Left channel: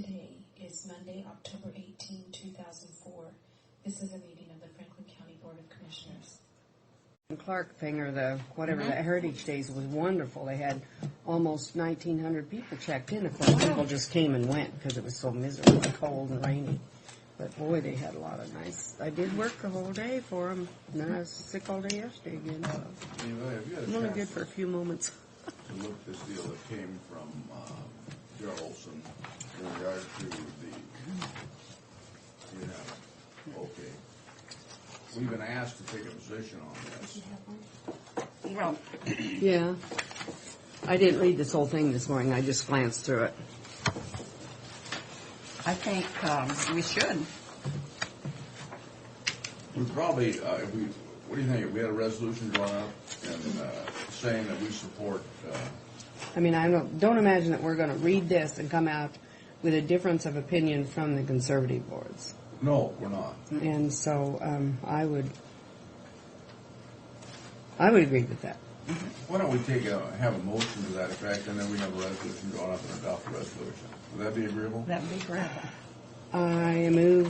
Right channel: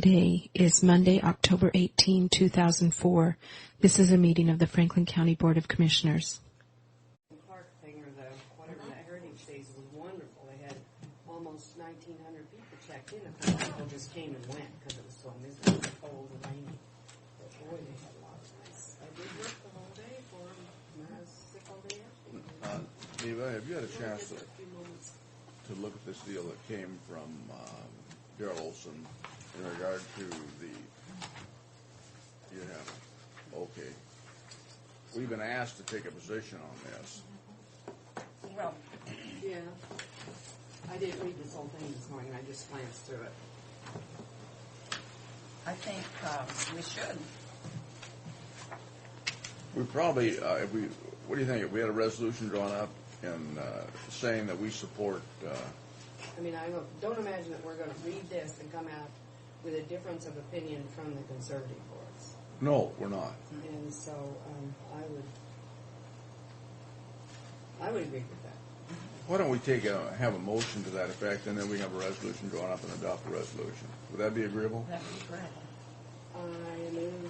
Today is Monday, October 18, 2004. This is a meeting of the Franklin County Board of Commissioners. Clark thing, or the whatever, that Heritage Days was wonderful. They had almost 1,900 people checked in. Of course, people just came and went because it was so miserably cold and rainy. But boy, they had a lot of nice. I did work the whole day for them, and then I was sick all day yesterday again. Eva, have you had a Really good chance for a few moments. to look at this deal that came from Darrell Olson in regard to the? You haven't. Okay. We've been asked to take a position on this. Well, yeah. I didn't read this whole thing this morning. I just glanced through it. I think we should. We probably, if we, what do you think? If we had a resolution drawn up and saying that we support. I mean, I don't imagine that we're going to read this and come out with a difference of opinion from the conservative boards. No, we're not. And so I would agree with that. Why don't we have a motion to that effect, and then we have a resolution drawn up and adopt a resolution? Would that be agreeable? That would be great. I move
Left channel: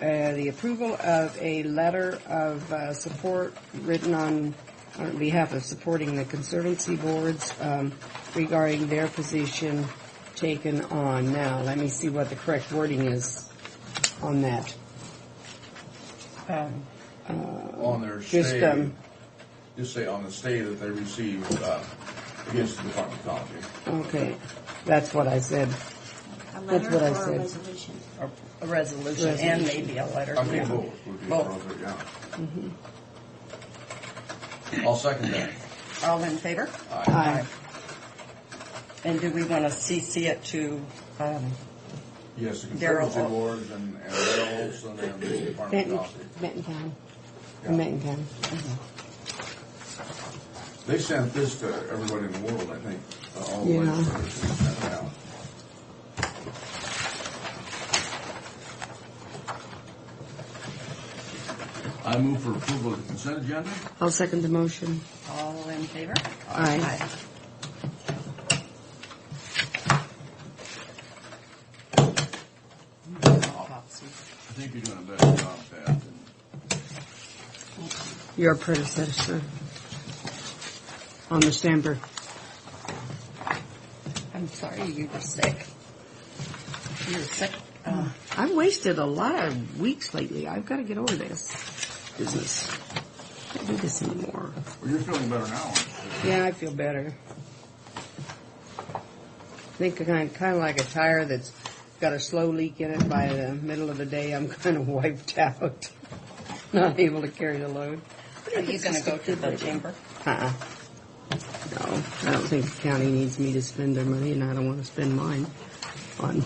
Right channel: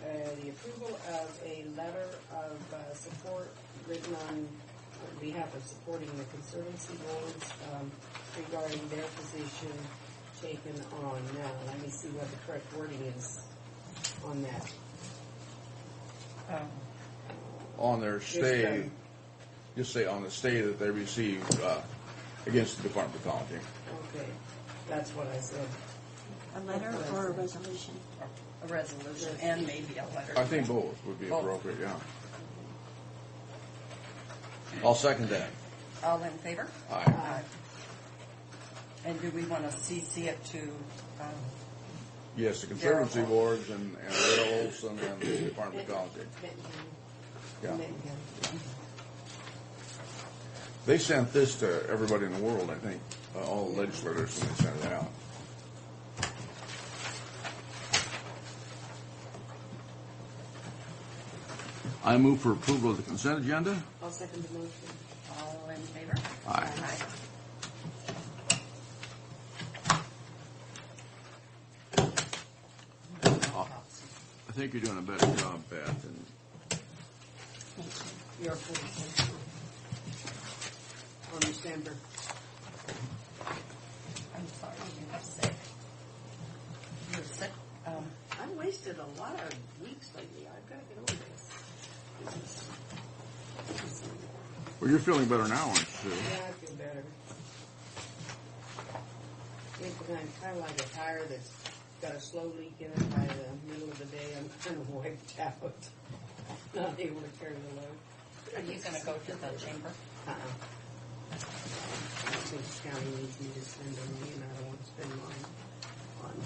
the approval of a letter of support written on behalf of supporting the conservancy boards regarding their position taken on. Now, let me see what the correct wording is on that. On their stay, just say on the stay that they received against the Department of Ecology. Okay, that's what I said. A letter That's what I or a said. resolution? Or a resolution and maybe a letter. I think both would be appropriate, yeah. I'll second that. All in favor? Aye. Aye. And do we want to CC it to, Yes, the Darrell conservancy boards and Darrell Olson and the Department of Ecology. Benton County. Yeah. Benton County. They sent this to everybody in the world, I think, all the Yeah. legislators, and they sent it out. I move for approval of the consent agenda. I'll second the motion. all in favor? Aye. I think you're doing a better job, Pat, than Your predecessor on the stamper. I'm sorry you were sick. You were sick. I've wasted a lot of weeks lately. I've got to get over this business. Can't do this anymore. well, you're feeling better now, aren't you? Yeah, I feel better. I think kind of like a tire that's got a slow leak in it. By the middle of the day, I'm kind of wiped out, not able to carry the load. Are you going to go to the chamber? Uh-uh. No, I don't think the county needs me to spend their money, and I don't want to spend mine on.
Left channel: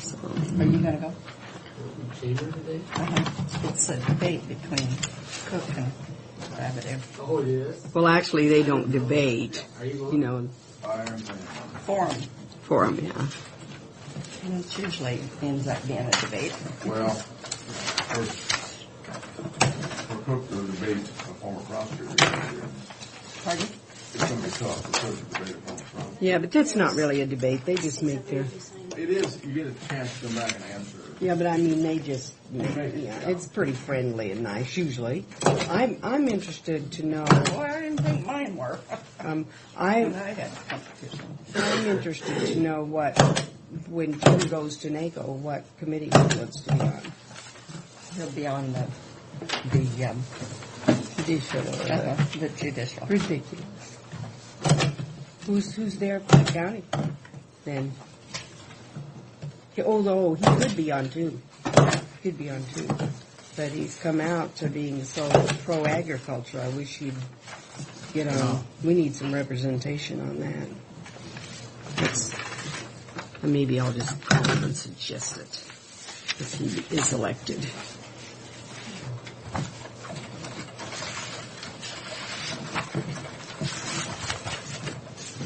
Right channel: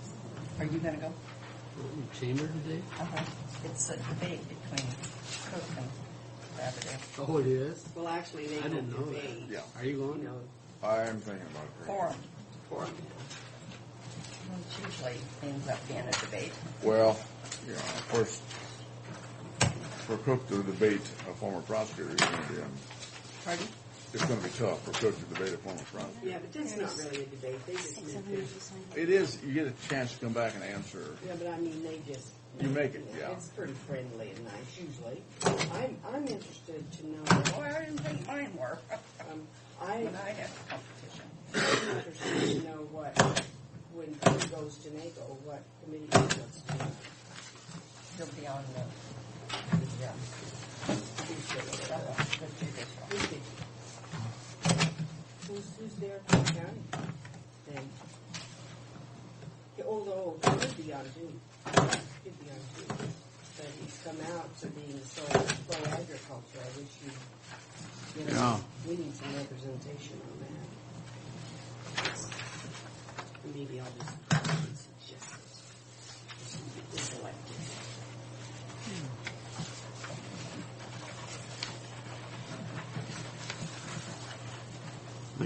So, Are you going to go? Chamber today? It's a debate between Cook and Rabideau. Oh, it is? well, actually, they don't debate. Are you going? You know, I am thinking about Forum. for them, yeah. And it usually ends up being a debate. it. Well, yeah, of course, for Cook to debate a former prosecutor, Pardon? it's going to be tough for Cook to debate a former prosecutor. Yeah, but that's not really a debate. They just make their. It is, you get a chance to come back and answer. Yeah, but I mean, they just. They make it, yeah. It's pretty friendly and nice usually. I'm interested to know. Well, I didn't think mine were. I I had competition. I'm interested to know when Jim goes to NACO, what committee he wants to be on. He'll be on the judicial. Ridiculous. Who's there for the county? Then. Although he could be on two. He could be on two. But he's come out to being so pro-agriculture. I wish he'd get on. Yeah. We need some representation on that. Maybe I'll just call him and suggest it if he is elected.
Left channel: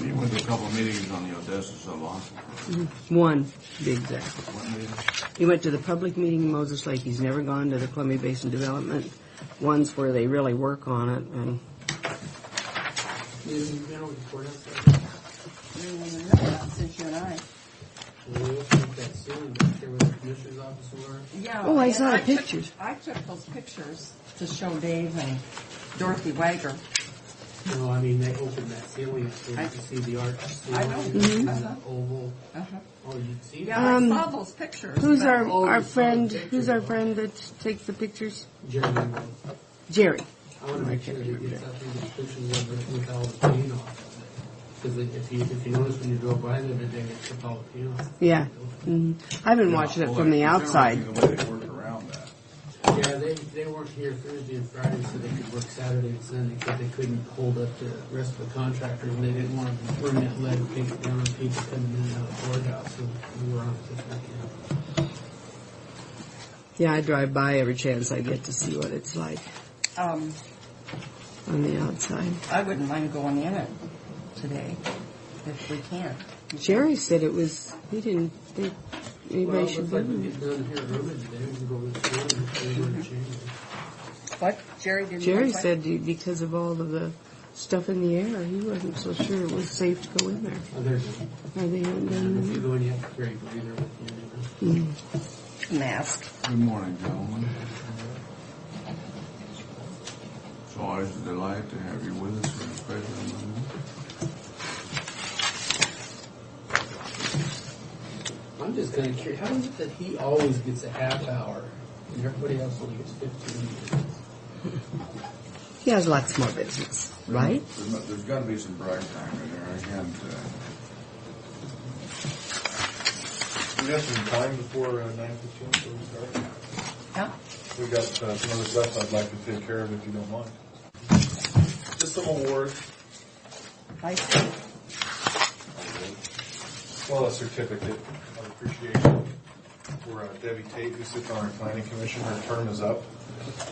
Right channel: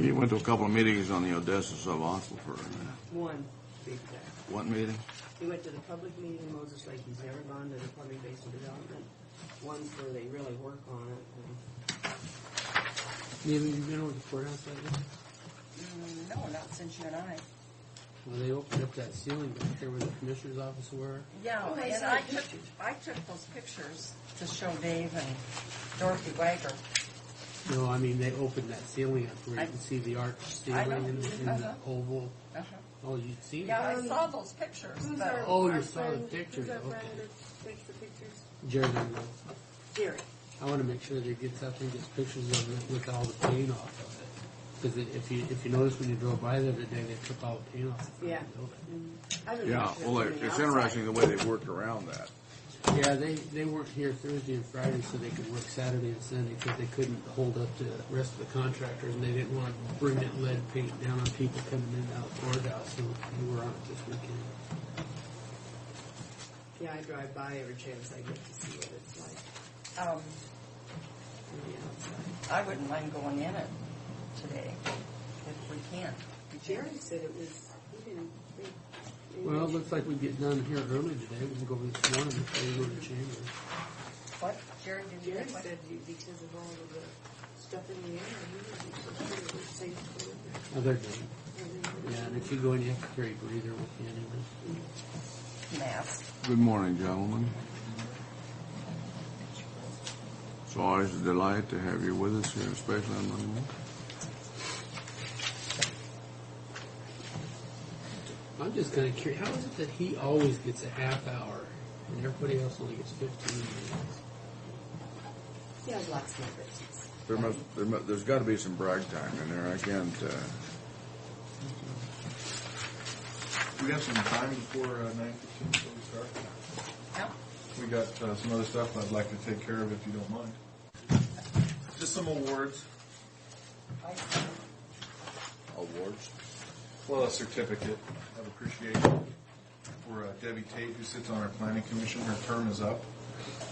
You went to a couple of meetings on the Odessa sub-aquifer. One, to be exact. What meeting? He went to the public meeting in Moses Lake. He's never gone to the Columbia Basin Development ones where they really work on it. And You know, the courthouse right now? No, not since you and I. When they opened up that ceiling back there where the commissioner's office were, Yeah. Oh, I and saw the took- pictures. I took those pictures to show Dave and Dorothy Wagner. no, I mean, they opened that ceiling up where you can see the arch ceiling. I know. And the oval. Uh-huh. Oh, you see Yeah, that? I saw those pictures. Who's but- our, Oh, our you saw the friend, picture, who's our okay. friend that takes the pictures? Jeremy will. Jerry. I want to make sure that he gets up there and gets pictures of it with all the paint off of it. Because if you notice when you drove by there today, they took all the paint off. Yeah. I've been Yeah, watching it well, from the it's outside. interesting the way they worked around that. Yeah, they worked here Thursday and Friday so they could work Saturday and Sunday because they couldn't hold up the rest of the contractors and they didn't want to bring that lead paint down on people coming in and out of the courthouse. So we were on it this weekend. Yeah, I drive by every chance I get to see what it's like on the outside. I wouldn't mind going in it today if we can. Jerry said it was, he didn't think Well, anybody it should looks like go we in. get down here early today. We can go this morning before we go to the chamber. What? Jerry didn't. Jerry like what? said because of all of the stuff in the air, he wasn't so sure it was safe to go in there. Oh, they're good. Are they in And if you there? go in, you have to carry a breather with you. And Mask. Good morning, gentlemen. It's always a delight to have you with us here, especially on Monday. I'm just kind of curious. How is it that he always gets a half hour and everybody else only gets 15 minutes? He has lots more business, right? There's got to be some brag time in there. I can't. We got some time before 9:15, so we start. Yeah. We got some other stuff I'd like to take care of if you don't mind. Just some awards. I see. Well, a certificate of appreciation for Debbie Tate, who sits on our planning commission. Her term is up,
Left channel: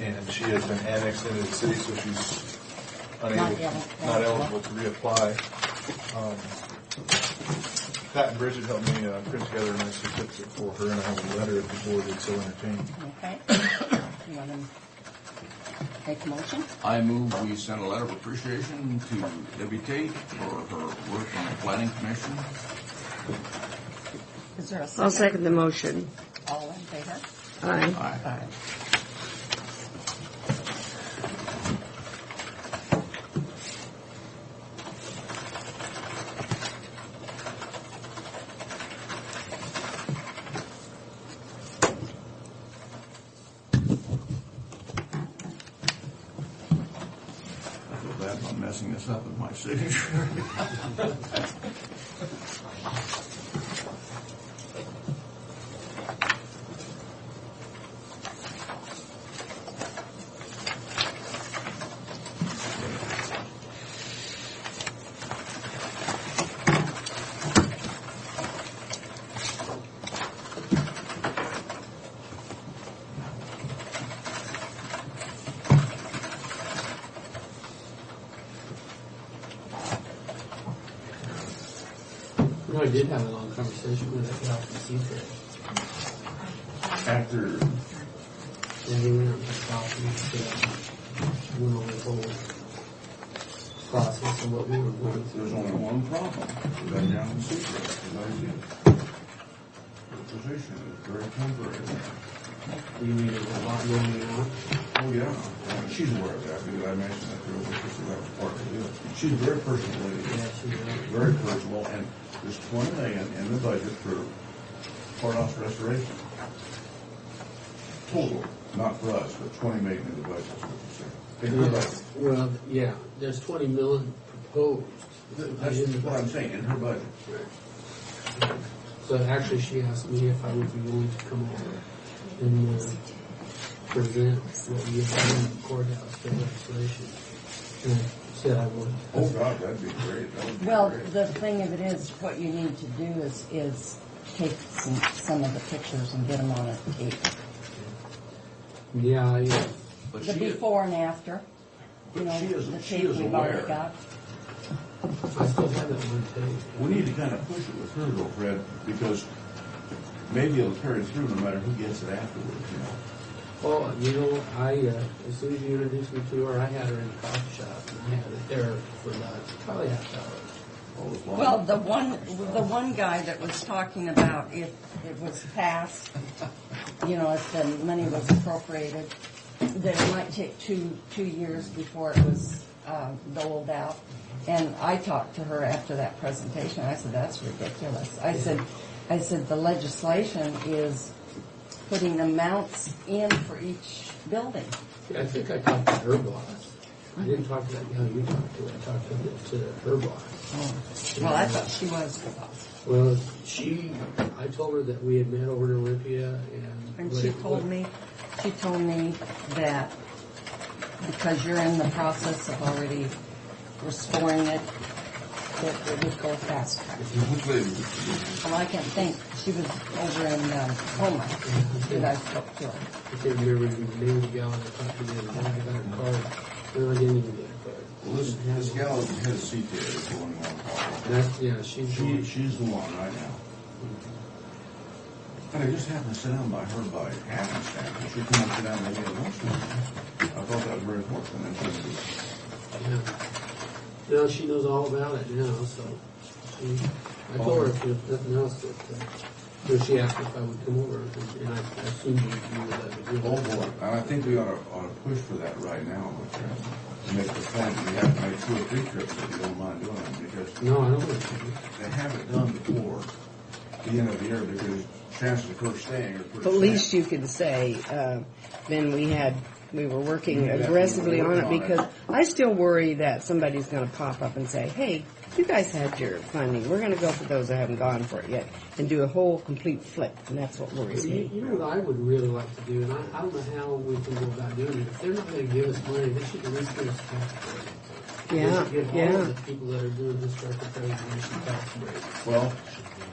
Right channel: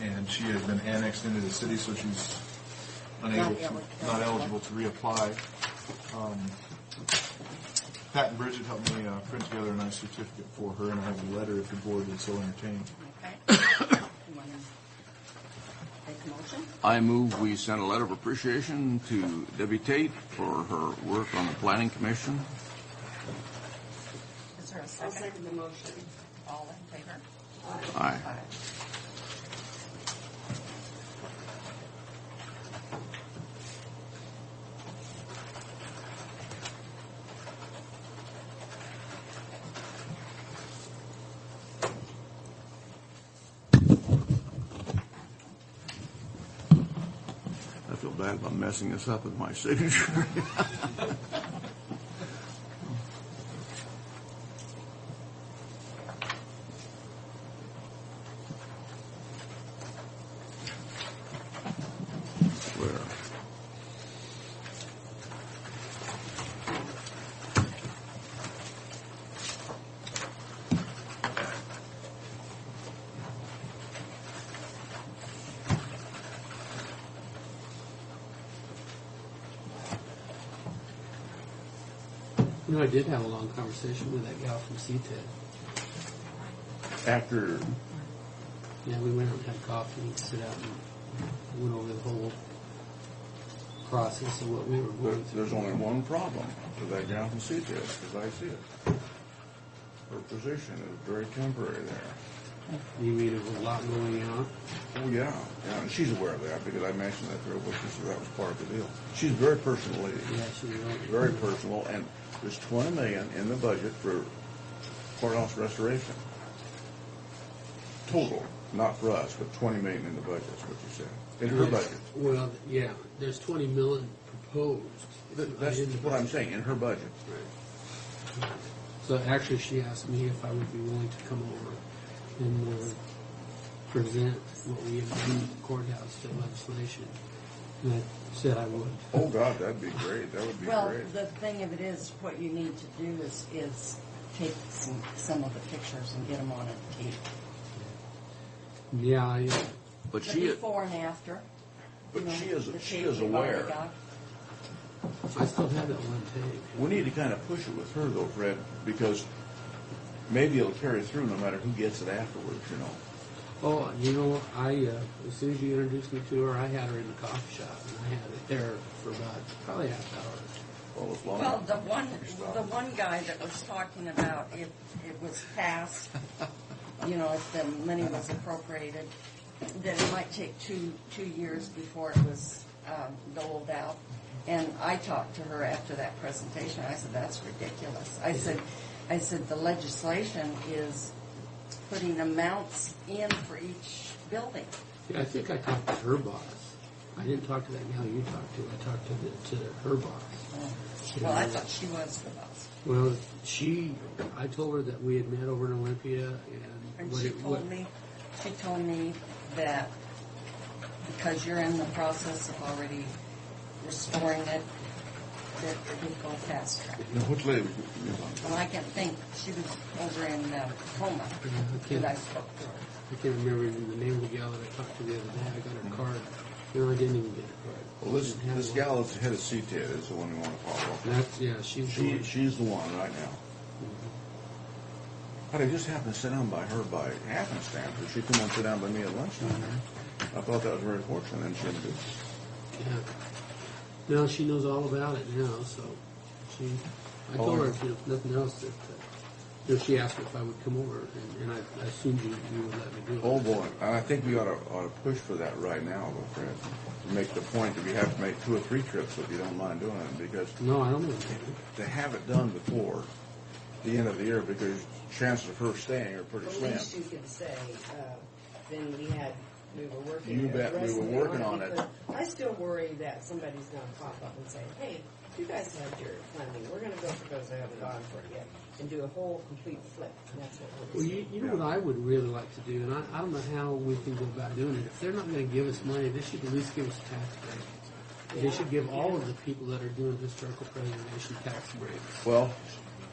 and she has been annexed into the city, so she's not eligible to reapply. Pat and Bridget helped me print together a nice certificate for her, and I have a letter if the board would so entertain. Okay. You want to make a motion? I move we send a letter of appreciation to Debbie Tate for her work on the Planning Commission. Is there a second? I'll second the motion. All in favor? Aye. Aye. Aye. I feel bad about messing this up with my signature. You know, I did have a long conversation with that gal from CTEC. After Yeah, we went out and had coffee and stuff and went over the whole process of what we were going through. there's only one problem with that gal in secret, as I see it. Her position is very temporary there. You mean there's a lot going on? Oh, yeah. And she's aware of that because I mentioned that to her before, so that was part of the deal. She's a very personal lady. Yeah, she's right. Very personal, and there's $20 million in the budget for courthouse restoration. Total, not for us, but $20 million in the budget is what you said. In her budget. Well, yeah, there's 20 million proposed. That's what I'm saying, in her budget. So actually, she asked me if I would be willing to come over and present what we had done in the courthouse for legislation. And I said I would. Oh, God, that'd be great. That would be Well, great. the thing of it is, what you need to do is take some of the pictures and get them on a tape. Yeah, But The she is, before and after. but You know, she the is tape we've already aware. got. I still have that one tape. We need to kind of push it with her though, Fred, because maybe it'll carry through no matter who gets it afterwards, you know. Oh, you know, as soon as you introduced me to her, I had her in the coffee shop, and I had it there for about probably half hour. What was long? Well, the one guy that was talking about if it was passed, if the money was appropriated, that it might take two years before it was doled out. And I talked to her after that presentation. I said, that's ridiculous. I said the legislation is putting amounts in for each building. Yeah, I think I talked to her boss. I didn't talk to that gal you talked to. I talked to her boss. Well, I thought she was the boss. Well, I told her that we had met over in Olympia, And she told me that because you're in the process of already restoring it, that it would go fast track. Which lady? Well, I can't think. She was over in Homa that I spoke to her. I can't remember the name of the gal that I talked to the other day. I got her card. No, I didn't even get her card. Well, this gal is the head of CTA, is the one we want to call. That's, She's the one right now. But I just happened to sit down by her by happenstance. She come and sit down by me at lunchtime. I thought that was very fortunate. And she was just, Yeah. No, she knows all about it now, so I told her if nothing else that she asked if I would come over, and I assumed you would let me do it. oh boy. And I think we ought to push for that right now, to make the point that we have to make 2 or 3 trips if you don't mind doing it, because No, I don't want to. they have it done before the end of the year, because chances of her staying are pretty At slim. least you could say, then we were working Yeah, we were aggressively on working it, on it. because I still worry that somebody's going to pop up and say, hey, you guys had your funding. We're going to go for those that haven't gone for it yet, and do a whole complete flip, and that's what worries me. You know what I would really like to do, and I don't know how we can go about doing it. If they're not going to give us money, they should at least give us tax breaks. They Yeah, should give all yeah. of the people that are doing historical preservation tax breaks. Well,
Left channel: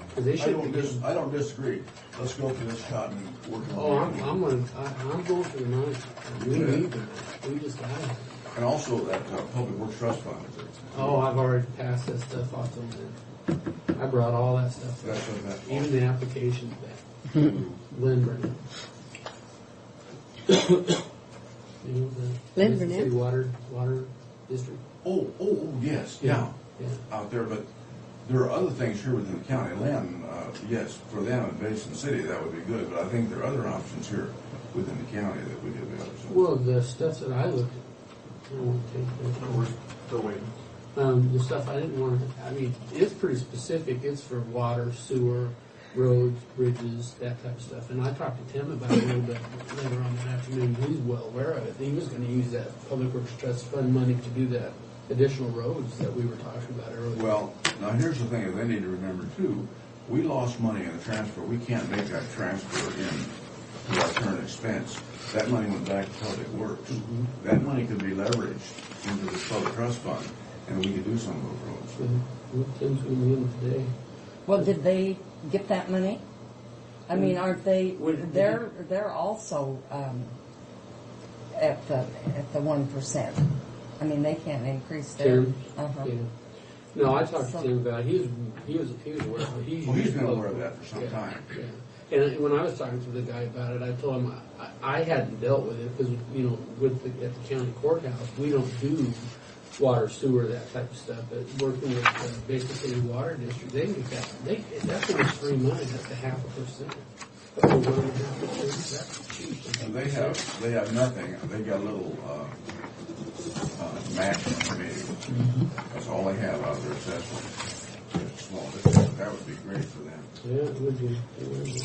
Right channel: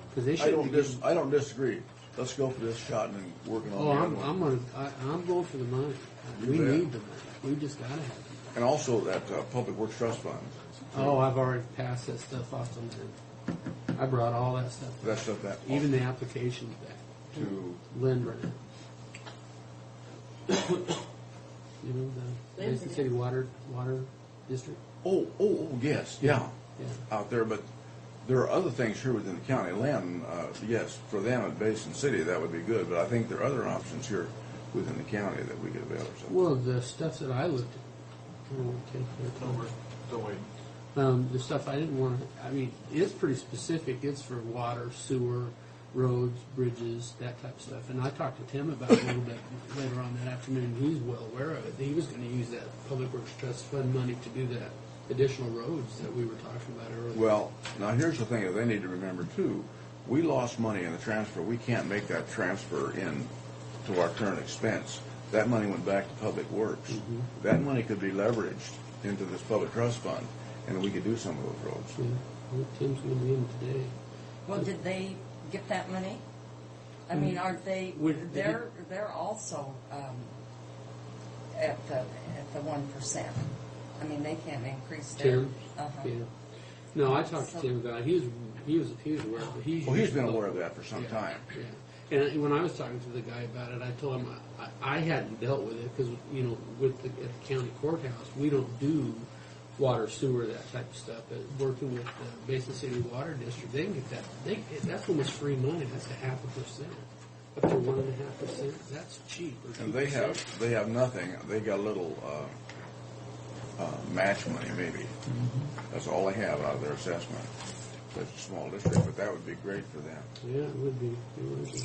Because they should. I don't disagree. Let's go for this shot and then working on Oh, the other one. I'm going for the money. We bet. need the money. We just got it. And also that Public Works Trust Fund. Oh, I've already passed that stuff off to them. I brought all that stuff. That's what that. Even the applications back to Lynn Brennan. You know, the Lynn Madison Brennan? City Water District. Oh, yes, yeah, Yeah. out there, but there are other things here within the county. Lynn, yes, for them at Basin City, that would be good, but I think there are other options here within the county that we could avail ourselves. Well, the stuff that I looked at, We're still waiting. the stuff I didn't want to, I mean, it's pretty specific. It's for water, sewer, roads, bridges, that type of stuff. And I talked to Tim about it a little bit later on that afternoon. He's well aware of it. He was going to use that Public Works Trust Fund money to do that additional roads that we were talking about earlier. Well, now here's the thing that they need to remember too. We lost money in the transfer. We can't make that transfer in to our current expense. That money went back to Public Works. Mm-hmm. That money could be leveraged into this Public Trust Fund, and we could do some of those roads. Yeah. Tim's going to be in today. Well, did they get that money? I mean, aren't they? Would- They're also at the 1%. I mean, they can't increase their. Tim? Uh-huh. Yeah. No, I talked to Tim about it. He was aware of it. Well, he's been aware of that for some Yeah, time. Yeah. And when I was talking to the guy about it, I told him I hadn't dealt with it because, you know, at the county courthouse, we don't do water, sewer, that type of stuff. But working with the Basin City Water District, they can get that. That's almost free money. That's a 0.5%. Up to 1.5%. That's cheap. And they have nothing. They got a little match money maybe. That's all they have out of their assessment. It's a small district, but that would be great for them. Yeah, it would be. It would be.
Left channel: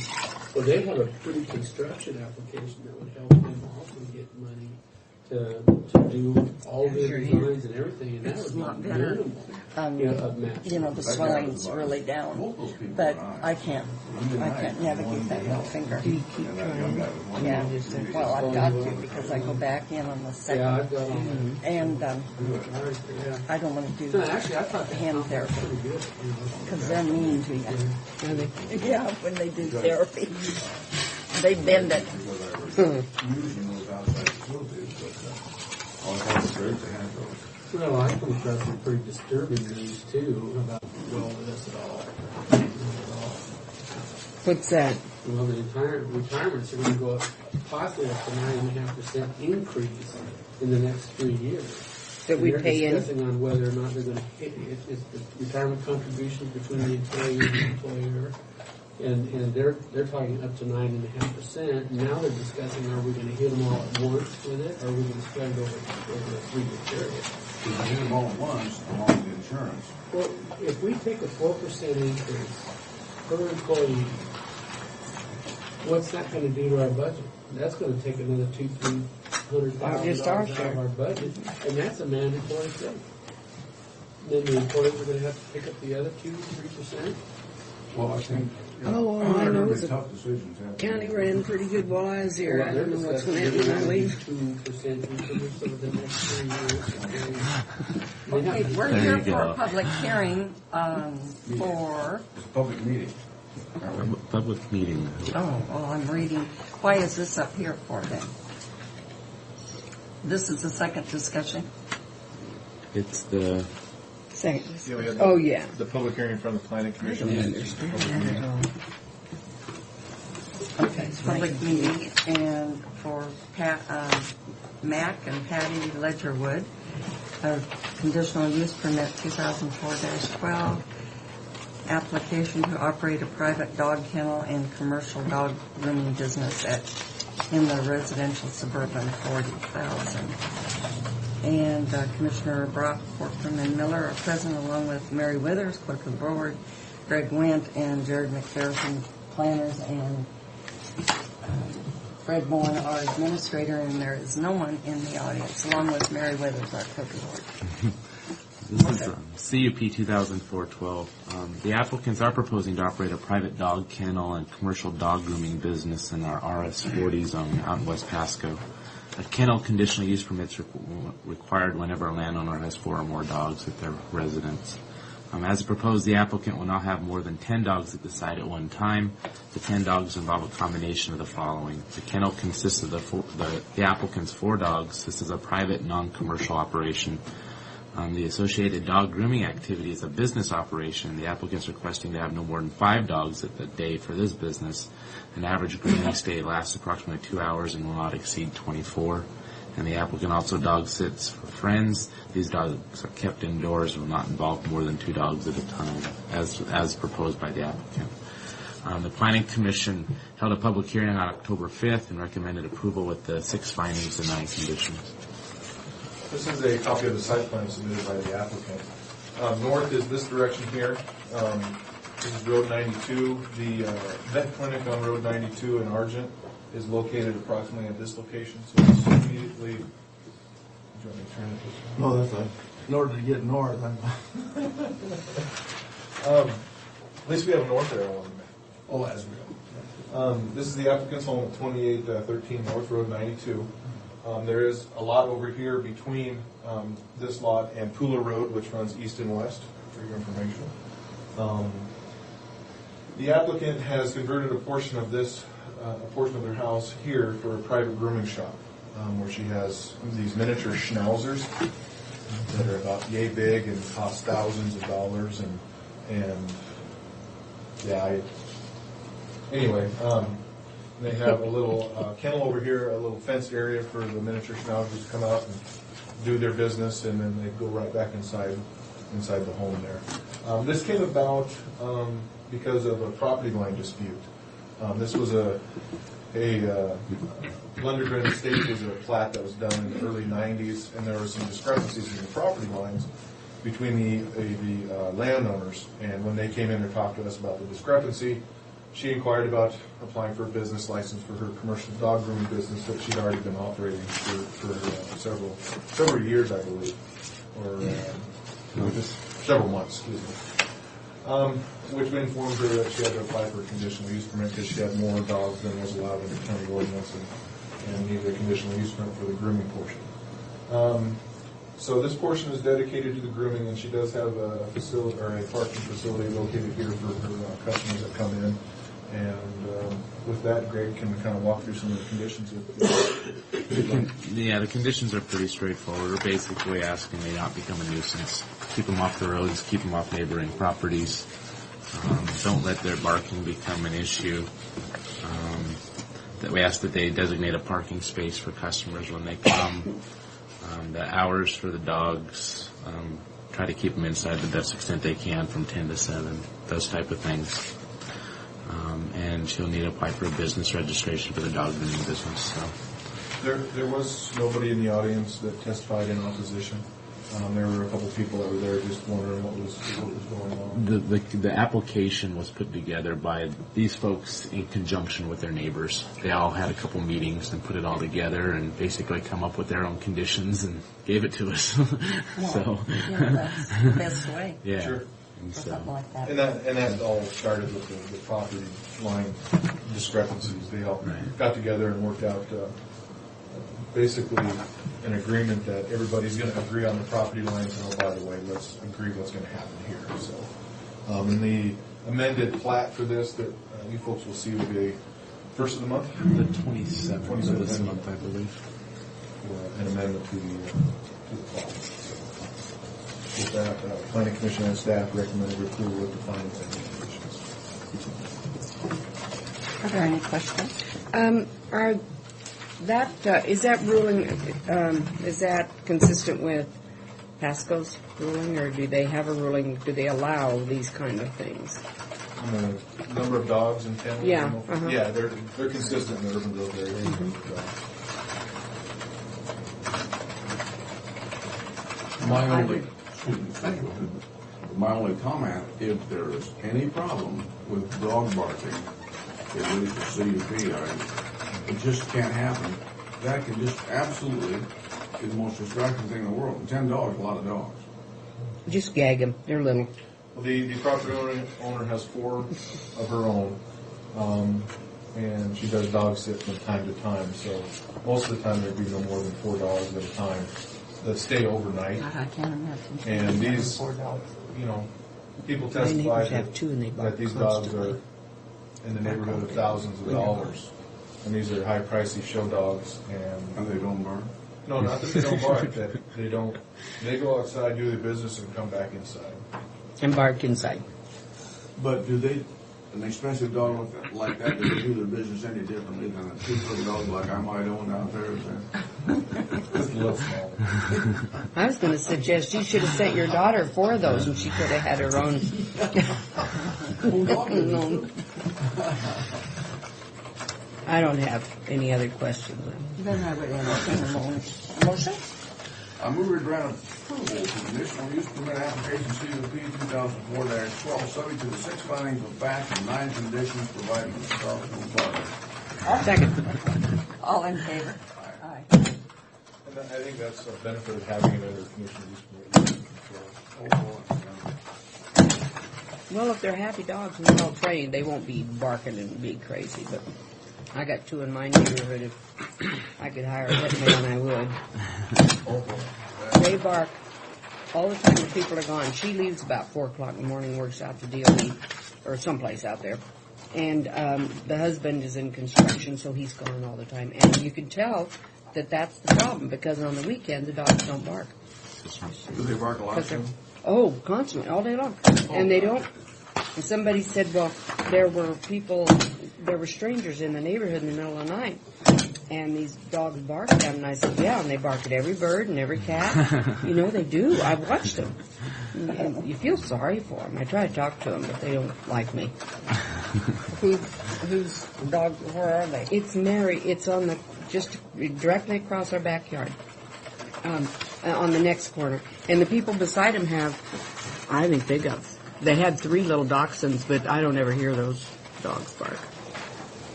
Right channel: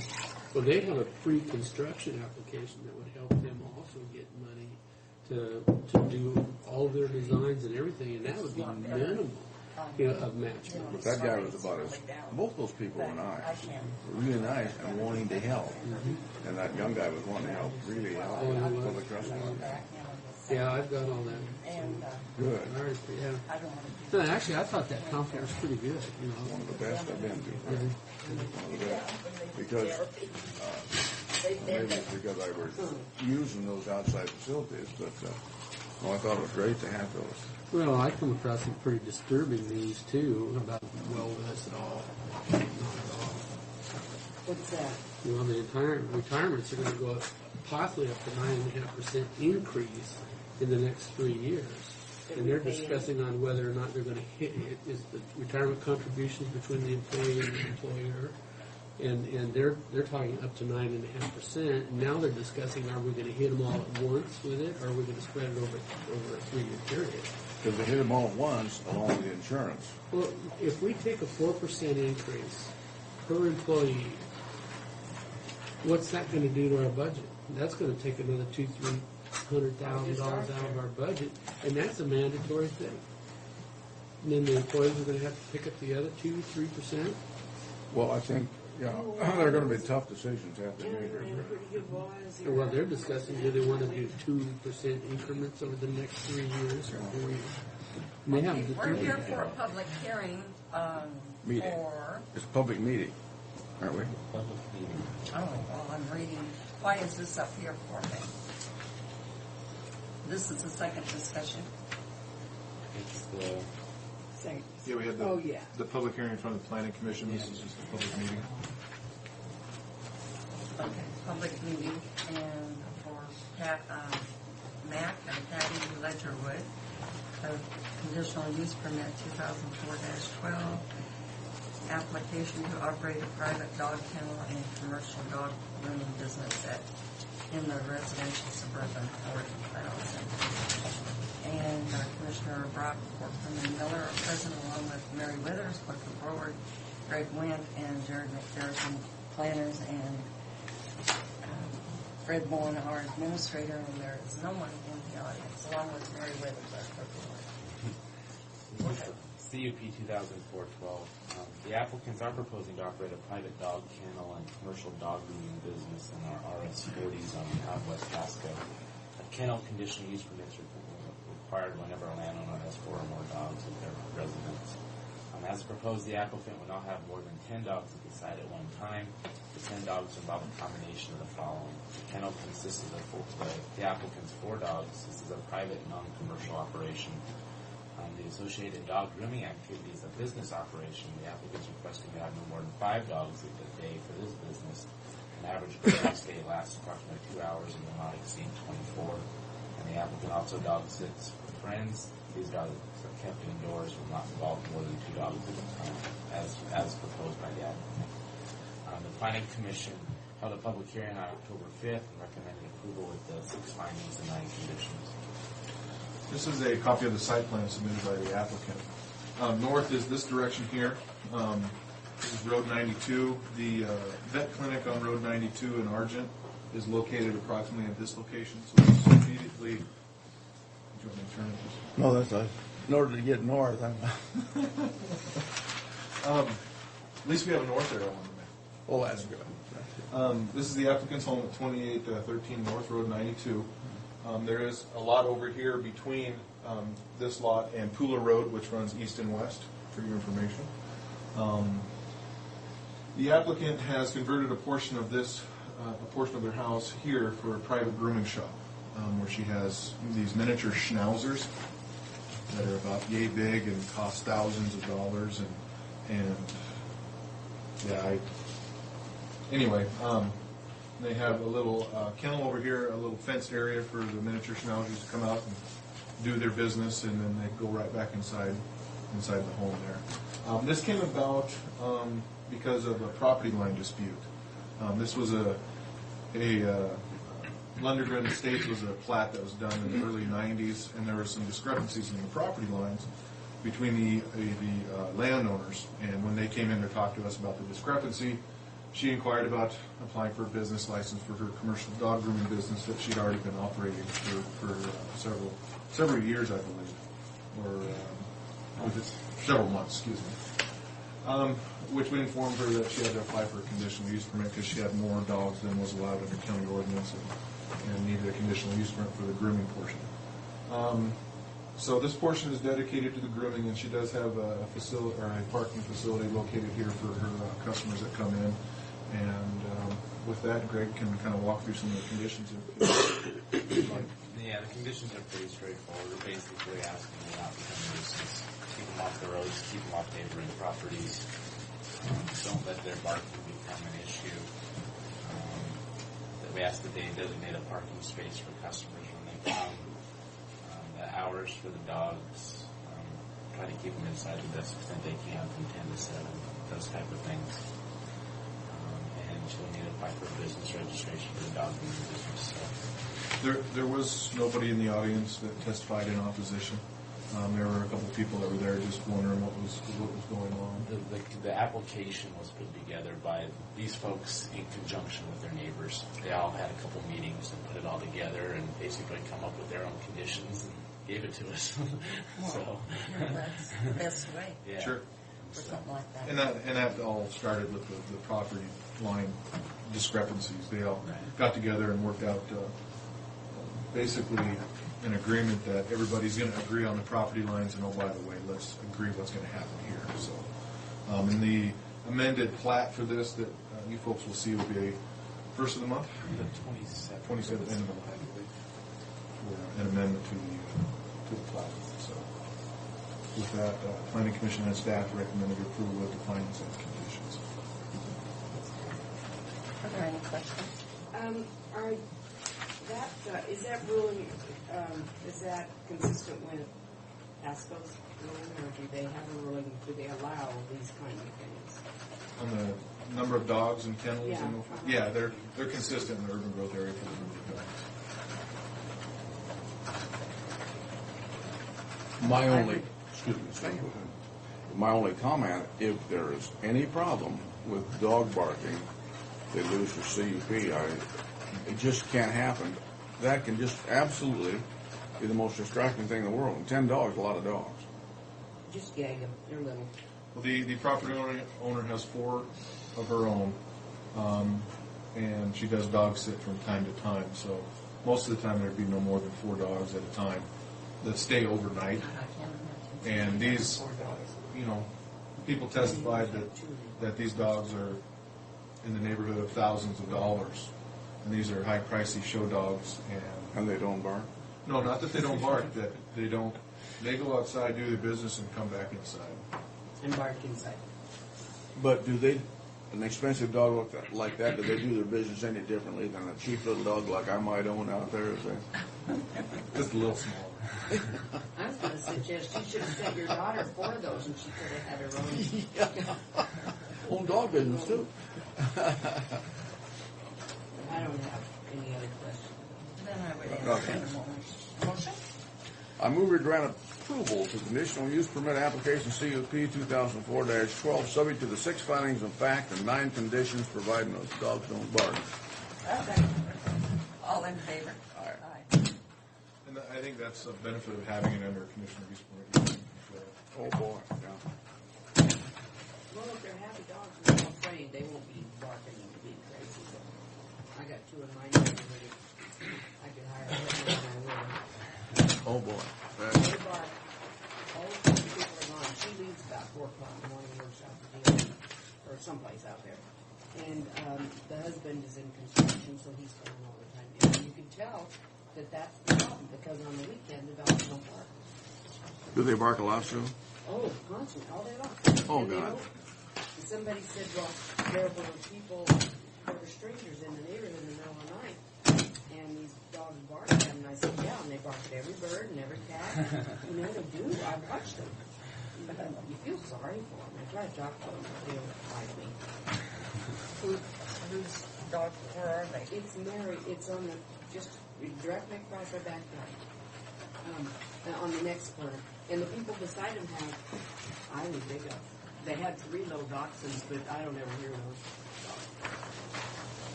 Well, they have a pre-construction application that would help them also get money to do all the designs and everything, and that would be minimal of match. You know, the That guy was swelling's about really down. Both those people But and I can't. You and I I can't were navigate wanting to that help. finger. And that young guy was wanting to Yeah. help. Really. Well, I've got to because I go back in on the second. Yeah, I've got all that. And Good. All right, yeah. I don't want to No, do actually, I thought that Hand conference was therapy. pretty good. You know. because they're mean to you. Yeah, when they do Because- therapy. They bend it. Because I was using those outside facilities, but I thought it was great to have those. Well, I come across some pretty disturbing news too about wellness at all. Not at all. What's that? Well, the entire retirements are going to go up, possibly up to 9.5% increase in the next 3 years. that And we they're pay in. discussing on whether or not they're gonna hit, it's the retirement contributions between the employee and the employer. And they're talking up to 9.5%. Now they're discussing, are we gonna hit them all at once with it, or are we gonna spread it over a 3-year period? Because you hit them all at once, along with the insurance. Well, if we take a 4% increase per employee, what's that gonna do to our budget? That's gonna take another $200,000-300,000 out of our budget, and that's a mandatory thing. And then the employees are gonna have to pick up the other 2-3%. Well, I think, you know, they're gonna be tough decisions. County ran pretty good while I was here. Well, I they're don't know what's discussing gonna happen when I maybe leave. 2% increments over the next 3 years. They Okay, have- we're There here you for go. a public hearing, Meeting. for, It's a public meeting, aren't we? Public meeting. oh, well, I'm reading, why is this up here for then? This is the second discussion? It's the, Second. Yeah, we had Oh, yeah. the public hearing from the planning commission. I This don't is just a understand. public meeting. Okay, public meeting, and for Mac and Patty Ledgerwood, a conditional use permit 2004-12, application to operate a private dog kennel and commercial dog grooming business in the residential suburban 40,000. And Commissioner Brock, Corcoran, and Miller are present, along with Mary Withers, clerk of board, Greg Wendt, and Jared McPherson, planners, and Fred Bowen, our administrator, and there is no one in the audience, along with Mary Withers, our clerk of board. this is CUP 2004-12. The applicants are proposing to operate a private dog kennel and commercial dog grooming business in our RS40 zone out in West Pasco. A kennel conditional use permits required whenever a landowner has 4 or more dogs at their residence. As proposed, the applicant will not have more than 10 dogs at the site at one time. The 10 dogs involve a combination of the following. The kennel consists of the applicant's 4 dogs. This is a private, non-commercial operation. The associated dog grooming activity is a business operation. The applicant's requesting to have no more than 5 dogs at the day for this business. An average grooming stay lasts approximately 2 hours and will not exceed 24. And the applicant also dog sits for friends. These dogs are kept indoors and will not involve more than 2 dogs at a time, as proposed by the applicant. The Planning Commission held a public hearing on October 5th and recommended approval with the 6 findings and 9 conditions. This is a copy of the site plan submitted by the applicant. North is this direction here. This is Road 92. The vet clinic on Road 92 in Argent is located approximately at this location. So it's immediately. Do you want me to turn it this way? No, that's fine. In order to get north, At least we have a north arrow on the map. oh, that's good. This is the applicant's home at 2813 North Road 92. There is a lot over here between this lot and Pooler Road, which runs east and west, for your information. The applicant has converted a portion of their house here for a private grooming shop, where she has these miniature schnauzers that are about yay big and cost thousands of dollars, and yeah, anyway, they have a little kennel over here, a little fenced area for the miniature schnauzers to come out and do their business, and then they go right back inside the home there. This came about because of a property line dispute. This was a Lundgren Estates was a plat that was done in the early 90s, and there were some discrepancies in the property lines between the landowners. And when they came in to talk to us about the discrepancy, she inquired about applying for a business license for her commercial dog grooming business that she'd already been operating for several years, I believe, or several months, excuse me. Which informed her that she had to apply for a conditional use permit because she had more dogs than was allowed under county ordinance, and needed a conditional use permit for the grooming portion. So this portion is dedicated to the grooming, and she does have a facility or a parking facility located here for her customers that come in. And with that, Greg can kind of walk through some of the conditions. Yeah, the conditions are pretty straightforward. We're basically asking they not become a nuisance. Keep them off the roads, keep them off neighboring properties. Don't let their barking become an issue. That we ask that they designate a parking space for customers when they come. The hours for the dogs, try to keep them inside the best extent they can from 10 to 7, those type of things. And she'll need to apply for a business registration for the dog grooming business. So. There was nobody in the audience that testified in opposition. There were a couple people that were there just wondering what was going on. The application was put together by these folks in conjunction with their neighbors. They all had a couple meetings and put it all together and basically come up with their own conditions and gave it to us. So That's the best way yeah, Sure. And for so, something like that. And that all started with the property line discrepancies. They all got together and worked out basically an agreement that everybody's going to agree on the property lines, and oh, by the way, let's agree what's going to happen here. So, in the amended plat for this that you folks will see will be first of the month, the 27th of this month, I believe. for an amendment to the plat. So, with that, Planning Commission and staff recommended approval with the findings and conditions. Are there any questions? Is that ruling, is that consistent with Pasco's ruling, or do they have a ruling, do they allow these kind of things? On the number of dogs in kennels? Yeah, Yeah, they're consistent in the urban growth area. My only, excuse me, my only comment, if there is any problem with dog barking, they lose the CUP, it just can't happen. That can just absolutely be the most distracting thing in the world. 10 dogs, a lot of dogs. Just gag them, they're little. Well, the property owner has 4 of her own, and she does dog sit from time to time. So most of the time there'd be no more than 4 dogs at a time that stay overnight. I can't imagine. And these, 4 dogs. you know, people testify have 2 and they bark that these dogs are in the neighborhood of thousands of dollars. And these are high pricey show dogs, And they don't bark. no, not that they don't bark, that they don't, they go outside, do their business, and come back inside. And bark inside. But do they, an expensive dog like that, do they do their business any differently than a cheap little dog like I might own out there? Is that? Just a little smaller. I was going to suggest you should have sent your daughter 4 of those, and she could have had her own. Oh, dog business too. I don't have any other questions. Then I would entertain a motion. I move we grant approval to conditional use permit application CUP 2004-12, subject to the 6 findings of fact and 9 conditions, providing those dogs don't bark. Second. All in favor? Aye. Aye. And I think that's a benefit of having it under conditional use permit. Oh, boy. Yeah. Well, if they're happy dogs and they're all trained, they won't be barking and being crazy. But I got 2 in my neighborhood. If I could hire a hitman, I would. Oh, boy. They bark all the time when people are gone. She leaves about 4 o'clock in the morning, works out the DOE or someplace out there. And the husband is in construction, so he's gone all the time. And you can tell that that's the problem, because on the weekend, the dogs don't bark. Do they bark a lot too? Oh, constantly, all day long. Oh, And they God. don't. And somebody said, well, there were strangers in the neighborhood in the middle of the night, and these dogs barked at them. And I said, yeah, and they bark at every bird and every cat. You know, they do. I've watched them. And you feel sorry for them. I try to talk to them, but they don't like me. Whose dog, where are they? It's Mary. It's on just directly across our backyard, on the next corner. And the people beside him I think they had 3 little dachshunds, but I don't ever hear those dogs bark.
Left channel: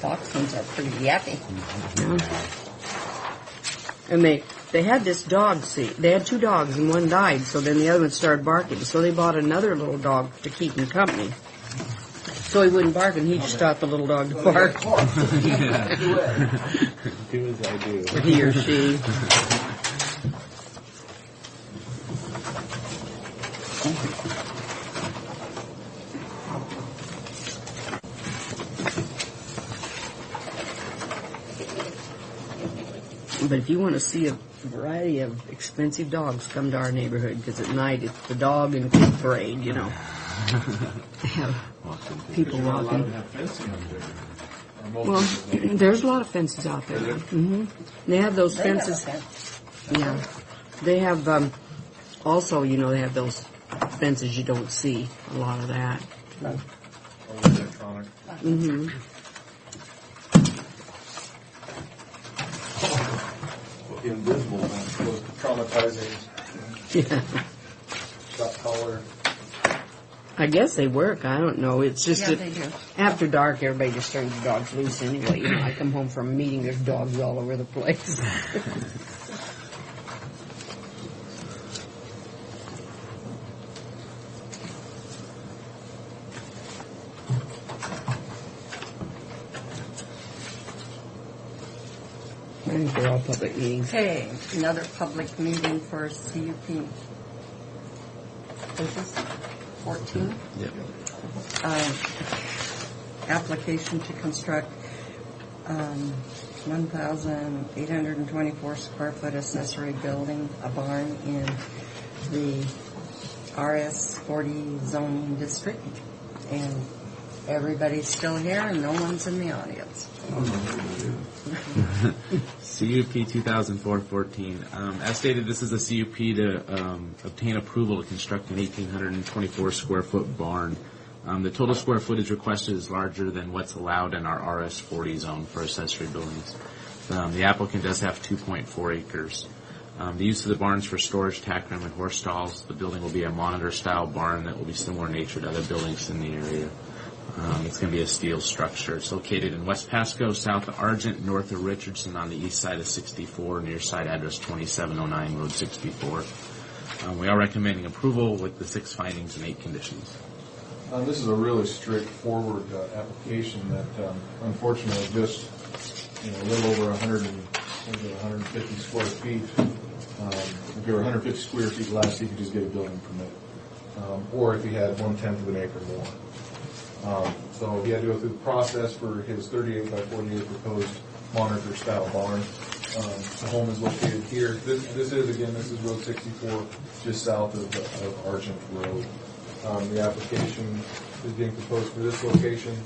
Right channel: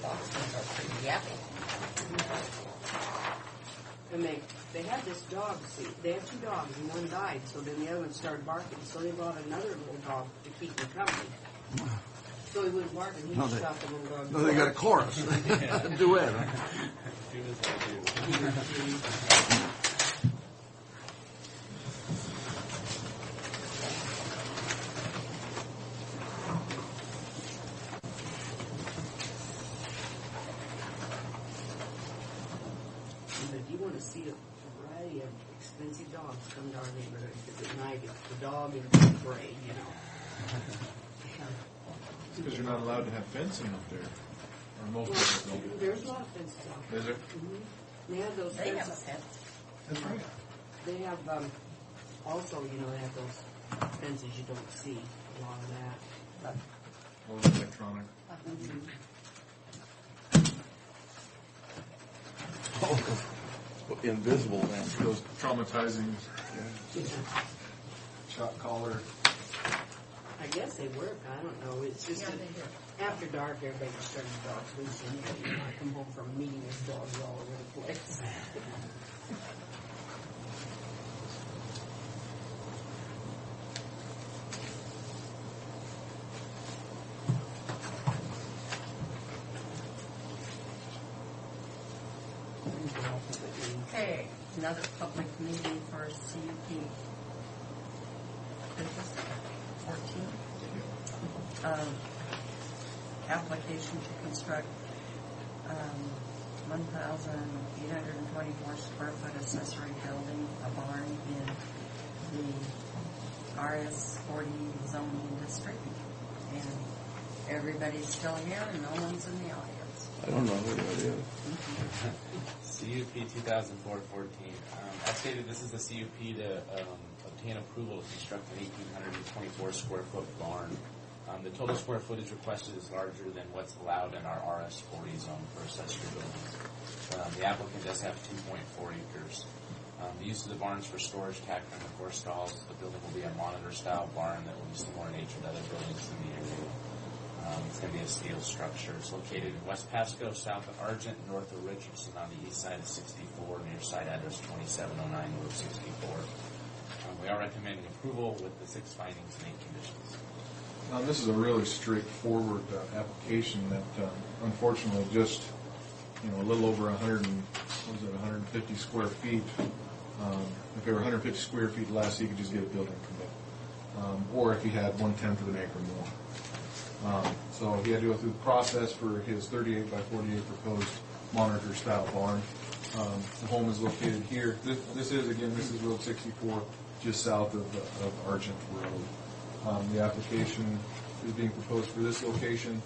Dachshunds are pretty yappy. And they had this dog, they had 2 dogs and one died, so then the other one started barking. So they bought another little dog to keep him company. So he wouldn't bark, and he just taught the little dog to bark. Clark. Do it. Do as I do. Or he or she. But if you want to see a variety of expensive dogs, come to our neighborhood, because at night it's the dog and pig parade, you know. They have people You're not allowed to walking. have fencing up there. Or most Well, people don't. there's a lot of fences out there. Is there? Mm-hmm. They have those They have a fences. fence. Yeah. They have, also, you know, they have those fences you don't see, a lot of that. All electronic. Mm-hmm. Invisible fence. Those traumatizing Yeah. shot collar. I guess they work. I don't know. It's just Yeah, that they do. after dark, everybody just turns the dogs loose anyway. You know, I come home from a meeting, there's dogs all over the place. I think they're all public meetings. Okay, another public meeting for CUP. Is this 14? Application to construct 1,824 square foot accessory building, a barn in the RS 40 zoning district. And everybody's still here and no one's in the audience. I don't know who it is. CUP 2004-14. As stated, this is a CUP to obtain approval to construct an 1,824 square foot barn. The total square footage requested is larger than what's allowed in our RS 40 zone for accessory buildings. The applicant does have 2.4 acres. The use of the barns for storage, tack room, and horse stalls. The building will be a monitor-style barn that will be similar in nature to other buildings in the area. It's going to be a steel structure. It's located in West Pasco, south of Argent, north of Richardson, on the east side of 64, near site address 2709 Road 64. We are recommending approval with the 6 findings and 8 conditions. This is a really straightforward application that unfortunately just, a little over 150 square feet. If there were 150 square feet less, you could just get a building permit. Or if you had 1/10 of an acre more. So he had to go through the process for his 38 by 48 proposed monitor style barn. The home is located here. This is Road 64, just south of Argent Road. The application is being proposed for this location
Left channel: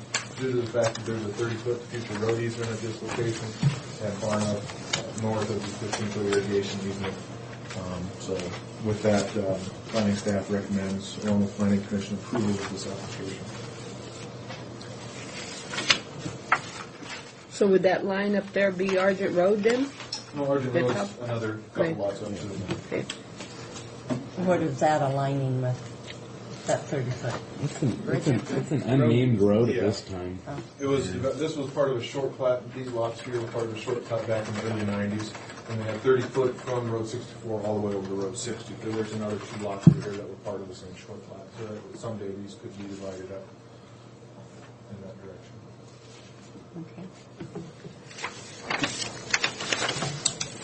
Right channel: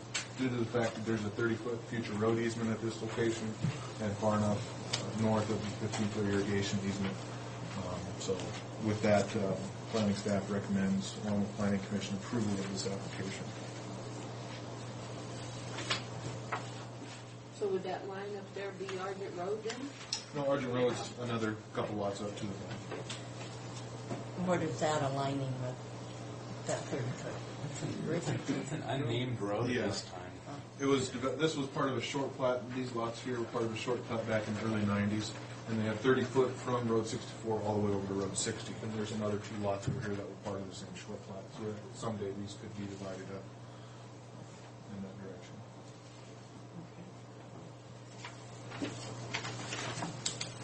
due to the fact that there's a 30-foot future road easement at this location and far enough north of the 15-foot irrigation easement. So with that, planning staff recommends, along with planning commission, approval of this application. So would that line up there be Argent Road then? No, Argent Road's another couple Right. lots up to the north. Okay. What is that aligning with, that 30-foot? It's an unnamed road at Yeah. this time. This was part of a short plat. These lots here were part of a short plat back in the early 90s. And they had 30-foot from Road 64 all the way over to Road 60. There's another 2 lots over here that were part of the same short plat. So that someday these could be divided up in that direction. Okay.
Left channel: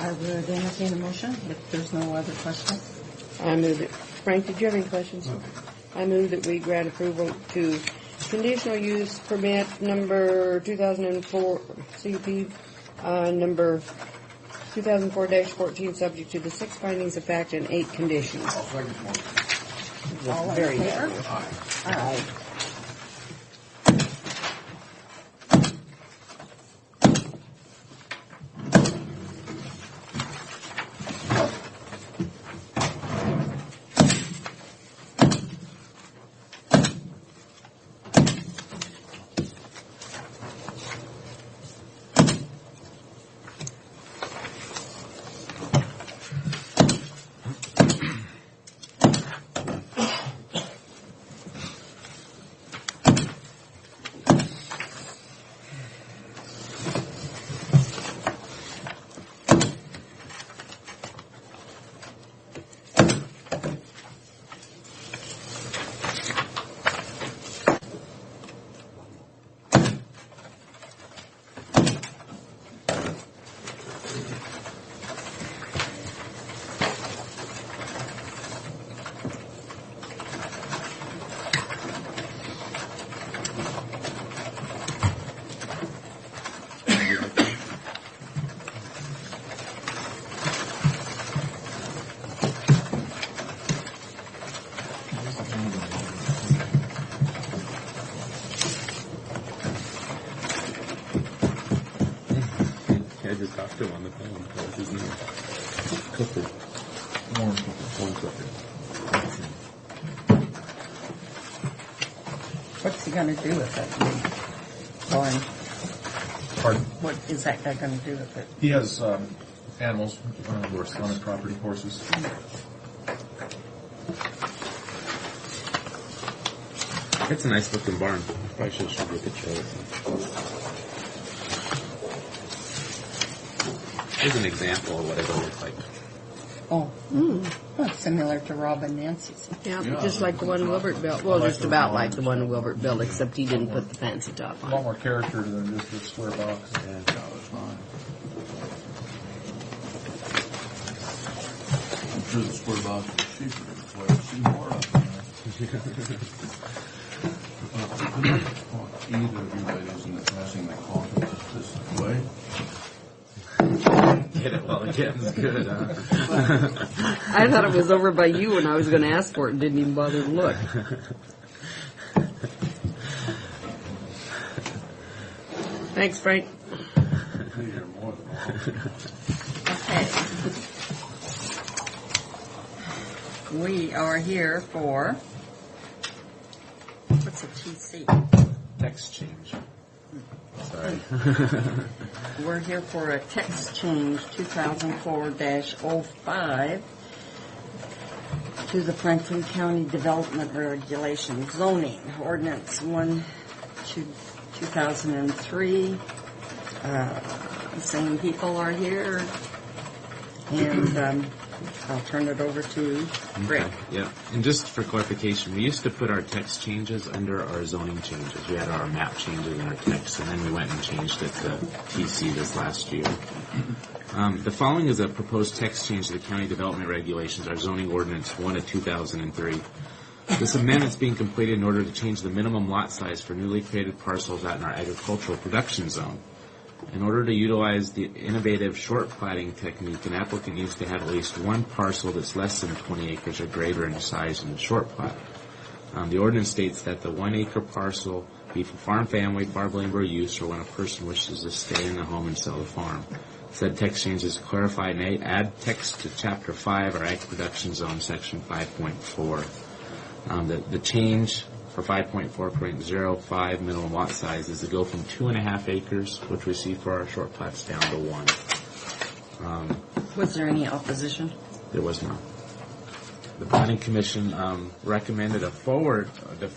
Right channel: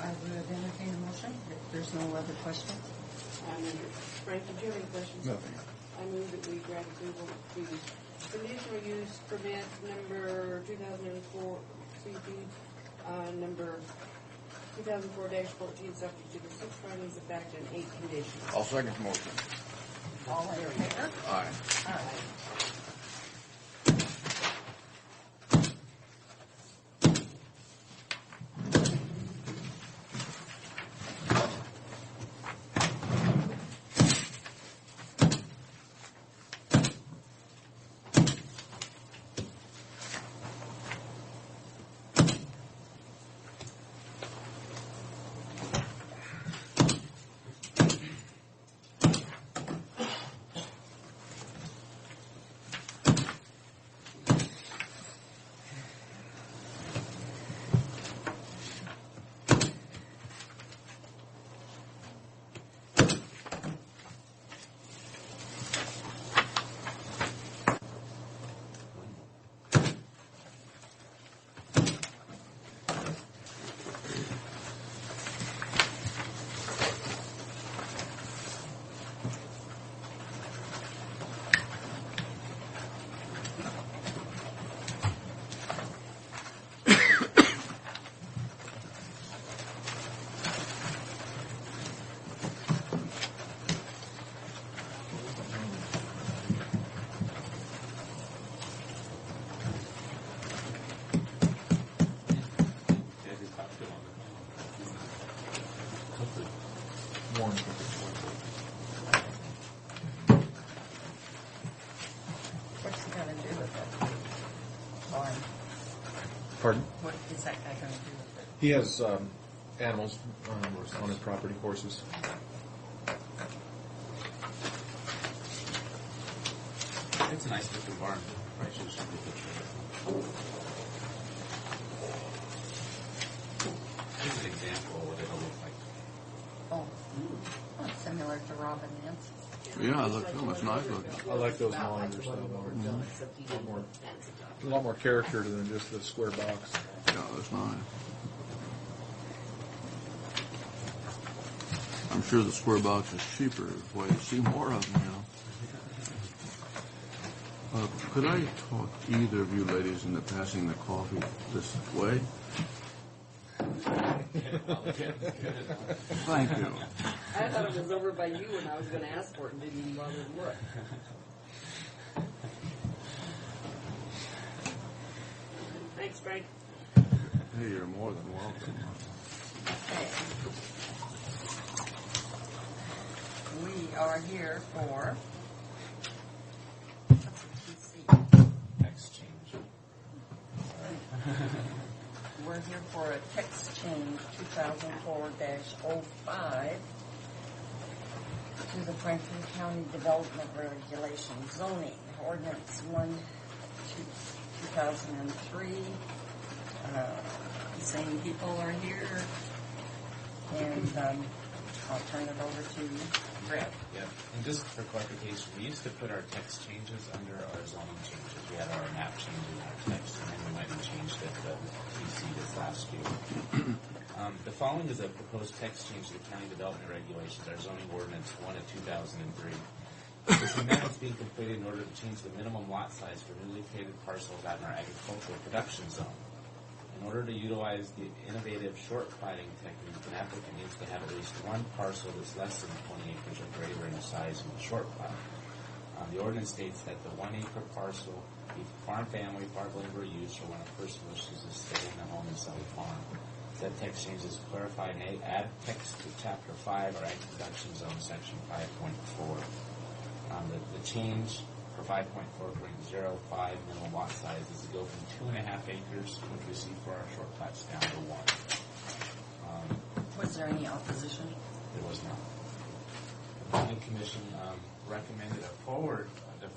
I would entertain a motion if there's no other questions. I move it. Frank, did you have any questions? No. I move that we grant approval to conditional use permit number 2004 CUP number 2004-14, subject to the 6 findings of fact and 8 conditions. I'll second the motion. All in Very favor? good. Aye. Aye. I just talked to him on the phone. What's his name? Clifford. he gonna do with it? Barn, Pardon? what is that guy gonna do with it? He has animals on his property, horses. It's a nice looking barn. Probably should show you a picture of it. Here's an example of what it'll look like. Oh, well, similar to Rob and Nancy's. Yeah, Yeah, just like the one Wilbert built. Well, I like just those about like ones. the one Wilbert built, except he didn't put the fancy top A on. lot more character than just the square box. Yeah, that's fine. I'm sure the square box is cheaper. That's why you see more of them now. Could I talk either of you ladies into passing the coffee this way? Get it while the getting's good, huh? I thought it was over by you when I was going to ask for it and didn't even bother to look. Thanks, Frank. Hey, you're more than welcome. Okay. We are here for, what's a TC? Text change. Sorry. We're here for a text change 2004-05 to the Franklin County Development Regulation Zoning Ordinance 1/2003. The same people are here, and I'll turn it over to Rick. Okay, yeah. And just for clarification, we used to put our text changes under our zoning changes. We had our map changes in our text, and then we went and changed it to TC this last year. The following is a proposed text change to the County Development Regulations, our zoning ordinance 1/2003. This amendment is being completed in order to change the minimum lot size for newly created parcels out in our agricultural production zone. In order to utilize the innovative short platting technique, an applicant needs to have at least one parcel that's less than 20 acres or greater in size in the short plat. The ordinance states that the 1 acre parcel be for farm, family, farm labor use, or when a person wishes to stay in the home and sell the farm. Said text change is clarified and add text to Chapter 5, our Ag Production Zone, Section 5.4. The change for 5.4.05 minimum lot size is to go from 2.5 acres, which we see for our short plats, down to 1. Was there any opposition? There was none. The Planning Commission recommended to forward a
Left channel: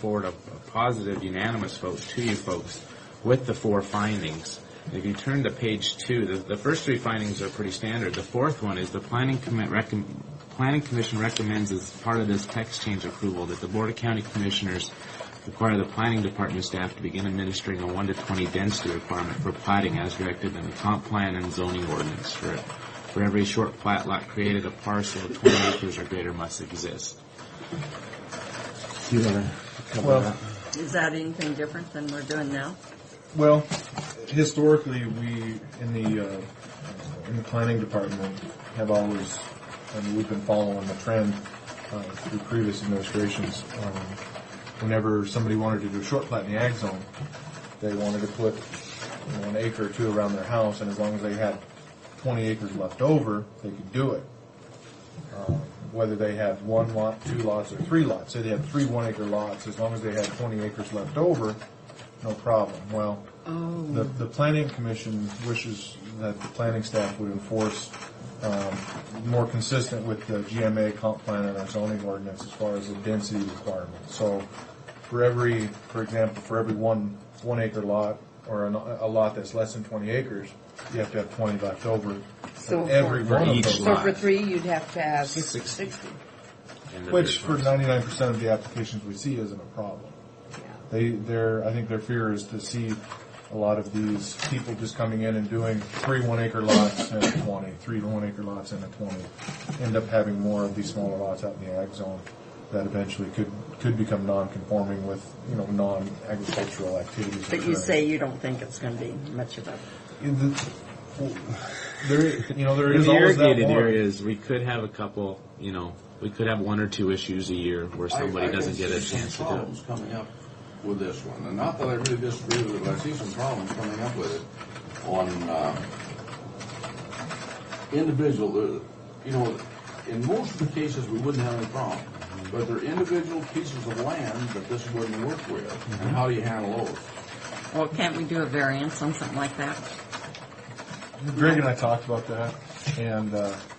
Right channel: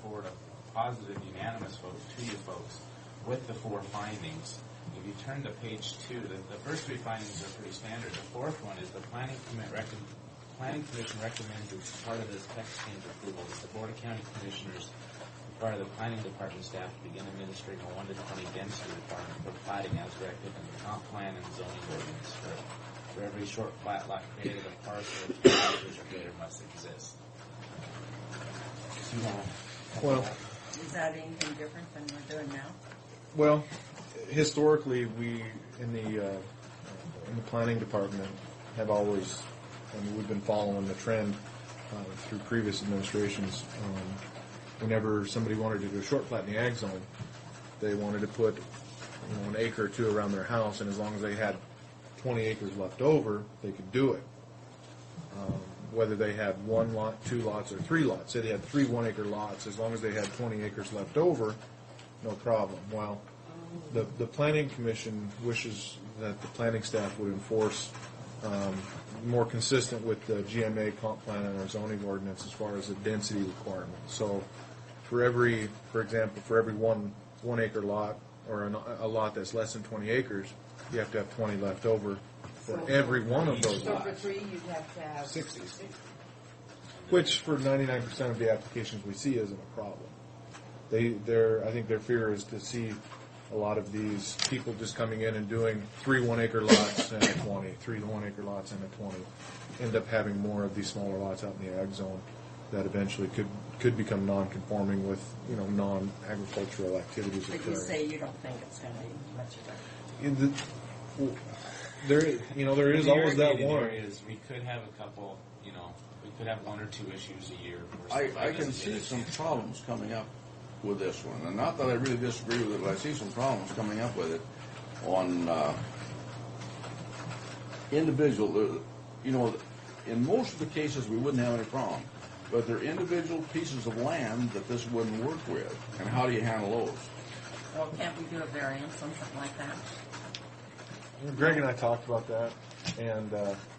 positive, unanimous vote to you folks with the 4 findings. If you turn to page 2, the first 3 findings are pretty standard. The 4th one is the Planning Commission recommends as part of this text change approval that the Board of County Commissioners require the Planning Department staff to begin administering a 1-to-20 density requirement for platting as directed in the comp plan and zoning ordinance. For every short plat lot created, a parcel of 20 acres or greater must exist. You want to cover Well, that? Is that anything different than we're doing now? Well, historically, we in the planning department have always, we've been following the trend through previous administrations. Whenever somebody wanted to do a short plat in the ag zone, they wanted to put an acre or 2 around their house, and as long as they had 20 acres left over, they could do it. Whether they had 1 lot, 2 lots, or 3 lots. Say they had 3 1-acre lots, as long as they had 20 acres left over, no problem. Well, the Planning Commission wishes that the planning staff would enforce more consistent with the GMA comp plan and our zoning ordinance as far as the density requirement. So for example, for every 1 1-acre lot or a lot that's less than 20 acres, you have to have 20 left over So for every for one of each those So lots. for 3, you'd have to have 60. 60. Which for 99% of the applications we see isn't a problem. I think their fear is to see a lot of these people just coming in and doing 3 1-acre lots and a 20, 3 1-acre lots and a 20, end up having more of these smaller lots out in the ag zone that eventually could become non-conforming with non-agricultural activities. But you say you don't think it's going to be much of a... There In is the always that irrigated one. areas, we could have a couple, we could have 1 or 2 issues a year where somebody doesn't get a chance to I do see some it. problems coming up with this one, and not that I really disagree with it, but I see some problems coming up with it on individual. In most of the cases, we wouldn't have any problem. but they're individual pieces of land that this wouldn't work with. And how do you handle those? Well, can't we do a variance on something like that? Greg and I talked about that, and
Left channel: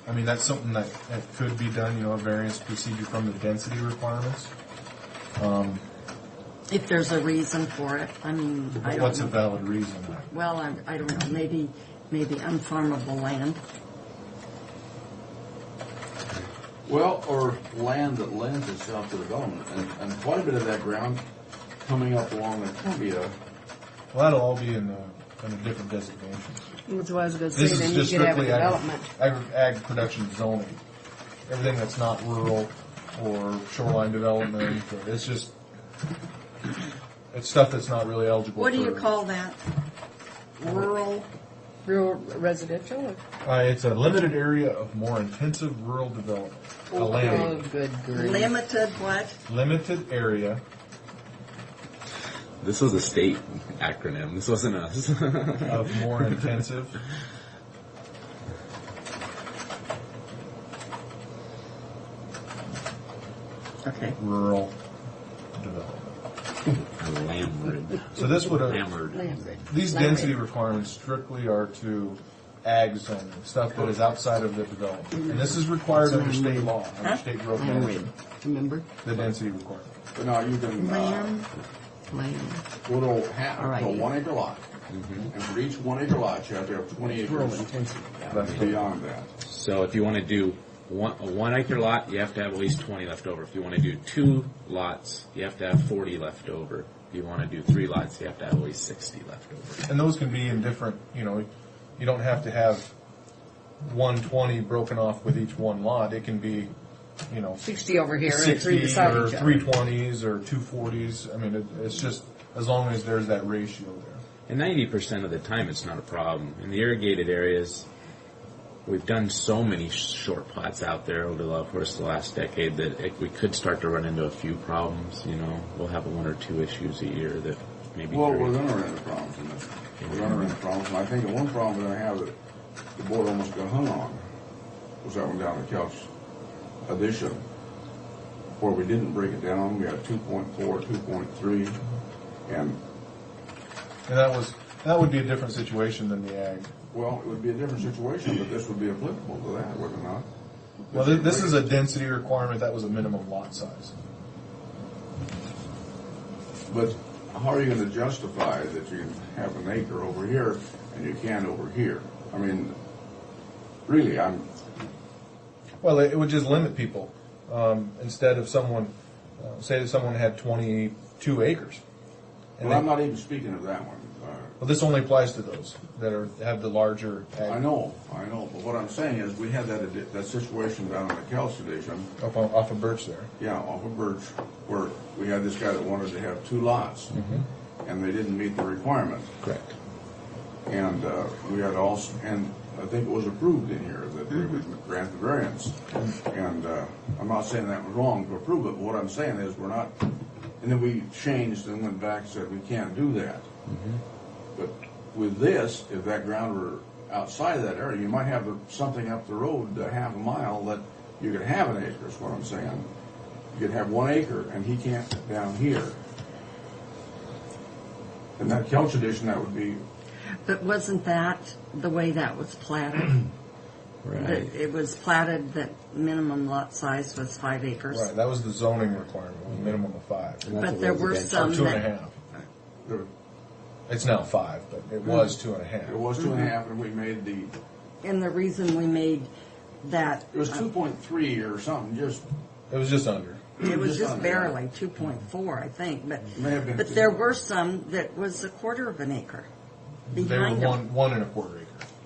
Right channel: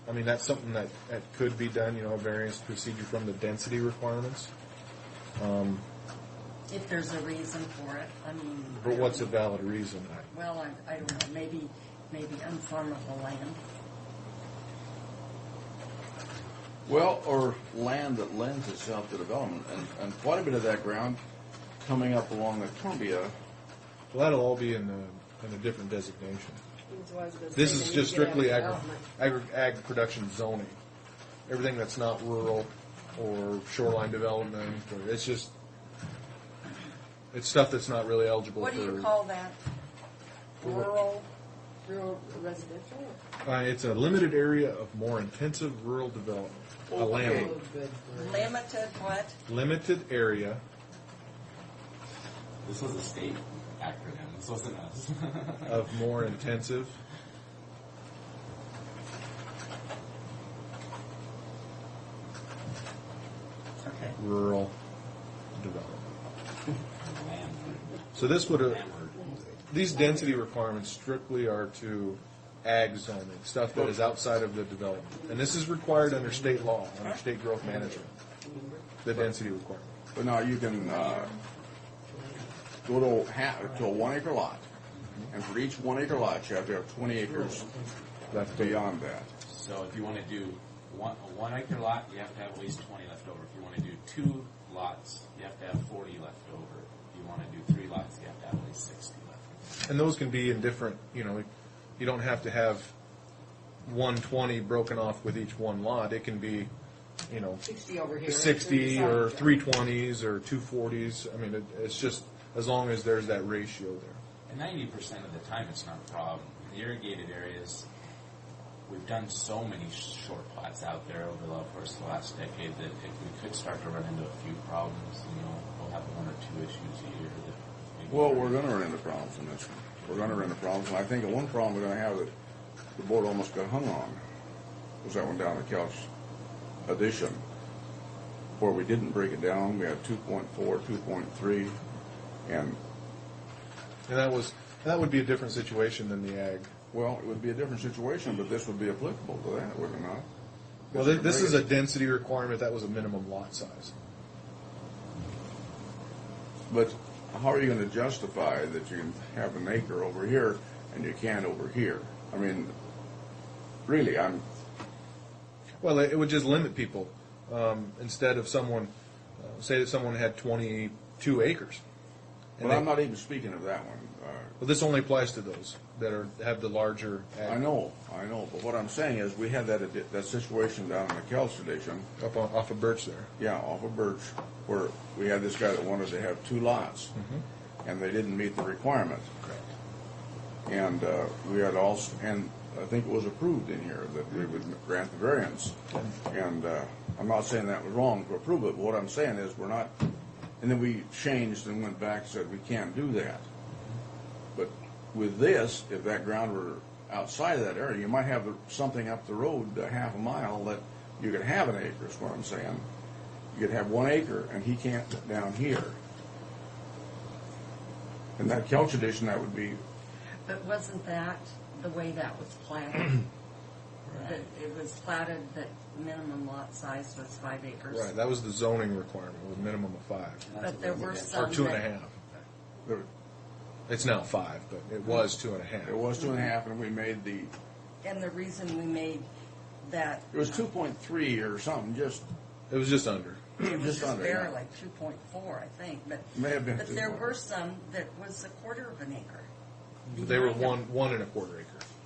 I mean that's something that could be done. A variance procedure from the density requirements. If there's a reason for it, I mean, I don't What's a know. valid reason? Well, I don't know, maybe unfarmable land. Well, or land that lends itself to development, and quite a bit of that ground coming up along the Columbia. Well, that'll all be in a different designation. That's what I was gonna say, This is then just you could have a strictly development. ag production zoning. Everything that's not rural or shoreline development, or it's stuff that's not really eligible. What do you for- call that? Rural? Rural residential? It's a limited area of more intensive rural development. A Oh, land good grief. Limited what? limited area This was a state acronym. This wasn't us. of more intensive. Okay. Rural development. Landward. So this would have, Hammered. these density requirements strictly are to ag zoning, stuff that is outside of the development. And this is required under state law, under state growth management, Remember? the density requirement. But now you can Land. go to All right. a 1 acre lot, and for each 1 acre lot, you have to have 20 acres beyond that. So if you want to do a 1 acre lot, you have to have at least 20 left over. If you want to do 2 lots, you have to have 40 left over. If you want to do 3 lots, you have to have at least 60 left over. And those can be in different, you don't have to have 120 broken off with each one lot. It can be, 60 over here and 3 60 beside or each other. 320s or 240s. I mean, it's just as long as there's that ratio there. And 90% of the time, it's not a problem. In the irrigated areas, we've done so many short plats out there over the course of the last decade that we could start to run into a few problems. We'll have 1 or 2 issues a year that maybe. Well, we're going to run into problems in this. We're going to run into problems, and I think the one problem we're going to have that the board almost got hung on was that one down at Couch Addition, where we didn't break it down. We had 2.4, 2.3, and that would be a different situation than the ag. well, it would be a different situation, but this would be applicable to that, would it not? Well, this is a density requirement. That was a minimum lot size. But how are you going to justify that you can have an acre over here and you can't over here? I mean, really, Well, it would just limit people. Instead of someone, say that someone had 22 acres. And well, I'm they- not even speaking of that one. well, this only applies to those that have the larger ag. I know, but what I'm saying is we had that situation down in the Couch Addition, Off of Birch there. yeah, off of Birch, where we had this guy that wanted to have 2 lots, and they didn't meet the requirement. Correct. And we had also, and I think it was approved in here that we would grant the variance. And I'm not saying that was wrong to approve it, but what I'm saying is we're not, and then we changed and went back and said we can't do that. But with this, if that ground were outside of that area, you might have something up the road, a half a mile, that you could have an acre, is what I'm saying. You could have 1 acre, and he can't down here. In that Couch Addition, that would be, But wasn't that the way that was platted? That it was platted that minimum lot size was 5 acres? Right. That was the zoning requirement, was a minimum of 5. But there were Or some 2.5. there- It's now 5, but it was 2.5. it was 2.5, and we made and the reason we made that, it was 2.3 or something, just, It was just under. it was just just under, yeah. barely 2.4, I think, May have been but two. there were some that was 1/4 of an acre They were behind them. 1.25 acre.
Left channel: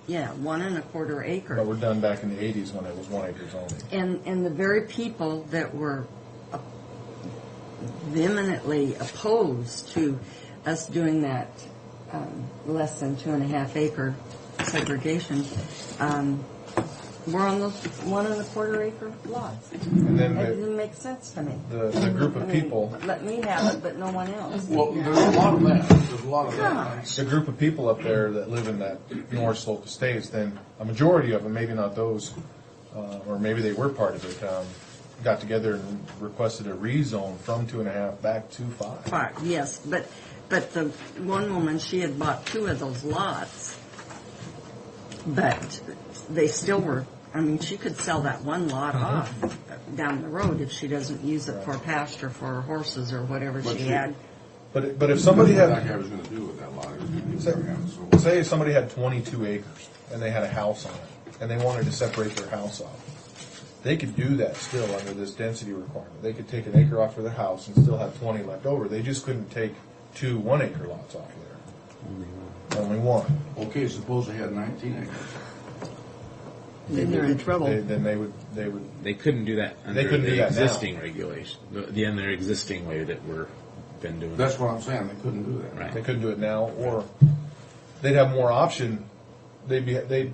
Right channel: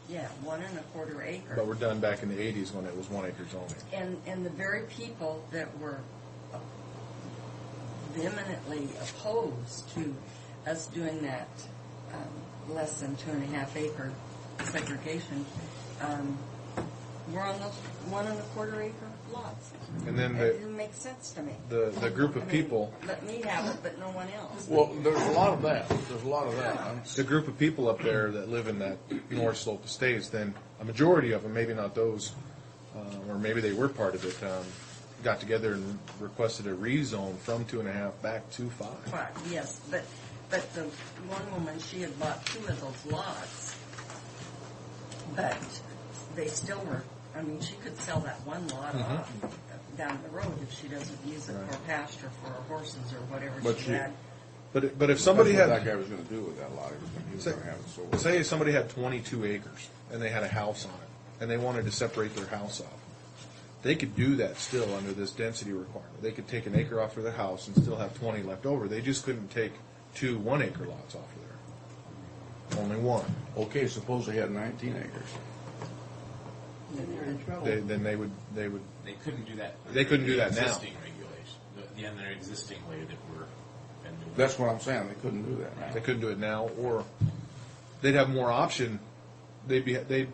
Yeah, 1 1/4 acre. But we're done back in the 80s when it was 1 acre zoning. And the very people that were vehemently opposed to us doing that less than 2.5 acre segregation were on those 1 1/4 acre lots. And then It the, didn't make sense to me. the group I of mean, people, let me have it, but no one else. well, there's a lot of that, there's a lot of that. the group of people up there that live in that North Slope Estates, then a majority of them, maybe not those, or maybe they were part of it, got together and requested a rezone from 2.5 back to 5. Five, yes, but the one woman, she had bought 2 of those lots, but they still were, I mean, she could sell that one lot off down the road if she doesn't use it for pasture for her horses or whatever But she she- had. But if somebody What had, that guy was gonna do with that lot. He was say, gonna have so- say somebody had 22 acres and they had a house on it and they wanted to separate their house off, they could do that still under this density requirement. They could take an acre off of their house and still have 20 left over. They just couldn't take 2 1-acre lots off of there. Only one. Okay, suppose they had 19 acres. Then they're in trouble. Then they would. They couldn't do that. They couldn't do that now. Existing regulation, the under existing way that we're been doing. That's what I'm saying, they couldn't do that. Right. They couldn't do it now, or they'd have more option. They'd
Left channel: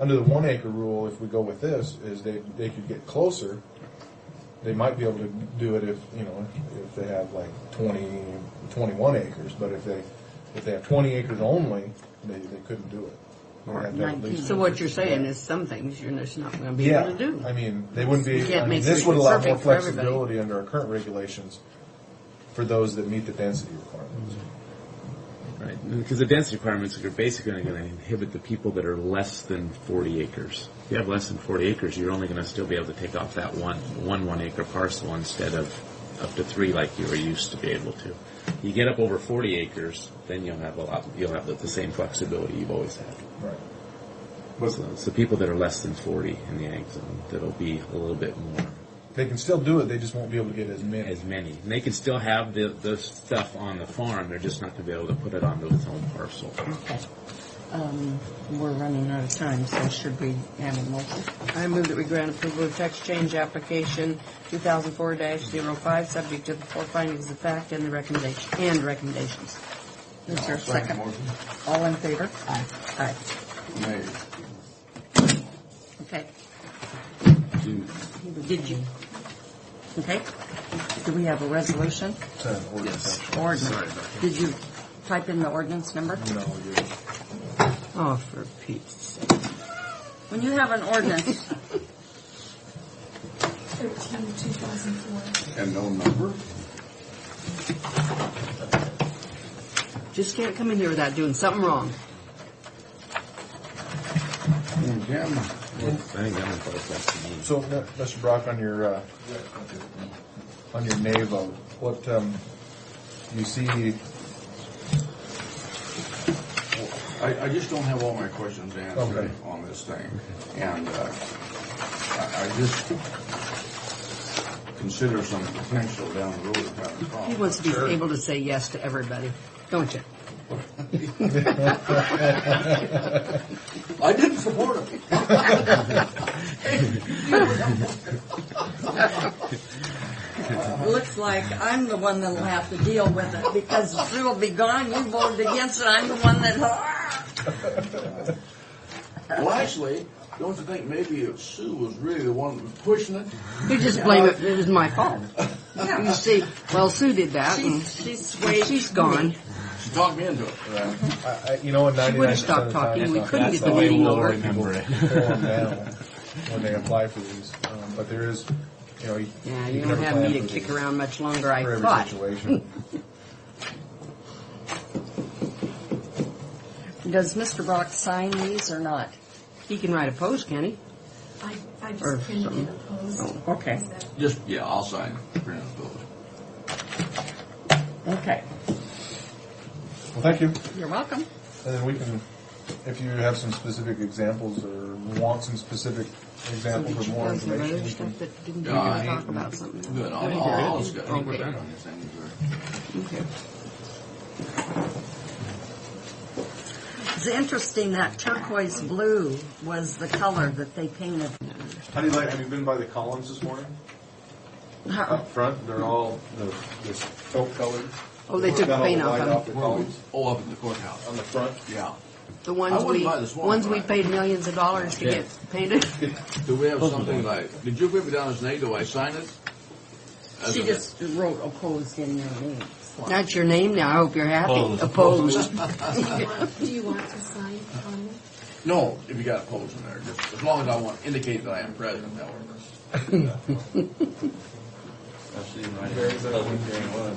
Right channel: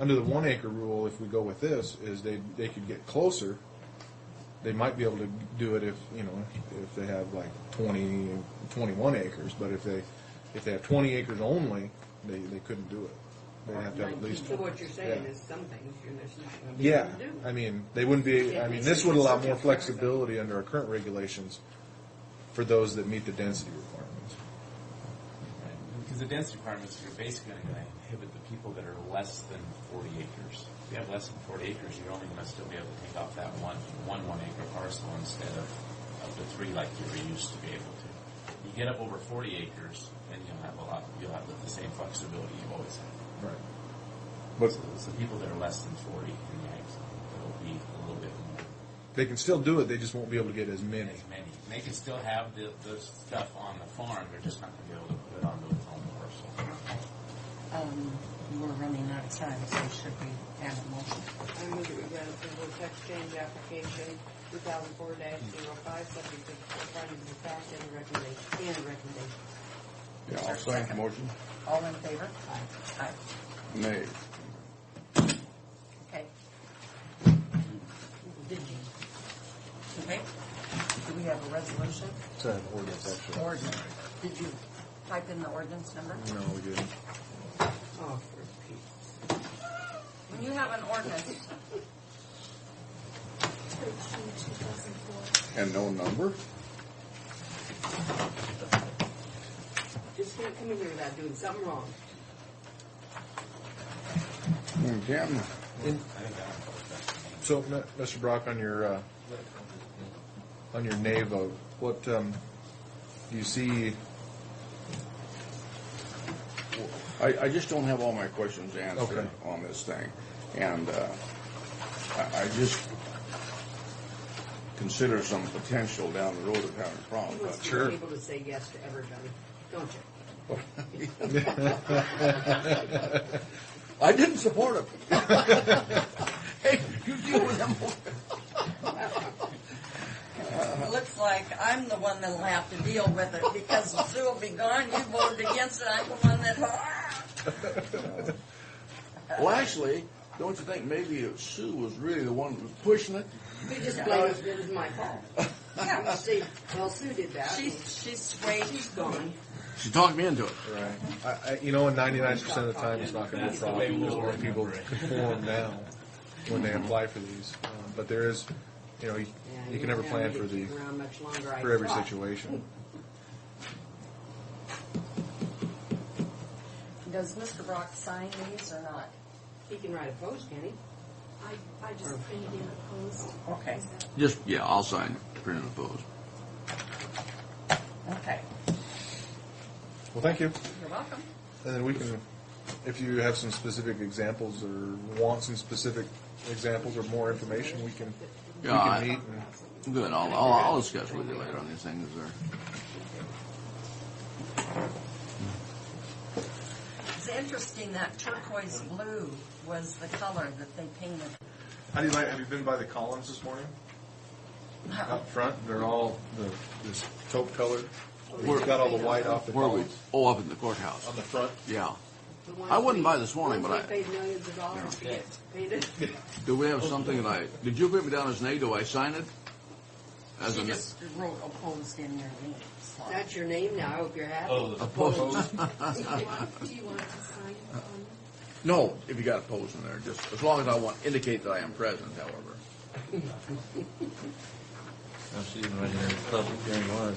under the 1-acre rule. If we go with this, is they could get closer. They might be able to do it if they have like 21 acres. But if they have 20 acres only, they couldn't do it. They have to have at least. So what you're saying is some things you're just not going to be able to do. I mean, they wouldn't be. You can't I mean, make this it would allow more perfect for everybody. flexibility under our current regulations for those that meet the density requirements. Right, because the density requirements are basically going to inhibit the people that are less than 40 acres. If you have less than 40 acres, you're only going to still be able to take off that one 1-acre parcel instead of up to 3 like you were used to be able to. You get up over 40 acres, then you'll have the same flexibility you've always had. Right. So it's the people that are less than 40 in the ag zone that'll be a little bit more. They can still do it. They just won't be able to get as many. As many. And they can still have the stuff on the farm. They're just not going to be able to put it onto its own parcel. We're running out of time, so should we have a motion? I move that we grant approval of text change application 2004-05, subject to the 4 findings of fact and the recommendations. Is there a I'll second? motion. All in favor? Aye. Aye. Nay. Okay. Did you? Okay. Do we have a resolution? It's an ordinance, actually. Ordinance. Did you type in the ordinance number? No, you. Oh, for Pete's sake. When you have an ordinance, 13/2004. And no number? Just can't come in here without doing something wrong. Jim, I think that would both less than me. So, Mr. Brock, on your nay vote, what you see? I just don't have all my questions answered Okay. on this thing. And I just consider some potential down the road of having He problems. wants to be Sure. able to say yes to everybody, don't you? I didn't support him. looks like I'm the one that'll have to deal with it because Sue will be gone. You voted against it. I'm the one that. Well, actually, don't you think maybe Sue was really the one pushing it? You just blame it was my fault. Yeah. You see, well, Sue did that, and She's swayed. she's gone. She talked me into it. Right. In 99% of the time, talking, it's we not couldn't that's get the the way meeting we'll over. people form down when they apply for these. But there is, you Yeah, can you never don't have plan me for to kick these, around much longer, I for every thought. situation. Does Mr. Brock sign these or not? He can write opposed, can he? I Or just printed something. it opposed. Oh, okay. Just, yeah, I'll sign print and opposed. Okay. Well, thank you. You're welcome. And then we can, if you have some specific examples or want some specific examples or more information, we can. Yeah, I- talk about something. Good, I'll discuss with her on these things. Okay. It's interesting that turquoise blue was the color that they painted. How do you like? Have you been by the columns this morning? Up front, they're all this taupe colored. Oh, they took the paint off them. Where are we? Oh, up in the courthouse. On the front. Yeah. The ones I wouldn't buy this one, ones but we I- paid millions of dollars to get painted. Do we have something like, did you put me down as nay? Do I sign it? As She a- just wrote opposed in your name. slot. That's your name now. I hope you're happy. Opposed. Do you want to sign on it? No, if you got opposed in there, just as long as I indicate that I am present, however. Actually, right here, the public hearing was.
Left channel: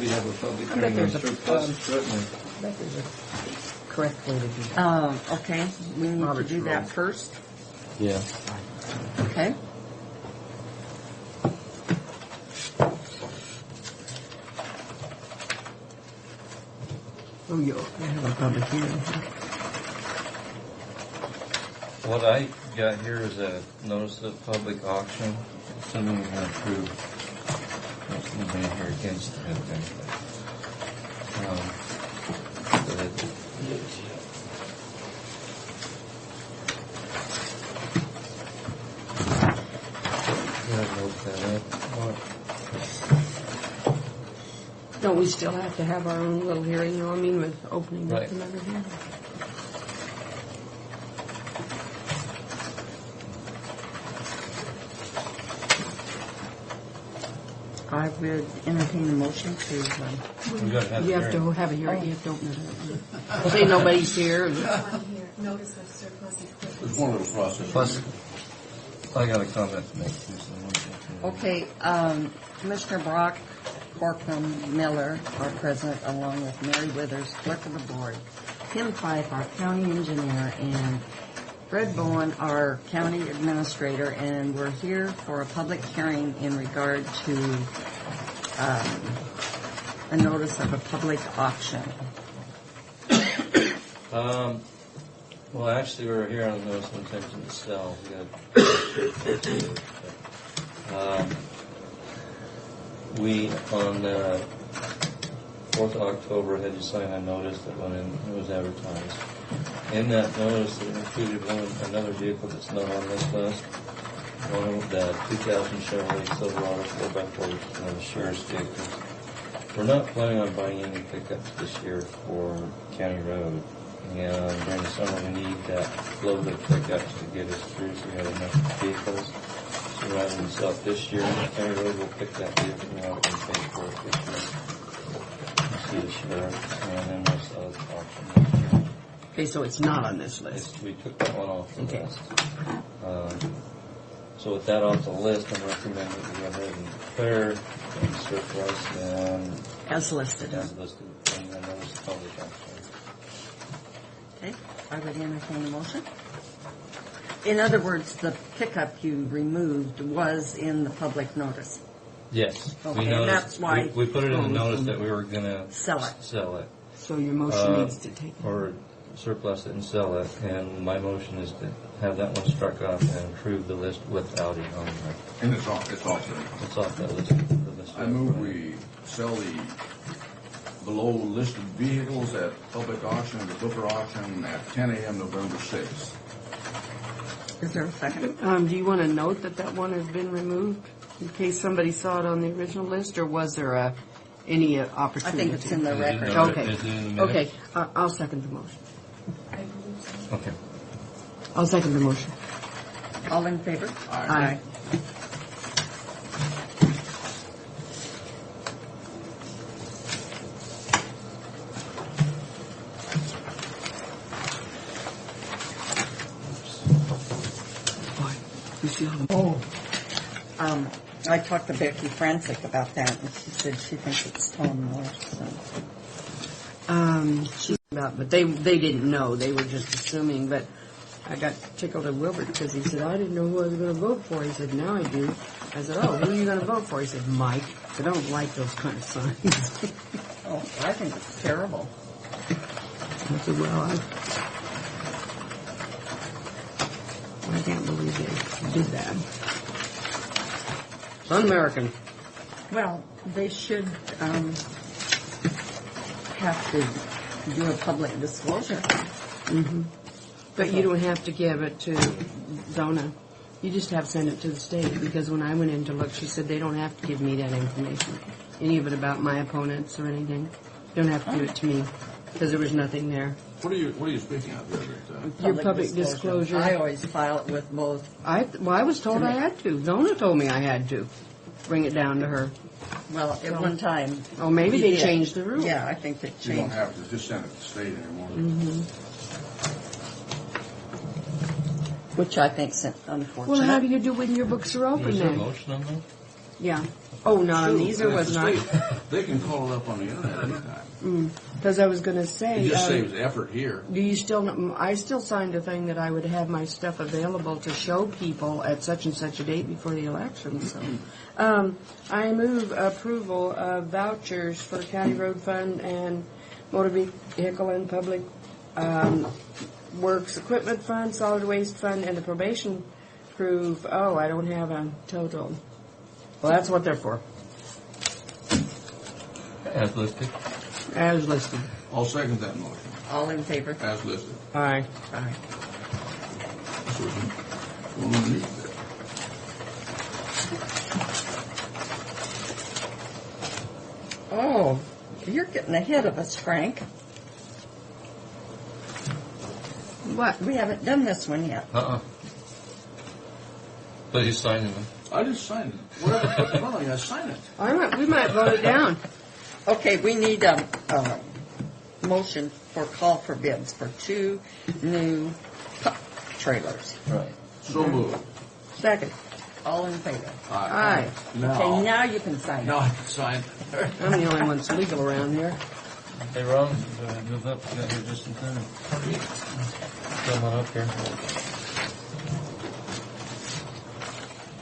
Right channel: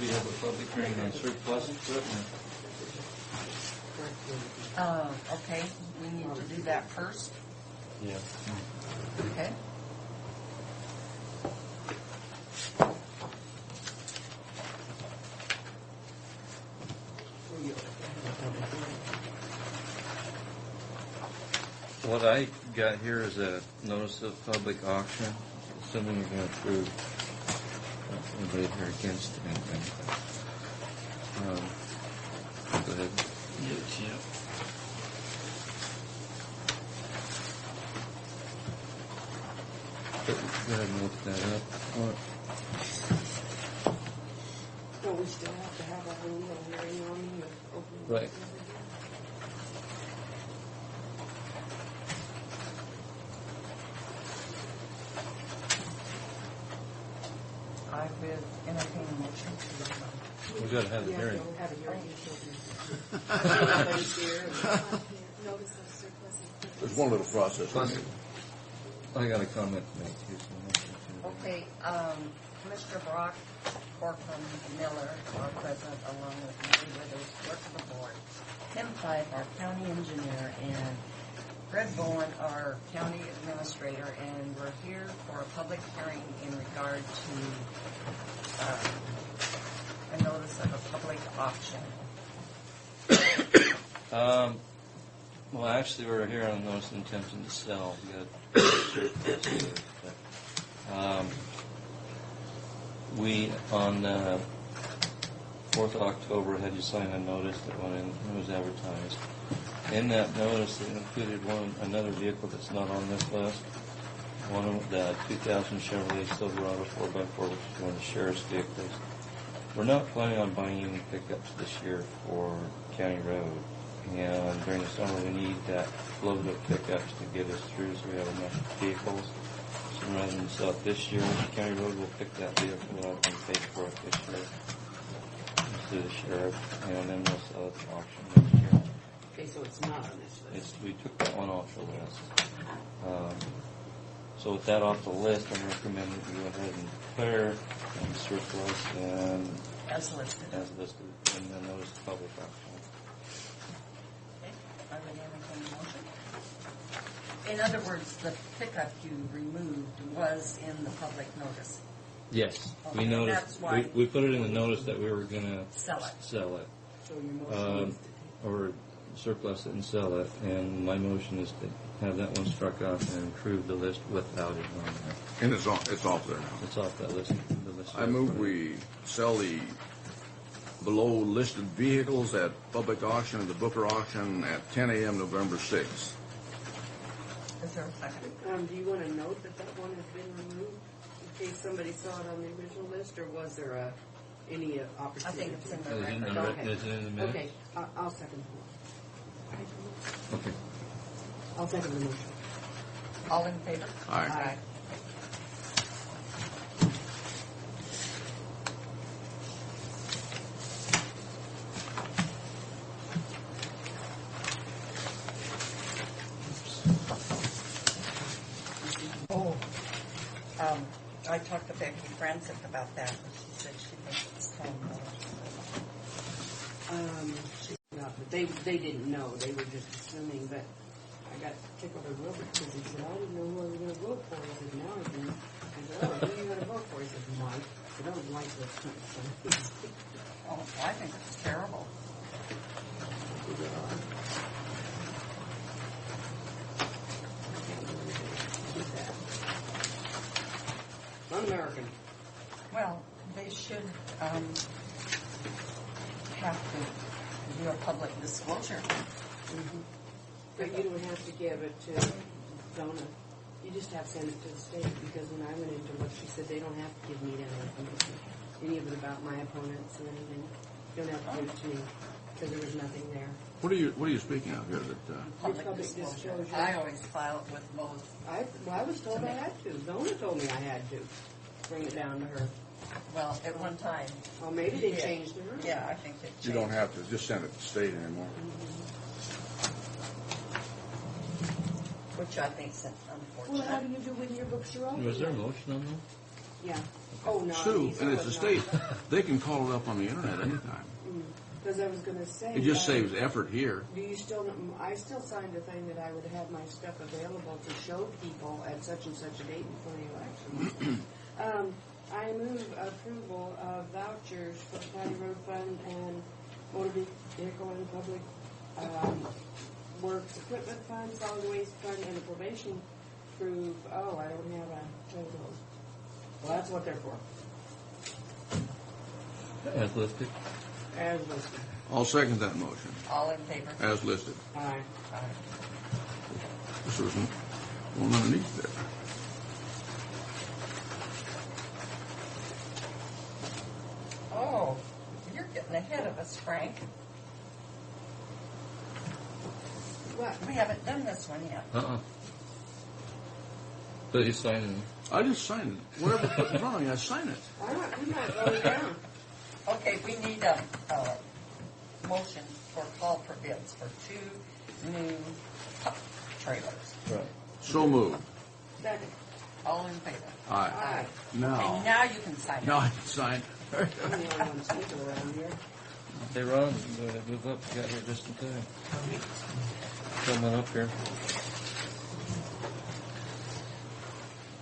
We have a public hearing on surplus equipment. Correct way to do Okay, we need to do that first, Yeah. okay? Oh, you have a public hearing. What I got here is a notice of public auction, assuming we're gonna approve. There's nobody here against anything. Go ahead. Go ahead and look that up. Don't we still have to have our own little hearing, you know what I mean, with opening up Right. and everything? I would entertain a motion to, We gotta have You a have to hearing. have a hearing, you don't know. Say nobody's here. On here, notice of surplus equipment. It's one of the process. Plus, I got a comment to make too, so I'm looking for- okay, Commissioner Brock, Corcoran, Miller, our president, along with Mary Withers, clerk of the board, Tim Fife, our county engineer, and Fred Bowen, our county administrator, and we're here for a public hearing in regard to a notice of a public auction. Well, actually, we're here on notice of intention to sell. We got, we, on 4th of October, had you sign a notice that went in, it was advertised. In that notice, it included another vehicle that's not on this list. One of the 2000 Chevrolet Silverado 4x4, which is one of the sheriff's vehicles. We're not planning on buying any pickups this year for County Road. And during the summer, we need that load of pickups to get us through so we have enough vehicles. So rather than sell it this year, County Road will pick that vehicle up and pay for it this year. To the sheriff, and then we'll sell it at auction next year. Okay, so it's not on this list. We took that one off the Okay. list. So with that off the list, I'm recommending that we go ahead and declare and surplus and As listed. as listed in the notice of public auction. Okay, I would entertain a motion. In other words, the pickup you removed was in the public notice. Yes, Okay, we and noticed. that's why- We put it in the notice that we were gonna Sell it. Sell it, So your motion needs to take. or surplus it and sell it. And my motion is to have that one struck off and approve the list without it on there. And it's off there. It's off that list. The list. I move we sell the below listed vehicles at public auction, the Booker auction at 10 a.m. November 6th. Is there a second? Do you want to note that that one has been removed in case somebody saw it on the original list, or was there any I opportunity? think it's in the Is it in record. the- Okay. Is it in the minutes? Okay, I'll second the motion. Okay. I'll second the motion. All in favor? Aye. I talked to Becky Francis about that, and she said she thinks it's Tom North, But they didn't know. They were just assuming. But I got tickled at Wilbert because he said, I didn't know who I was going to vote for. He said, now I do. I said, oh, who are you going to vote for? He said, Mike. I don't like those kind of signs. Oh, I think it's terrible. I said, well, I can't believe they did that. It's un-American. Well, they should have to do a public disclosure. But you don't have to give it to Donna. You just have to send it to the state, because when I went in to look, she said they don't have to give me that information, any of it about my opponents or anything. You don't have to give it to me, because there was nothing there. What are you speaking of here? Your public disclosure. I always file it with both. I was told I had to. Donna told me I had to bring it down to her. Well, at one time. Oh, maybe they Yeah. changed the rule. Yeah, I think they You don't changed. have to just send it to the state anymore. which I think's Well, how do unfortunate. you do when your books are open Was there a then? motion on that? Yeah. Oh, no, Sue, these are and it's was the not. state. They can call it up on the internet anytime. Because I was going to say. It just saves effort here. Do you still? I still signed a thing that I would have my stuff available to show people at such and such a date before the election. So, I move approval of vouchers for County Road Fund and Motor Vehicle and Public Works Equipment Fund, Solid Waste Fund, and the Probation Crew. Oh, I don't have a total. Well, that's what they're for, As listed. as listed. I'll second that motion, All in favor? as listed. Aye. This was one underneath there. Oh, you're getting ahead of us, Frank. What? We haven't done this one yet. But he's signing them. I just signed it. What's wrong? I signed it. We might vote it down. Okay, we need a motion for call for bids for 2 new pup trailers. Right. So moved. Second. All in favor? Aye. Okay, Now, now you can sign now it. I can sign. I'm the only one that's legal around here. Hey, Ron, move up. You got here just in time. Come on up here.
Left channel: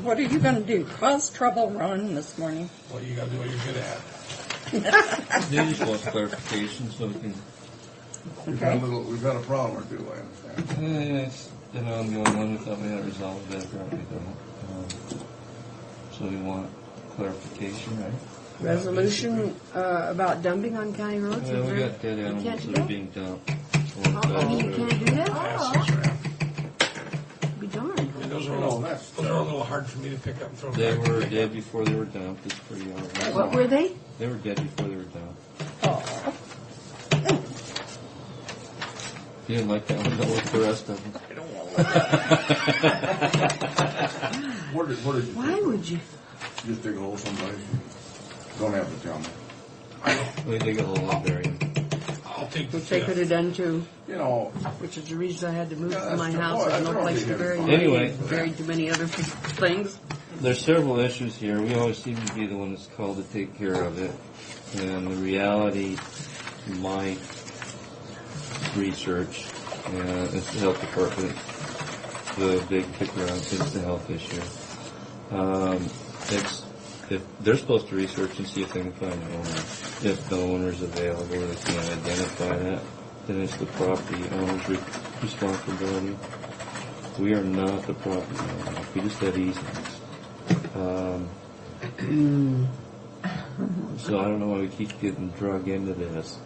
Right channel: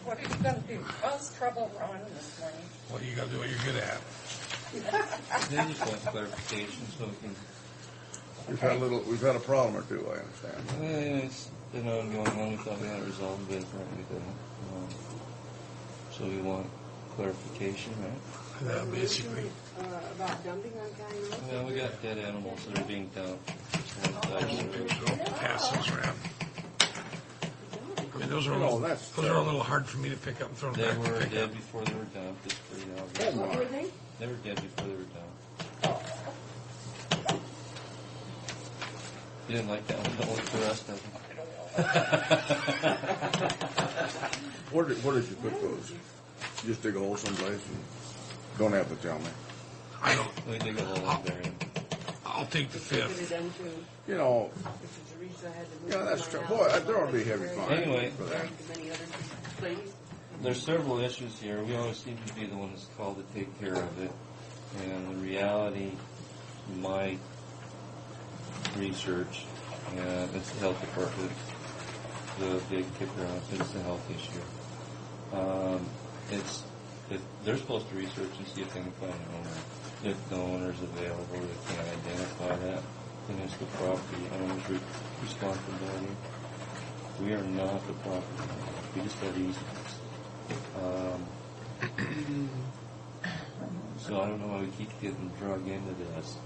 What are you gonna do? Cause trouble, Ron, this morning? Well, you gotta do what you're good at. You just want clarification so we can. We've got a problem or two, I understand. It's been ongoing one. We thought we had resolved it, but we don't. So we want clarification, right? Resolution about dumping on county roads? Well, we got dead animals that are being dumped. Oh, you can't do that? Pass those around. Be darned. And those are No, that's- those are a little hard for me to pick up and throw They back. were dead before they were dumped. It's pretty obvious. What were they? They were dead before they were dumped. Oh, You didn't like that one, don't like the rest of them. Where did you Why take would those? you? Just dig a hole someplace? And don't have to tell me. We dig a hole and bury them. I'll take the Which they could have fifth. done too, You know, which is the reason I had to move Yeah, from that's my true. house. Boy, I that's no already place to heavy bury fun. me. Anyway. Buried too many other things. There's several issues here. We always seem to be the one that's called to take care of it. And the reality, my research, it's the health department. The big kicker on it is the health issue. If they're supposed to research and see if they can find an owner. If the owner's available, or they can identify that, then it's the property owner's responsibility. We are not the property owner. We just have easements. So I don't know why we keep getting drug into this.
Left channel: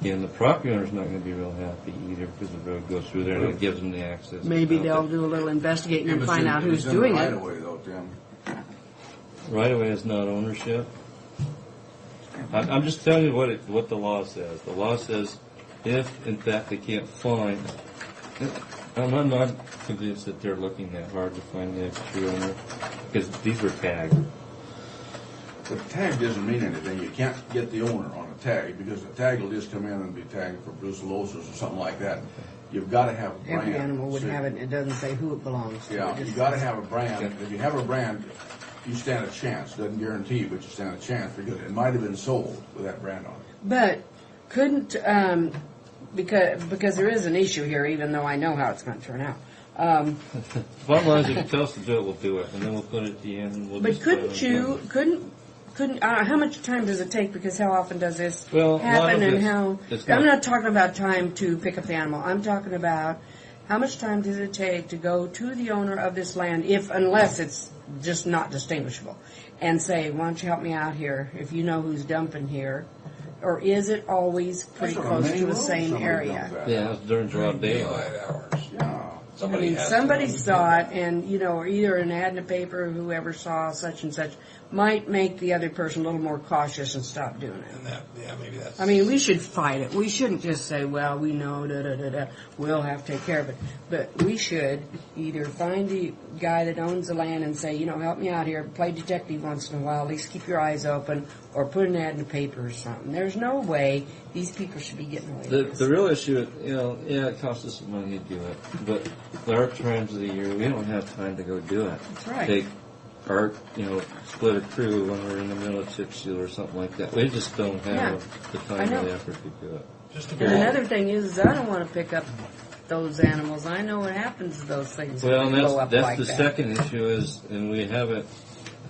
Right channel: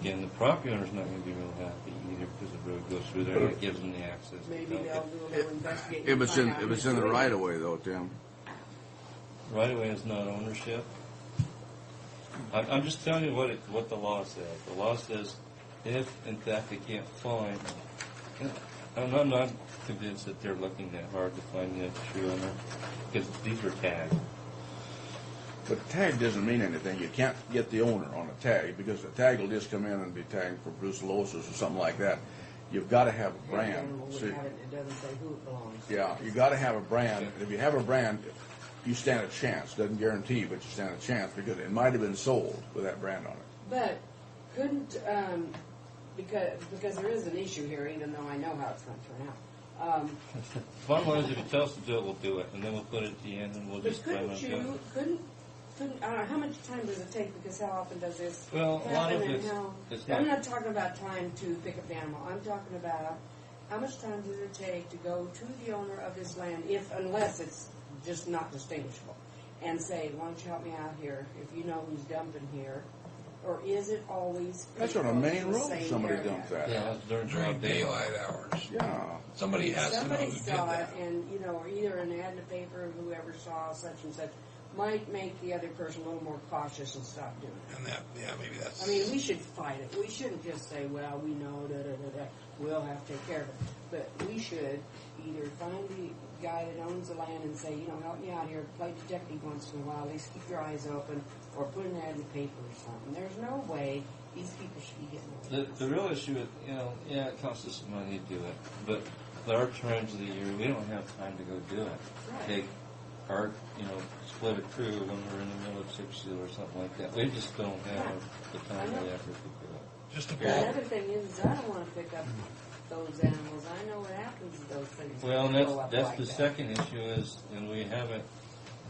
Again, the property owner's not going to be real happy either because the road goes through there and it gives them the access. Maybe they'll do a little investigating if and it's find in, out if who's it's in the doing right it. of way though, Tim. Right away is not ownership. I'm just telling you what the law says. The law says if, in fact, they can't find, I'm not convinced that they're looking that hard to find the true owner because these were tagged. But the tag doesn't mean anything. You can't get the owner on a tag because the tag will just come in and be tagged for brucellosis or something like that. You've got to have a brand. Every animal would See, have it, and it doesn't say who it belongs to. Yeah, It you just- got to have a brand. If you have a brand, you stand a chance. Doesn't guarantee, but you stand a chance because it might have been sold with that brand on it. But couldn't, because there is an issue here, even though I know how it's going to turn out. Bottom line is, if you tell us to do it, we'll do it, and then we'll put it at the end, and we'll But just. plan on couldn't doing you, it. couldn't, how much time does it take? Because how often does this Well, a lot happen of and it's- how? it's I'm not- not talking about time to pick up the animal. I'm talking about how much time does it take to go to the owner of this land, unless it's just not distinguishable, and say, why don't you help me out here if you know who's dumping here? Or is it always pretty That's on a close main to the road same somebody area? dumped that. Yeah, it's during During broad daylight. daylight hours. Yeah. Somebody has to know Somebody who did saw that. it, and or either an ad in the paper, whoever saw such and such might make the other person a little more cautious and stop doing it. And that, yeah, maybe that's. I mean, we should fight it. We shouldn't just say, well, we know, we'll have to take care of it. But we should either find the guy that owns the land and say, help me out here, play detective once in a while, at least keep your eyes open, or put an ad in the paper or something. There's no way these people should be getting away with The this. real issue, it costs us some money to do it, but there are times of the year we don't have time to go do it. That's right. Take our, split a crew when we're in the middle of chip seal or something like that. We just don't have the I time or know. the effort to do it. Just to And another thing is I don't want to pick up those animals. I know what happens to those things. Well, when and they blow up that's like the that. second issue is, and we haven't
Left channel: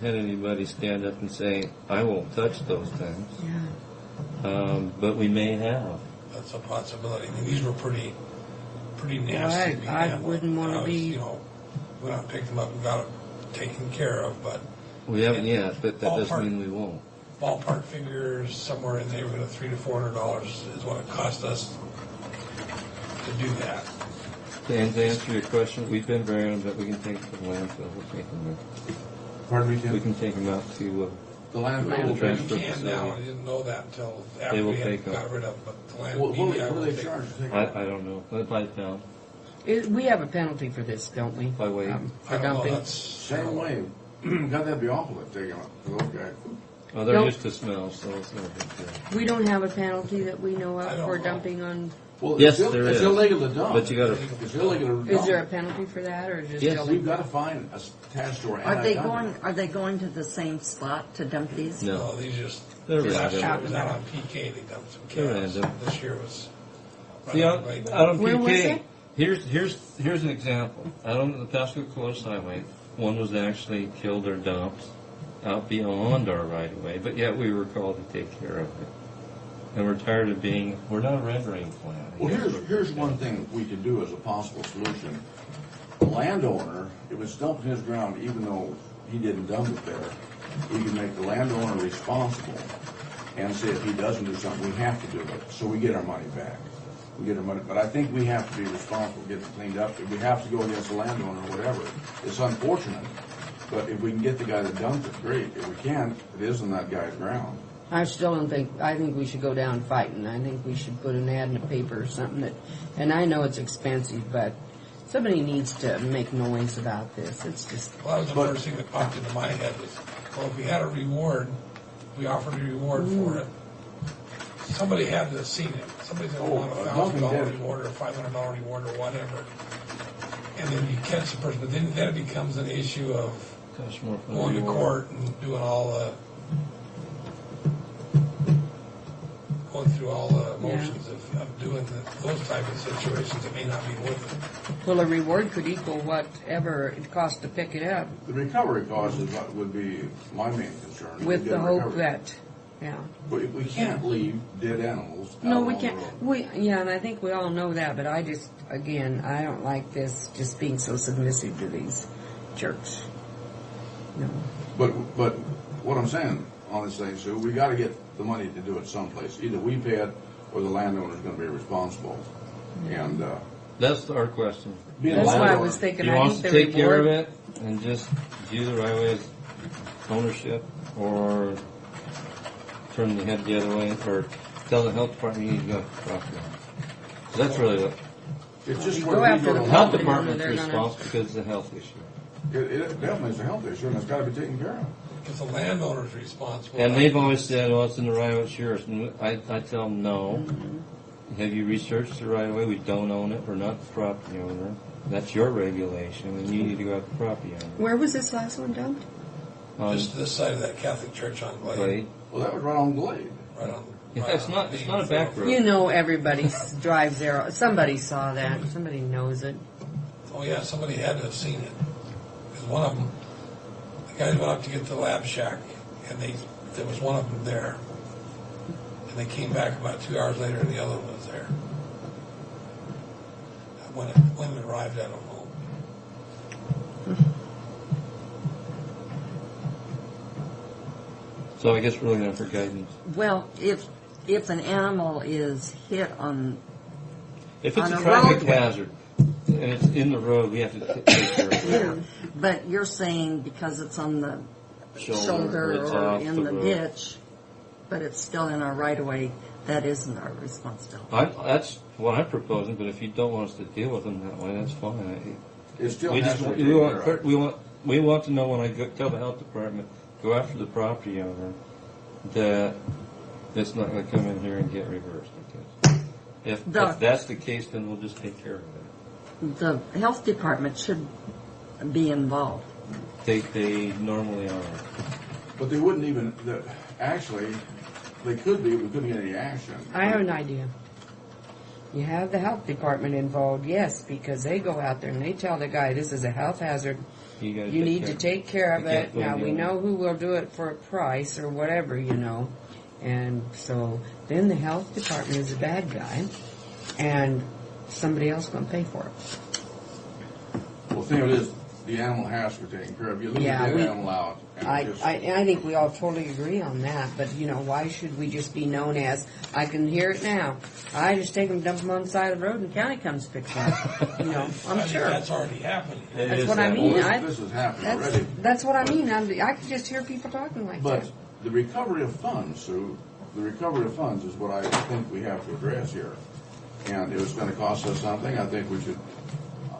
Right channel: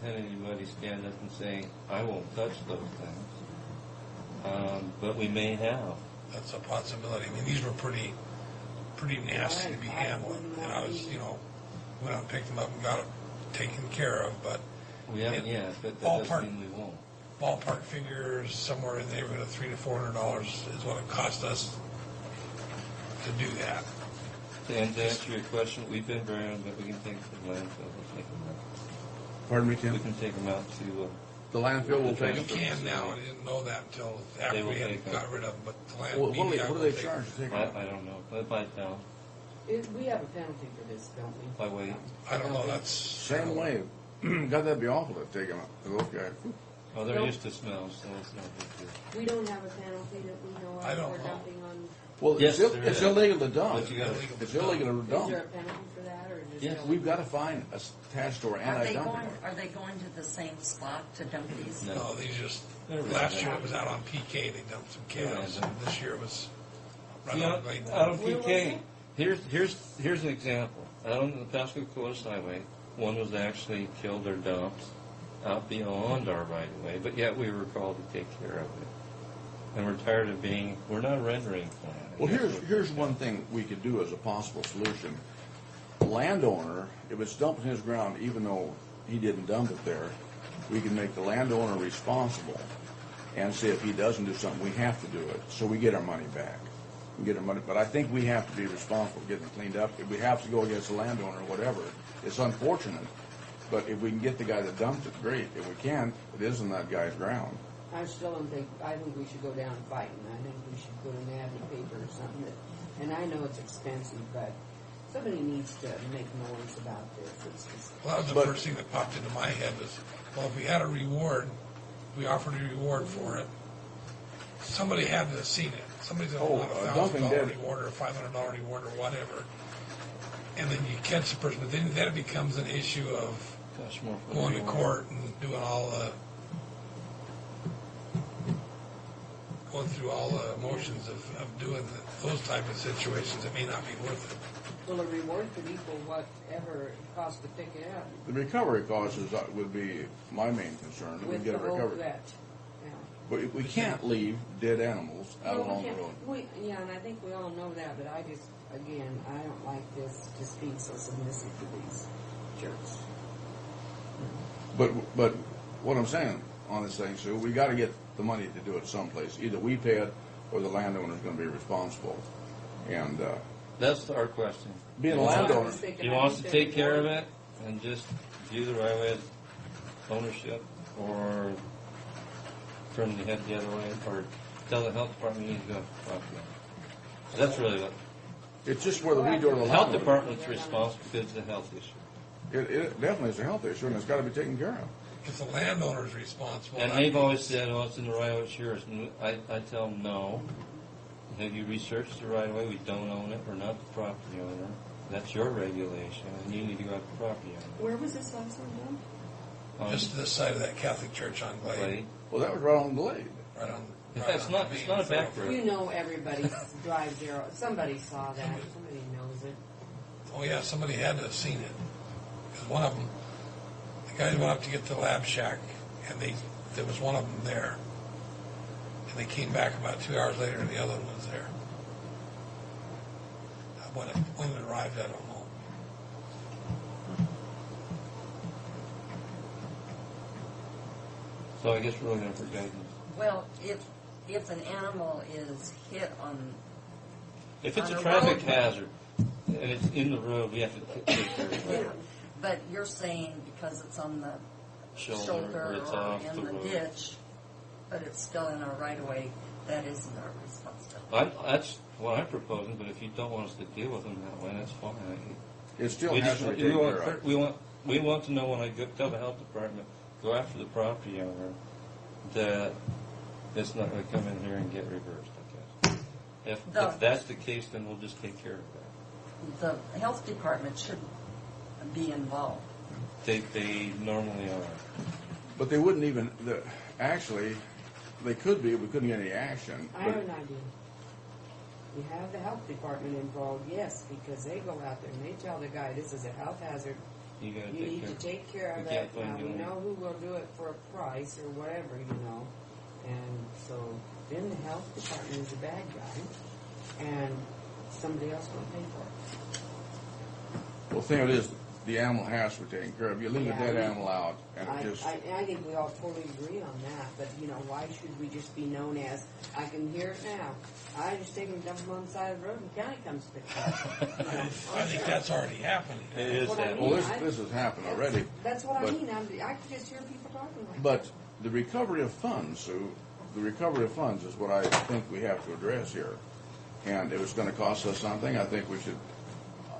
had anybody stand up and say, I won't touch those things. But we may have. That's a possibility. I mean, these were pretty nasty to be I handled. wouldn't want And to I was, be. went out and picked them up and got them taken care of, but We haven't yet, but that Ballpark. doesn't mean we won't. ballpark figures somewhere in the neighborhood of $300 to $400 is what it cost us to do that. And to answer your question, we've been burying them, but we can take them to the landfill. We'll take them Pardon me, We Tim? can take them out to, The landfill will Transfer take. You can now. facility. I didn't know that until They after will we had take them. got rid of them. But the land, What do BVI they will take charge to take? I don't know, by pound. We have a penalty for this, don't we? By weight. For I don't know. dumping. That's Same way. God, that'd be awful to take them up to those guys. Oh, they're No. used to smell, so it's no big deal. We don't have a penalty that we know I of don't for know. dumping on. Well, Yes, it's, there it's is. illegal to dump. But you gotta, It's illegal to dump. Is there a penalty for that, or just? Yes, tell we've them- got a fine attached to our Are they anti-dumping. going to the same spot to dump these? no. no. These just They're last random. year it was out on PK. They dumped some They're cows. random. This year was right See, on out Glade. on Where was PK, it? here's an example. Out on the Pasco Coast Highway, one was actually killed or dumped out beyond our right of way, but yet we were called to take care of it. And we're tired of we're not a rendering plant. Well, here's one thing we could do as a possible solution. The landowner, if it's dumped in his ground, even though he didn't dump it there, we can make the landowner responsible and say if he doesn't do something, we have to do it, so we get our money back. We get our money, but I think we have to be responsible, get it cleaned up. If we have to go against the landowner or whatever, it's unfortunate. But if we can get the guy that dumped it, great. If we can't, it is in that guy's ground. I still don't think. I think we should go down fighting. I think we should put an ad in the paper or something that. And I know it's expensive, but somebody needs to make noise about this. It's just. Well, that was the first thing that popped into my head was, well, if we had a reward, we offered a reward for it. Somebody had to have seen it. Somebody's going to want a $1,000 dumping dead. reward or a $500 reward or whatever. And then you catch the person, but then it becomes an issue of Costs more for the going to reward. court and doing all the, going through all the motions of doing those type of situations. It may not be worth it. Well, a reward could equal whatever it costs to pick it up, The recovery costs would be my main concern. We with get the a hope recovery. that. Yeah. But we can't leave dead animals out No, on we the can't. road. And I think we all know that, but I just, again, I don't like this just being so submissive to these jerks. No. But what I'm saying on this thing, Sue, we got to get the money to do it someplace. Either we pay it or the landowner's going to be responsible. And That's our question. being a That's why I landowner, was thinking. He I wants think to the take care of reward- it and just view the right of way as ownership, or turn the head the other way, or tell the health department you need to go to property owner. That's really what it's just where Go we after go the to the health Property owner, department's they're gonna- responsible because it's a health issue. It definitely is a health issue, and it's got to be taken care of. If the landowner's responsible. And they've always said, oh, it's in the right of way, it's yours. And I tell them, no. Have you researched the right of way? We don't own it. We're not the property owner. That's your regulation, and you need to go after the property owner. Where was this last one dumped? Just to this side of that Catholic church on Glade. Glade. Well, that was right on Glade. Right on. Yeah, right it's on not. the It's main not a back thoroughfare. road. You know, everybody drives there. Somebody saw that. Somebody knows it. Oh yeah, somebody had to have seen it. Because one of them, the guys went up to get the lab shack, and there was one of them there. And they came back about 2 hours later, and the other one was there. When it arrived, I don't know. So I guess we're looking for guidance. Well, if an animal is hit on, If it's On a a traffic roadway. hazard and it's in the road, we have to take care of it. but you're saying because it's on the shoulder it's or off in the the road. ditch, but it's still in our right of way, that isn't our responsibility. That's what I'm proposing, but if you don't want us to deal with them that way, that's fine. It still We has just to be we taken want care of. we want to know when I tell the health department, go after the property owner, that it's not going to come in here and get reversed. Okay? If that's the case, then we'll just take care of it. The health department should be involved. They normally are. But they wouldn't even, actually, they could be, we couldn't get any action. I have an idea. You have the health department involved, yes, because they go out there and they tell the guy, this is a health hazard. You, gotta You need to take care of You it. can't put Now, them we in. know who will do it for a price or whatever, you know. And so then the health department is the bad guy, and somebody else going to pay for it. Well, the thing of it is, the animal has to be taken care of. You leave Yeah, a dead we- animal out, and I, it just, I think we all totally agree on that, but you know, why should we just be known as, I can hear it now, I just take them, dump them on the side of the road and county comes pick them up. You know, I I'm think sure. that's already happening. It That's is what I that mean. way. well, this has happened already. That's what I But- mean. I can just hear people talking like But that. the recovery of funds, Sue, the recovery of funds is what I think we have to address here. And if it's gonna cost us something, I think we should,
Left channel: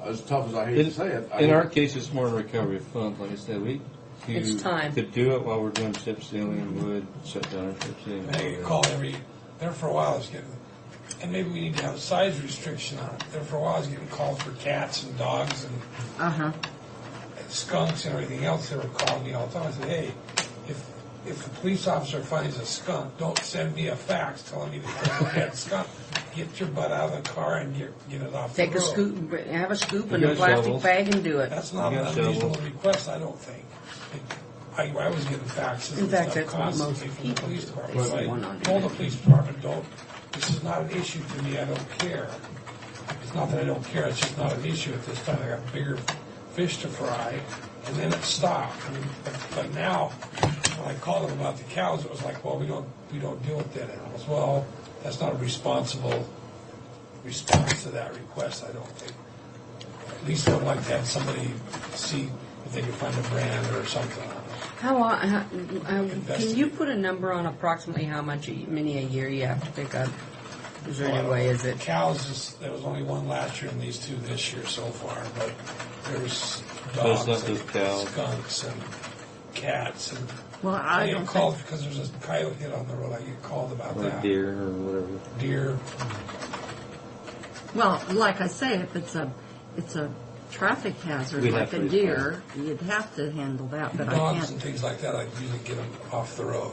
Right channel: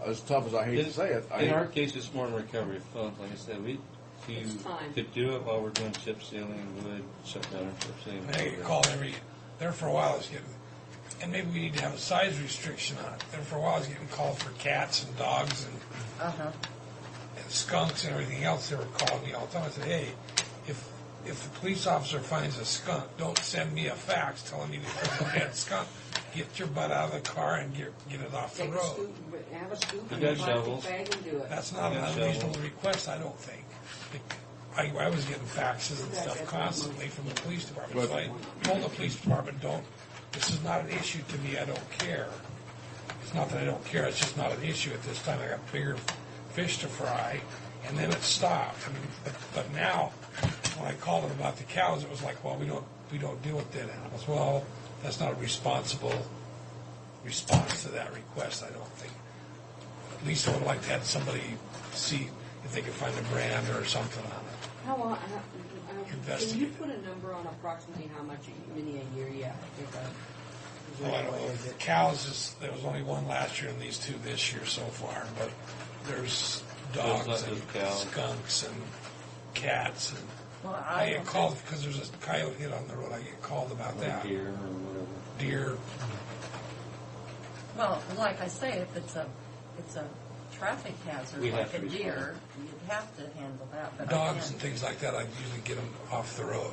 as tough as I hate to say it, I In our think- case, it's more recovery of funds. Like I said, It's time. could do it while we're doing chip sealing and would shut down our chip sealing. I get called there for a while I was getting, and maybe we need to have a size restriction on it. There for a while I was getting called for cats and dogs and Uh-huh. skunks and everything else. They were calling me all the time. I said, hey, if the police officer finds a skunk, don't send me a fax telling me there's a dead skunk. Get your butt out of the car and get it off Take the a road. scoop, have a scoop You and a got plastic shovels. bag and do it. That's not You an got unreasonable shovels. request, I don't think. I was getting faxes In and fact, stuff that's what constantly most from the people police department. So want I on told there. the police department, this is not an issue to me, I don't care. It's not that I don't care, it's just not an issue at this time. I got bigger fish to fry, and then it stopped. But now, when I called them about the cows, it was like, well, we don't deal with dead animals. Well, that's not a responsible response to that request, I don't think. At least I would like to have somebody see if they can find a brand or something on it. Can you Investigate. put a number on approximately how many a year you have to pick up? Is there Well, I any don't way, know. is it? Cows, there was only one last year and these two this year so far, but there's So it's dogs not and just cows. skunks and cats and Well, I I get don't called think, because there's a coyote hit on the road. I get called about Or that. deer or whatever. Deer. well, like I say, if it's a traffic hazard, We'd like have a to deer, you'd have to handle that, but I Dogs can't. and things like that, I usually get them off the road.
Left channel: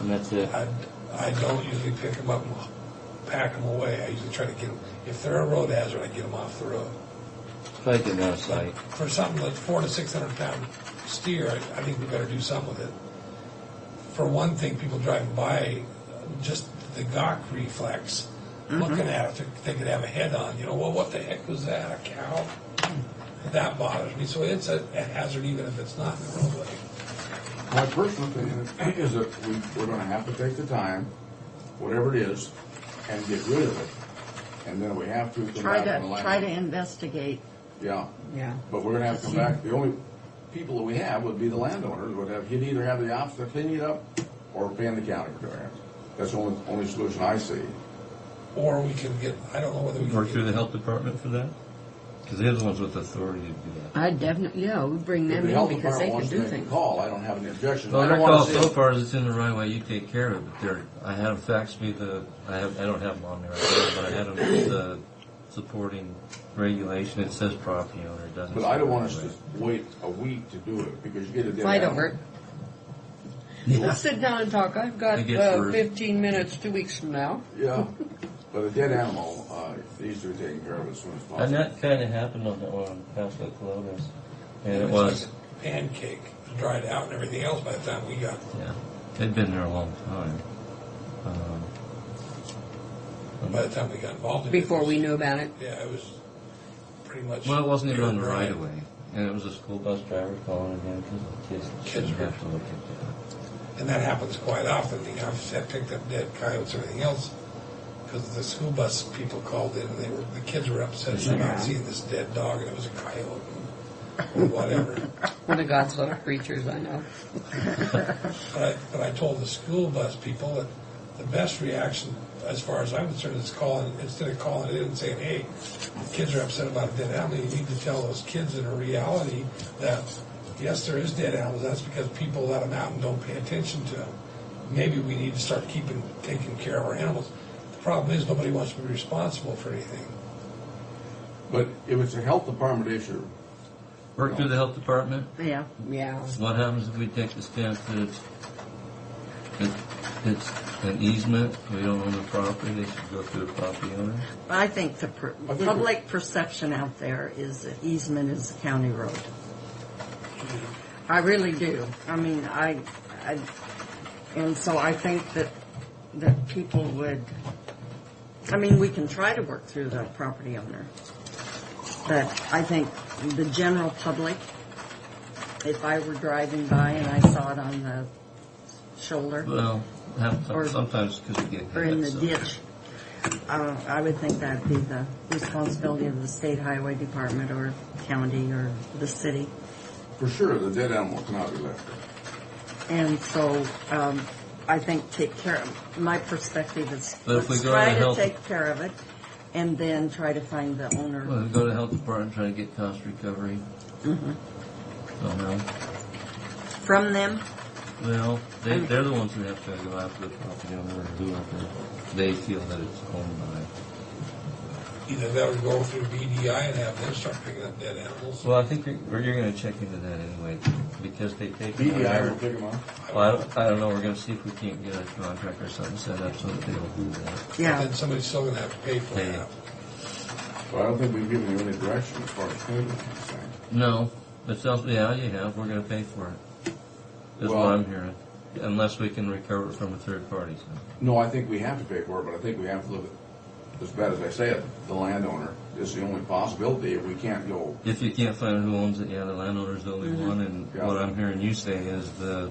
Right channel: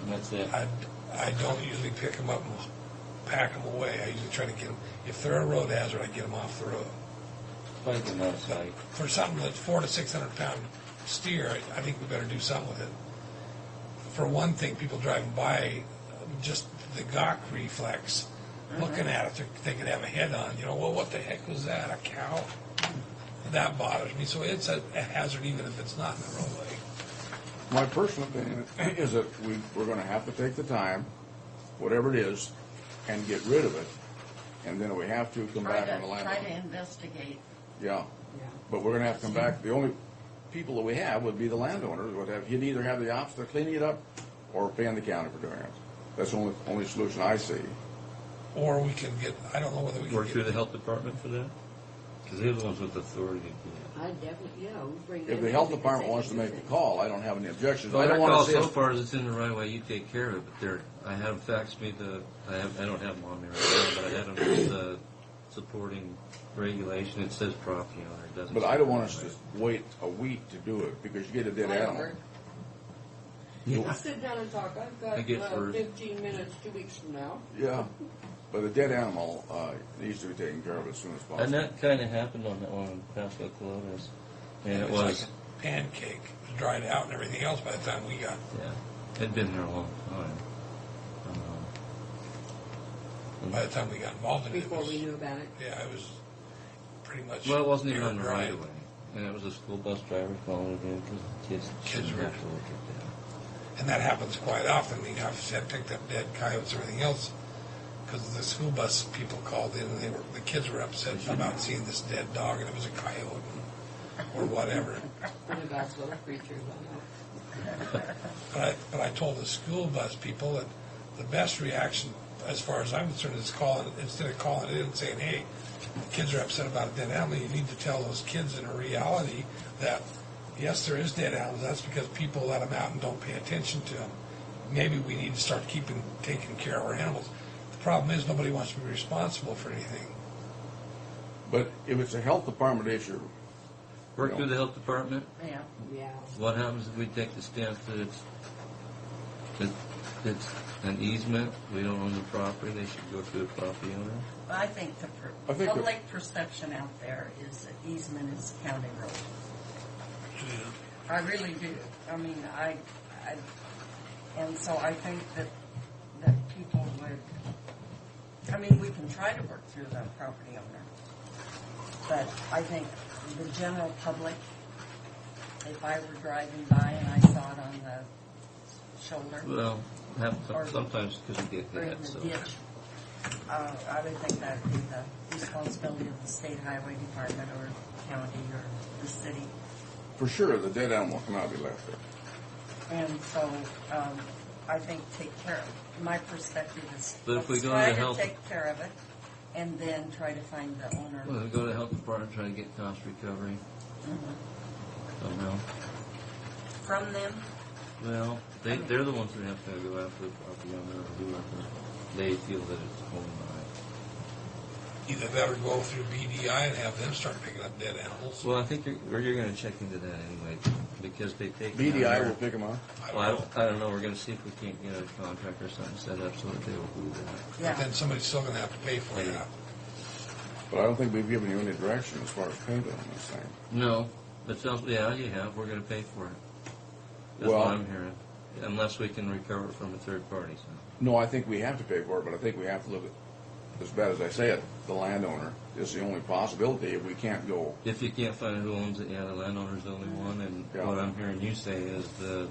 And that's it. I don't usually pick them up and pack them away. I usually try to get them, if they're a road hazard, I get them off the road. Try to get them out of sight. For something that's 400 to 600 pound steer, I think we better do something with it. For one thing, people driving by, just the gawk reflex, looking at it, they could have a head on. You know, well, what the heck was that? A cow? That bothers me. So it's a hazard even if it's not in the roadway. My personal opinion is that we're gonna have to take the time, whatever it is, and get rid of it. And then we have to come Try back to the to landowner. investigate. Yeah, Yeah. but we're gonna have to come back, the only people that we have would be the landowners, he'd either have the option of cleaning it up or paying the county for doing it. That's the only solution I see. Or we can get, I don't know whether we can Work through get, the health department for that? Because they're the ones with authority to do that. I definitely, we bring If them the in health because department they can wants to do make a things. call, I don't have any objections. Well, I their don't wanna call see so it. far is it's in the right way, you take care of it, but I had them fax me I don't have them on me right now, but I had them the supporting regulation, it says property owner, it doesn't. But say I don't want right us way. to wait a week to do it, because you get a dead Fight animal. over it. We'll sit down and talk. I've got I get first. 15 minutes 2 weeks from now. Yeah, but a dead animal needs to be taken care of as soon as possible. And that kind of happened on that one in Paso Colones. And it it's was, like a pancake. It was dried out and everything else by the time we got. Yeah, it'd been there a long time. By the time we got involved in it. Before it was- we knew about it. Yeah, it was pretty much. Well, it wasn't even on the dried. right of way, and it was a school bus. bus driver calling again because kids Kids Didn't were- have to look at And that happens quite often. I've said picked up dead coyotes and everything else because the school bus people called in and the kids were upset about seeing this dead dog and it was a coyote. or whatever. One of God's little creatures, I know. But I told the school bus people that the best reaction, as far as I'm concerned, is instead of calling in and saying, hey, the kids are upset about a dead animal, you need to tell those kids in a reality that, yes, there is dead animals. That's because people let them out and don't pay attention to them. Maybe we need to start taking care of our animals. The problem is nobody wants to be responsible for anything. But if it's a health department issue, Work through the health department. Yeah. Yeah. What happens if we take the stance that it's an easement, we don't own the property, they should go through the property owner? I think the I think public perception out there is that easement is a county road. I really do. I mean, and so I think that people would, I mean, we can try to work through the property owner. But I think the general public, if I were driving by and I saw it on the shoulder Well, Or- sometimes because we get or in the hit. so- ditch, I would think that'd be the responsibility of the state highway department or county or the city. for sure, the dead animal cannot be left there. And so I think take care of, my perspective is But if we let's go to try the to health- take care of it and then try to find the owner. Well, we go to the health department, try to get cost recovery. Mm-hmm. Oh, no. From them, Well, they're the ones who have to go after the property owner or whoever they feel that it's owned by. Either that or go through BDI and have them start picking up dead animals. Well, I think you're going to check into that anyway, because they take them BDI out will pick them up. Well, I don't know. We're going to see if we can't get a contract or something set up so that they will do that. yeah. Then somebody's still going to have to pay for Pay. that. But I don't think we've given you any direction as far as payment on this thing. No, it sounds. Yeah, you have. We're going to pay for it. That's Well- what I'm hearing. Unless we can recover it from a third party. So. No, I think we have to pay for it, but I think we have to look at, as bad as I say it, the landowner is the only possibility. If we can't go, If you can't find who owns it, yeah, the landowner's the only one. And Yeah. what I'm hearing you say is the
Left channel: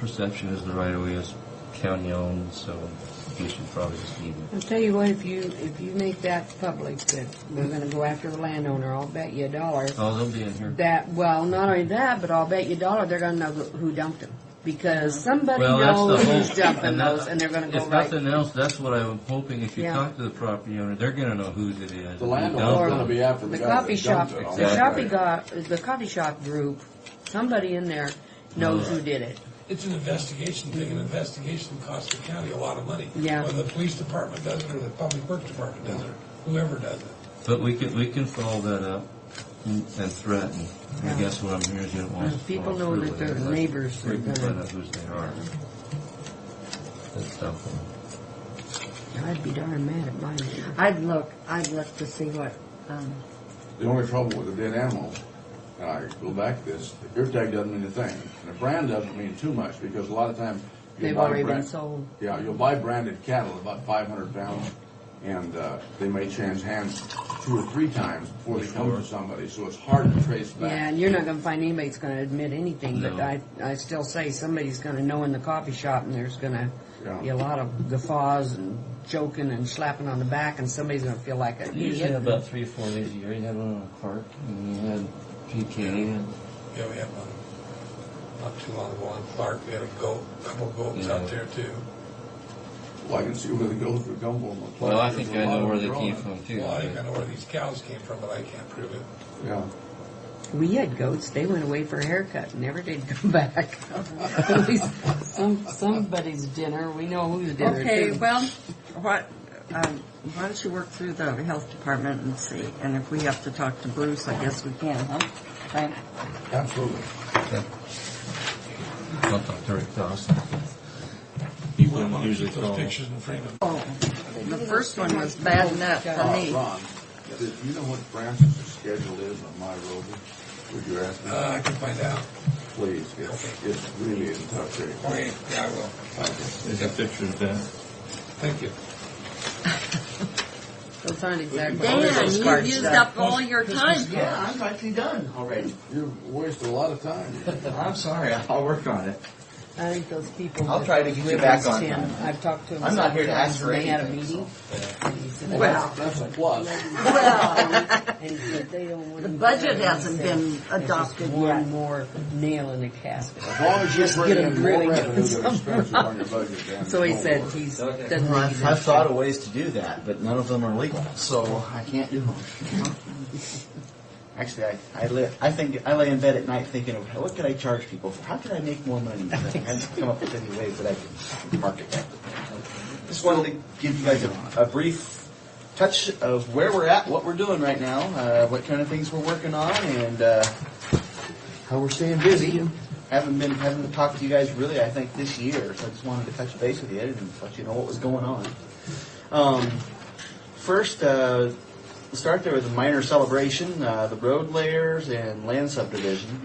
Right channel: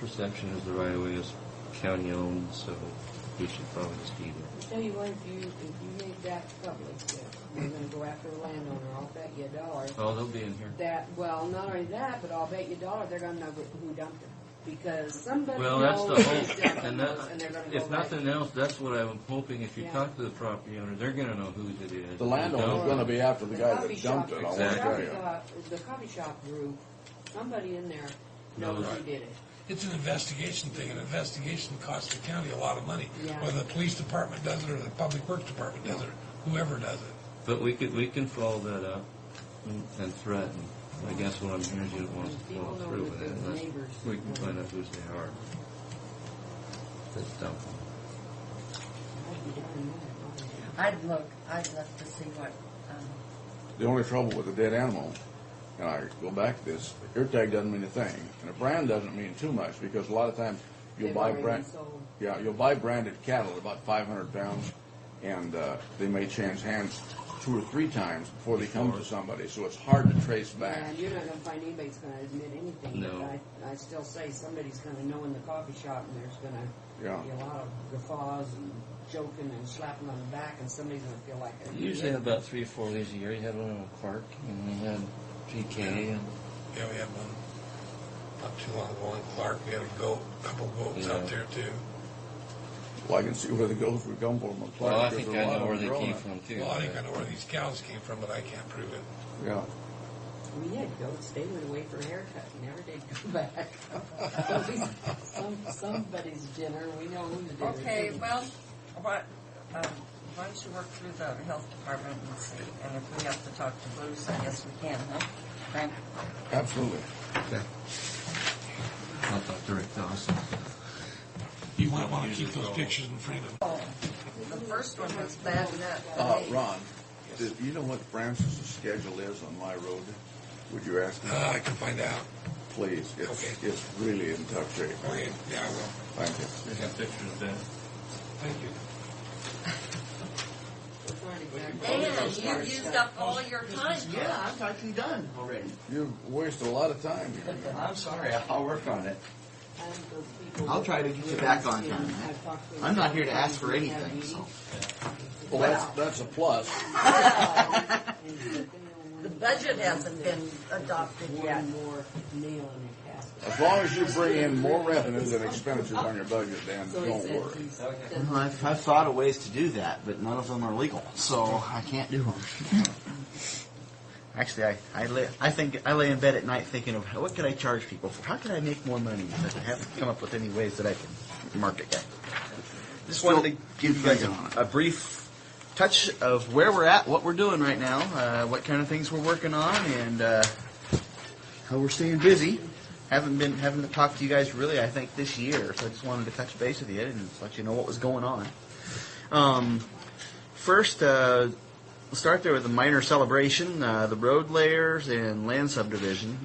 perception is the right of way is county owned, so we should probably just leave it. I'll tell you what, if you make that public that we're gonna go after the landowner, I'll bet you $1 Oh, they'll be in here. that, well, not only that, but I'll bet you $1 they're gonna know who dumped them. Because somebody Well, that's knows the who's hope. dumping that- those, and they're gonna go if right. nothing else, that's what I'm hoping. If you Yeah. talk to the property owner, they're going to know whose it is. the Who landowner's dumped going to it. be after the The guy coffee that shop, dumped it. I'll the tell you. the coffee shop group, somebody in there knows who did it. It's an investigation thing. An investigation costs the county a lot of money. Yeah. Whether the police department does it or the public works department does it, or whoever does it. But we can follow that up and threaten. I guess what I'm hearing is you don't want us to People follow know through that with their it unless neighbors we are can gonna- find out whose they are. That's dumb. I'd be darn mad at mine. I'd look to see what, The only trouble with a dead animal, and I go back to this, the ear tag doesn't mean a thing. And a brand doesn't mean too much, because a lot of times you'll They've buy already been brand. sold. Yeah, you'll buy branded cattle, about 500 pounds, and they may change hands 2 or 3 times before they come to somebody, so it's hard to trace back. Yeah, and you're not gonna find anybody that's gonna admit anything, but No. I still say somebody's gonna know in the coffee shop, and there's gonna Yeah. be a lot of guffaws and joking and slapping on the back, and somebody's gonna feel like a. You usually have about 3 or 4 days a year. You had one on Clark, and you had PK, and Yeah, we had one not too long ago on Clark. We had a couple goats out there too. Well, I can see where the goats would come from. well, I think I know where they came from. from too. Well, I think I know where these cows came from, but I can't prove it. Yeah. We had goats. They went away for a haircut, and never did come back. At least somebody's dinner. We know whose dinner. okay, too. well, why don't you work through the health department and see, and if we have to talk to Bruce, I guess we can, huh? Frank? Absolutely. Okay. I'll talk to Rick Dawson. You wouldn't want to Usually keep those call. pictures in frame of. Oh, the first one was bad enough for me. Ron, do you know what Francis' schedule is on my road? Would you ask me? I can find out. Please, it's really in tough shape. Okay, yeah, I will. Thank you. There's a picture of that. Thank you. Those aren't exactly. Dan, those you card used stuff. up all your time. Yeah, I'm actually done already. You've wasted a lot of time. I'm sorry, I'll work on it. I think those people. I'll with try to those get you ribbons, back on Tim, time. I've talked to them. I'm not here to several ask for times, and they had a anything, meeting. Well, that's a plus. And he said they don't want The to- budget hasn't he said been it's just adopted one yet. more nail in the casket. As long as you Just bring get in them more really revenue good than expenses on your budget, Dan. So he don't said worry. he's. Okay. doesn't Well, think he's I've thought of ways to do that, but none of them are legal, so I can't do them. Actually, I lay in bed at night thinking of what could I charge people for? How can I make more money? I haven't come up with any ways that I can market that. Just wanted to give you guys a brief touch of where we're at, what we're doing right now, what kind of things we're working on, and how we're staying busy. Haven't been having to talk to you guys really, I think, this year, so I just wanted to touch base with you and let you know what was going on. First, we'll start there with a minor celebration. The road layers and land subdivision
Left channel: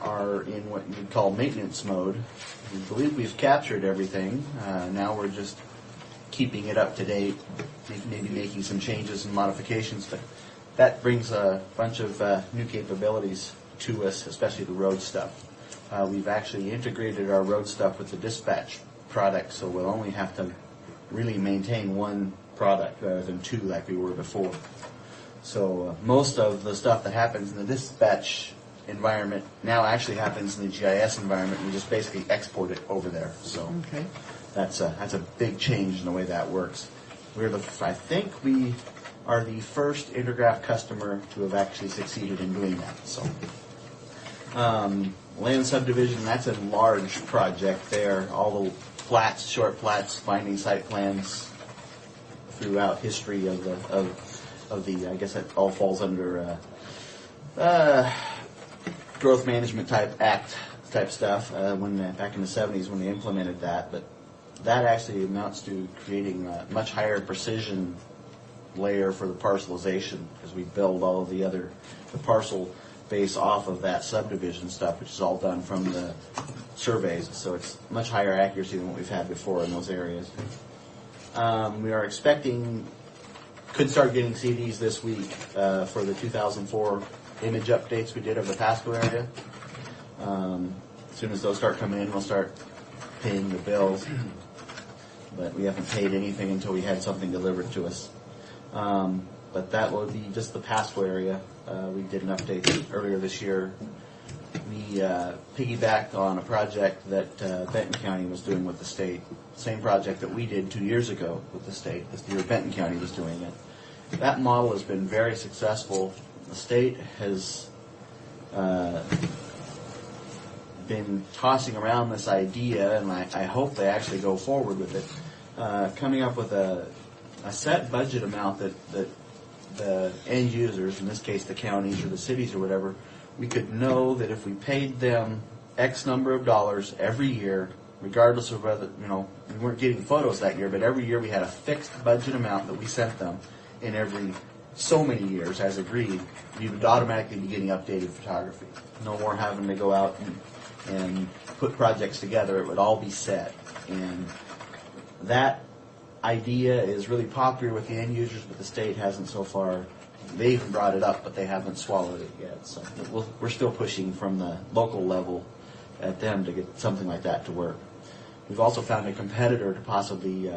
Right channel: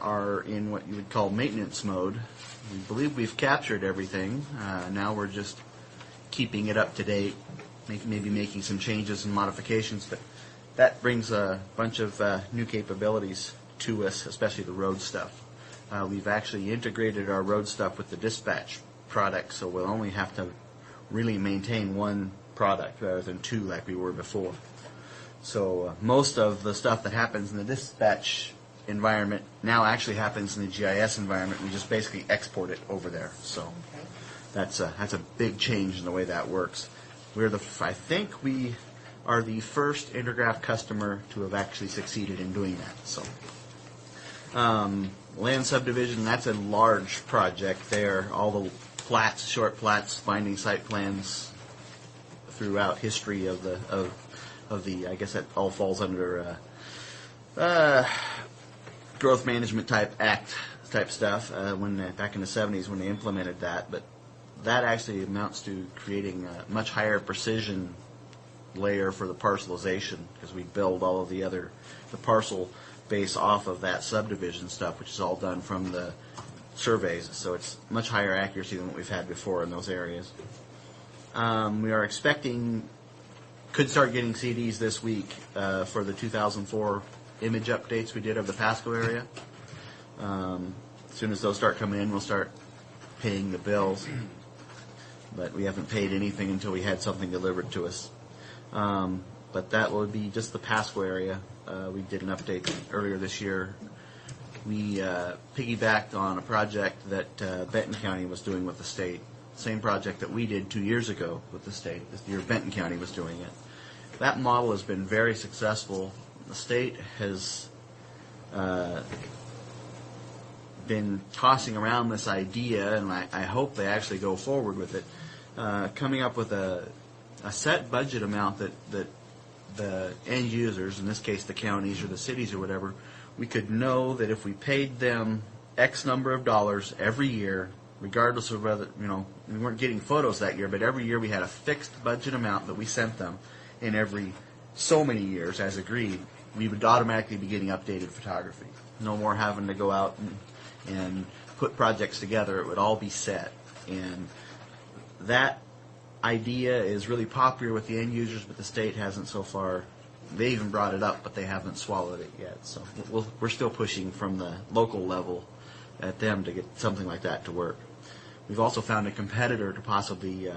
are in what you would call maintenance mode. We believe we've captured everything. Now we're just keeping it up to date, maybe making some changes and modifications, but that brings a bunch of new capabilities to us, especially the road stuff. We've actually integrated our road stuff with the dispatch product, so we'll only have to really maintain one product rather than two like we were before. So most of the stuff that happens in the dispatch environment now actually happens in the GIS environment. We just basically export it over there. So Okay. that's a big change in the way that works. I think we are the first Intergraph customer to have actually succeeded in doing that. So land subdivision, that's a large project there. All the plats, short plats, binding site plans throughout history of the I guess that all falls under growth management type act type stuff. Back in the 70s when they implemented that, but that actually amounts to creating a much higher precision layer for the parcelization because we build all of the parcel base off of that subdivision stuff, which is all done from the surveys. So it's much higher accuracy than what we've had before in those areas. We are could start getting CDs this week for the 2004 image updates we did of the Pasco area. As soon as those start coming in, we'll start paying the bills. But we haven't paid anything until we had something delivered to us. But that will be just the Pasco area. We did an update earlier this year. We piggybacked on a project that Benton County was doing with the state. Same project that we did 2 years ago with the state. This year Benton County was doing it. That model has been very successful. The state has been tossing around this idea, and I hope they actually go forward with it, coming up with a set budget amount that the end users, in this case the counties or the cities or whatever, we could know that if we paid them X number of dollars every year, regardless of whether, we weren't getting photos that year, but every year we had a fixed budget amount that we sent them in every so many years as agreed, we would automatically be getting updated photography. No more having to go out and put projects together. It would all be set. And that idea is really popular with the end users, but the state hasn't so far. They even brought it up, but they haven't swallowed it yet. So we're still pushing from the local level at them to get something like that to work. We've also found a competitor to possibly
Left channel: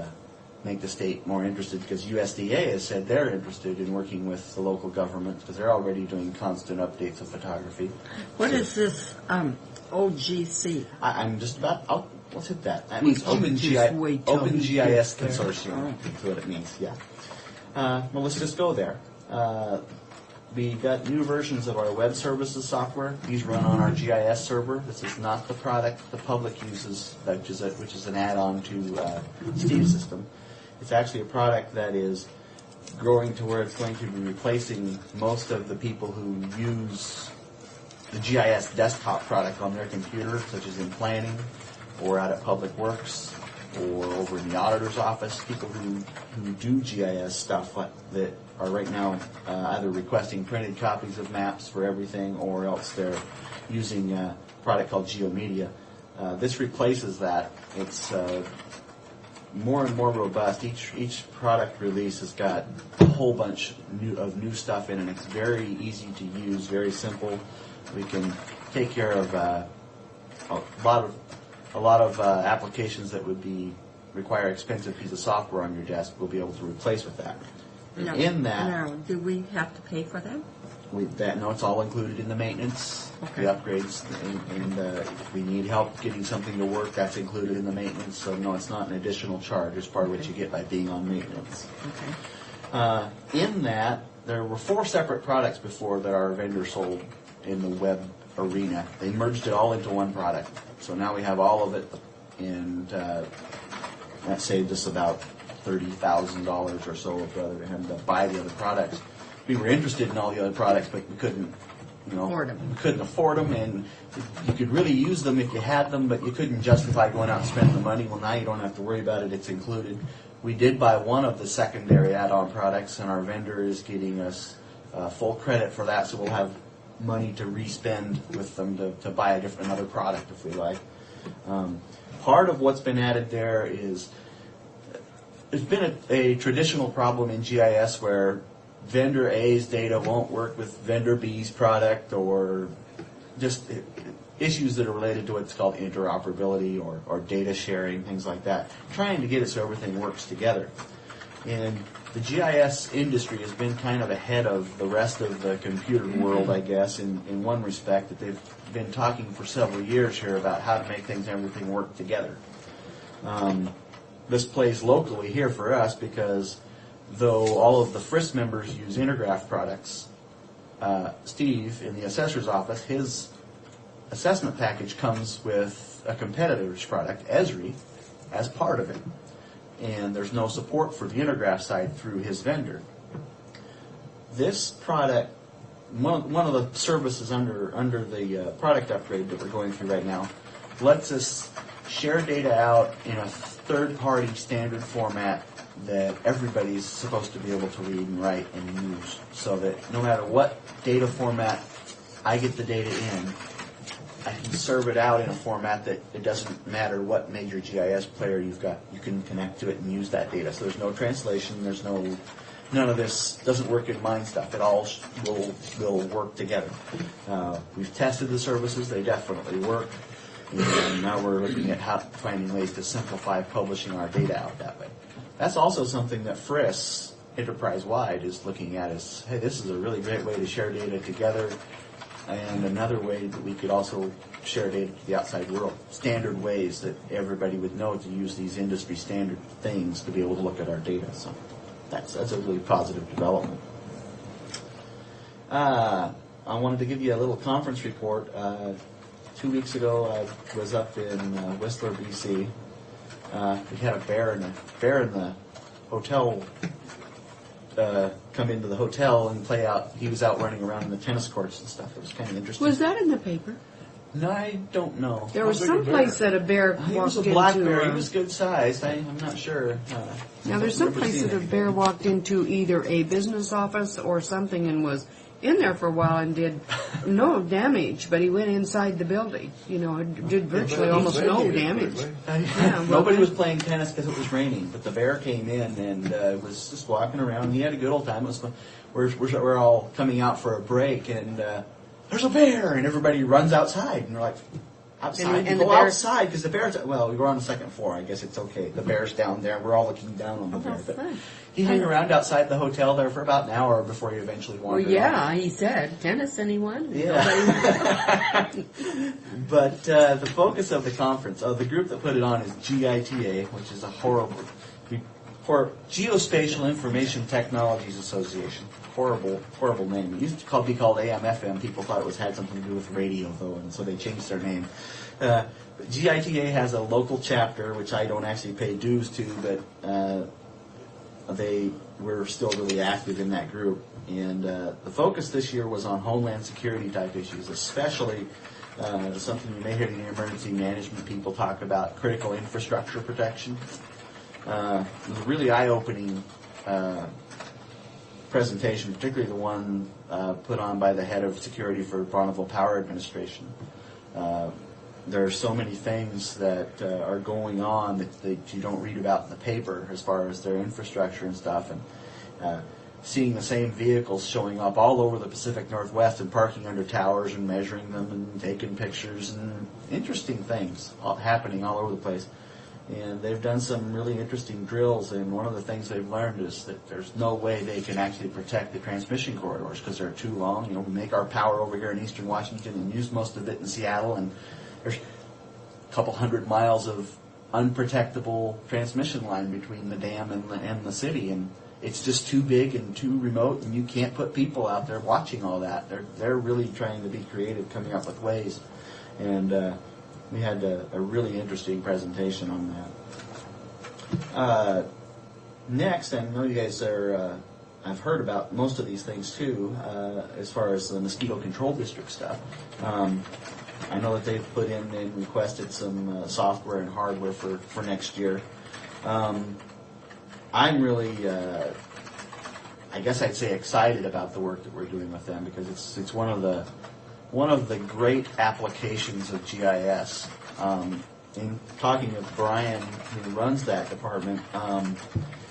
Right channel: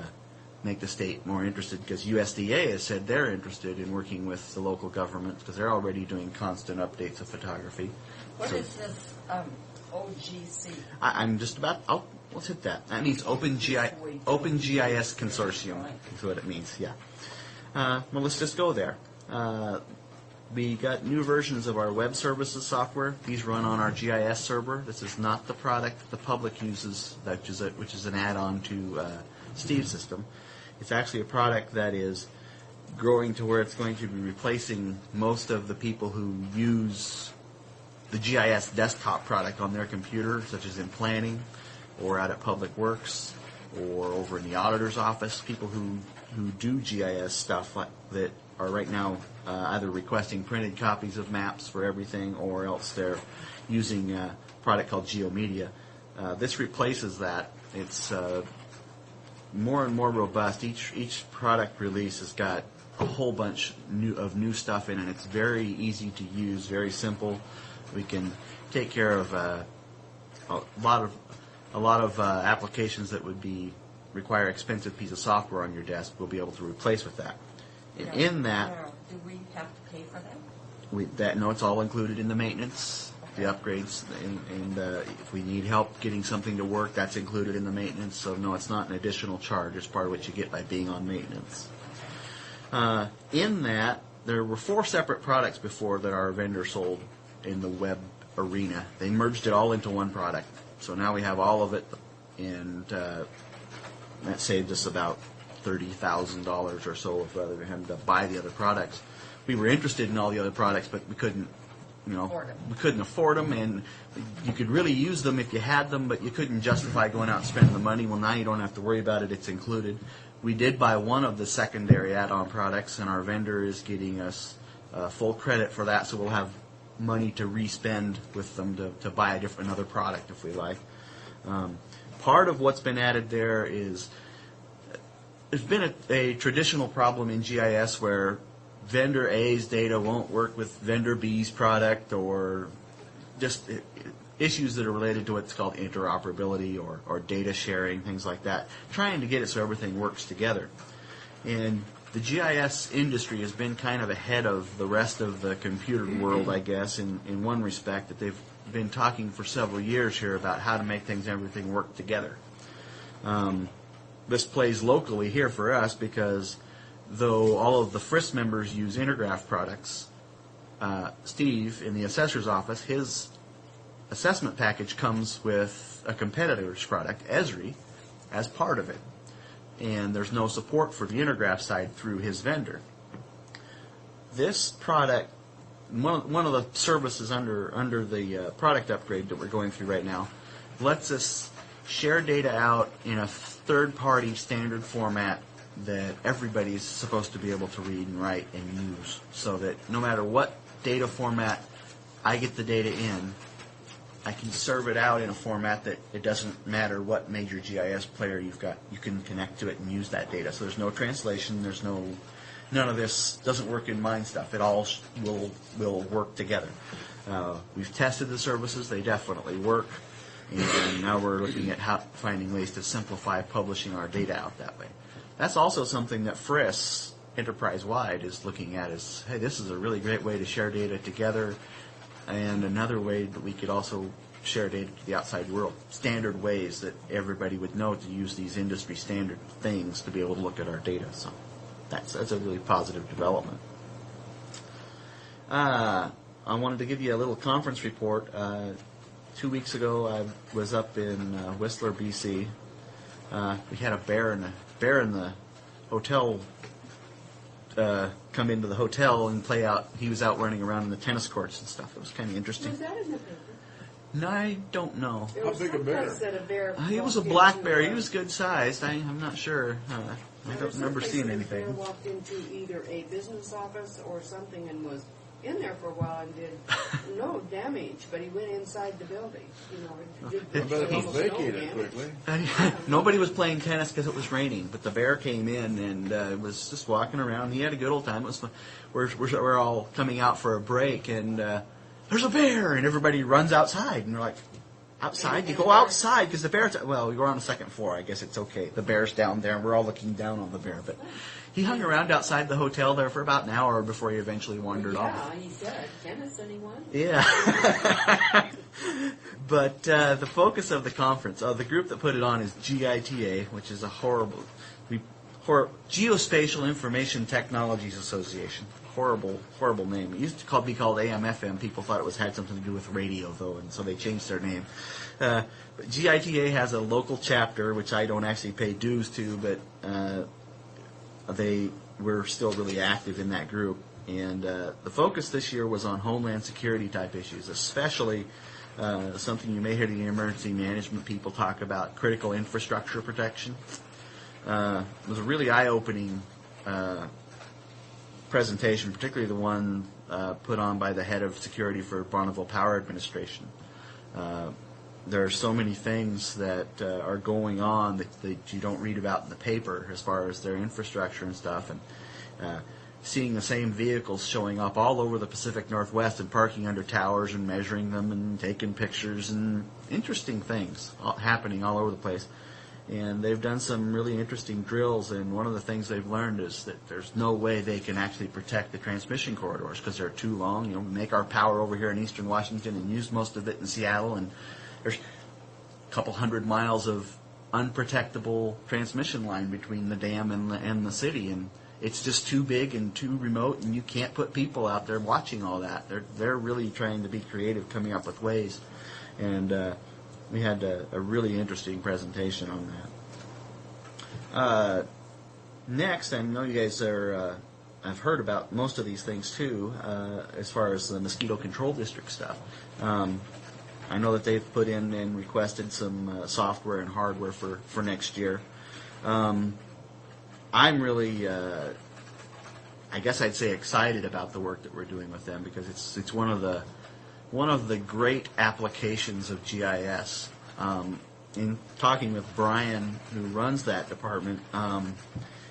make the state more interested, because USDA has said they're interested in working with the local government because they're already doing constant updates of photography. What is this OGC? I'm just about. Let's hit that. That means OpenGIS Consortium. That's what it means. Yeah. Well, let's just go there. We got new versions of our web services software. These run on our GIS server. This is not the product the public uses, which is an add-on to Steve's system. It's actually a product that is growing to where it's going to be replacing most of the people who use the GIS desktop product on their computer, such as in planning or out at Public Works or over in the auditor's office. People who do GIS stuff that are right now either requesting printed copies of maps for everything, or else they're using a product called GeoMedia. This replaces that. It's more and more robust. Each product release has got a whole bunch of new stuff in it. It's very easy to use, very simple. We can take care of a lot of a lot of applications that would require expensive piece of software on your desk, we'll be able to replace with that. And in that, Now, do we have to pay for them? no, it's all included in the maintenance, the upgrades, and if we need help getting something to work, that's included in the maintenance. So no, it's not an additional charge. It's part of what you get by being on maintenance. Okay. In that, there were 4 separate products before that our vendor sold in the web arena. They merged it all into one product. So now we have all of it, and that saved us about $30,000 or so of having to buy the other products. We were interested in all the other products, but we couldn't, Afford 'em. we couldn't afford them, and you could really use them if you had them, but you couldn't justify going out and spending the money. Well, now you don't have to worry about it; it's included. We did buy one of the secondary add-on products, and our vendor is getting us full credit for that, so we'll have money to re-spend with them to buy another product if we like. Part of what's been added there is there's been a traditional problem in GIS where vendor A's data won't work with vendor B's product, or just issues that are related to what's called interoperability or data sharing, things like that. Trying to get it so everything works together. And the GIS industry has been kind of ahead of the rest of the computer world, I guess, in one respect, that they've been talking for several years here about how to make everything work together. This plays locally here for us because though all of the FRIS members use Intergraph products, Steve in the assessor's office, his assessment package comes with a competitor's product, Esri, as part of it. And there's no support for the Intergraph side through his vendor. This product, one of the services under the product upgrade that we're going through right now, lets us share data out in a third-party standard format that everybody's supposed to be able to read and write and use, so that no matter what data format I get the data in, I can serve it out in a format that it doesn't matter what major GIS player you've got. You can connect to it and use that data. So there's no translation. There's none of this doesn't work in mind stuff. It all will work together. We've tested the services. They definitely work. And now we're looking at finding ways to simplify publishing our data out that way. That's also something that FRIS enterprise-wide is looking at is, hey, this is a really great way to share data together, and another way that we could also share data to the outside world. Standard ways that everybody would know to use these industry standard things to be able to look at our data. So that's a really positive development. I wanted to give you a little conference report. 2 weeks ago, I was up in Whistler, BC. We had a bear in the hotel come into the hotel and play out. He was out running around in the tennis courts and stuff. It was kind of interesting. Was that in the paper? No, I don't know. There was some place that a bear He was a black bear. He was good sized. I'm not sure. Now there's some place that a bear walked into either a business office or something and was in there for a while and did no damage, but he went inside the building. Did virtually almost no damage. Nobody was playing tennis because it was raining, but the bear came in and was just walking around. He had a good old time. It was fun. We're all coming out for a break, and there's a bear, and everybody runs outside, and they're like, outside? You go outside because the bear's... Well, we were on the second floor. I guess it's okay. The bear's down there, and we're all looking down on the bear. But he hung around outside the hotel there for about an hour before he eventually wandered off. He said tennis, anyone? Yeah. But the focus of the conference, the group that put it on is GITA, which is a Geospatial Information Technologies Association. Horrible name. It used to be called AM/FM. People thought it had something to do with radio, though, and so they changed their name. But GITA has a local chapter, which I don't actually pay dues to, but they were still really active in that group. And the focus this year was on homeland security type issues, especially something you may hear the emergency management people talk about, critical infrastructure protection. It was a really eye-opening presentation, particularly the one put on by the head of security for Bonneville Power Administration. There are so many things that are going on that you don't read about in the paper as far as their infrastructure and stuff. And seeing the same vehicles showing up all over the Pacific Northwest and parking under towers and measuring them and taking pictures and interesting things happening all over the place. And they've done some really interesting drills, and one of the things they've learned is that there's no way they can actually protect the transmission corridors because they're too long. We make our power over here in eastern Washington and use most of it in Seattle, and there's a couple 100 miles of unprotectable transmission line between the dam and the city, and it's just too big and too remote, and you can't put people out there watching all that. They're really trying to be creative, coming up with ways, and we had a really interesting presentation on that. Next, I know you guys are, I've heard about most of these things too, as far as the mosquito control district stuff. I know that they've put in and requested some software and hardware for next year. I'm really, I guess I'd say, excited about the work that we're doing with them because it's one of the great applications of GIS. In talking with Brian, who runs that department,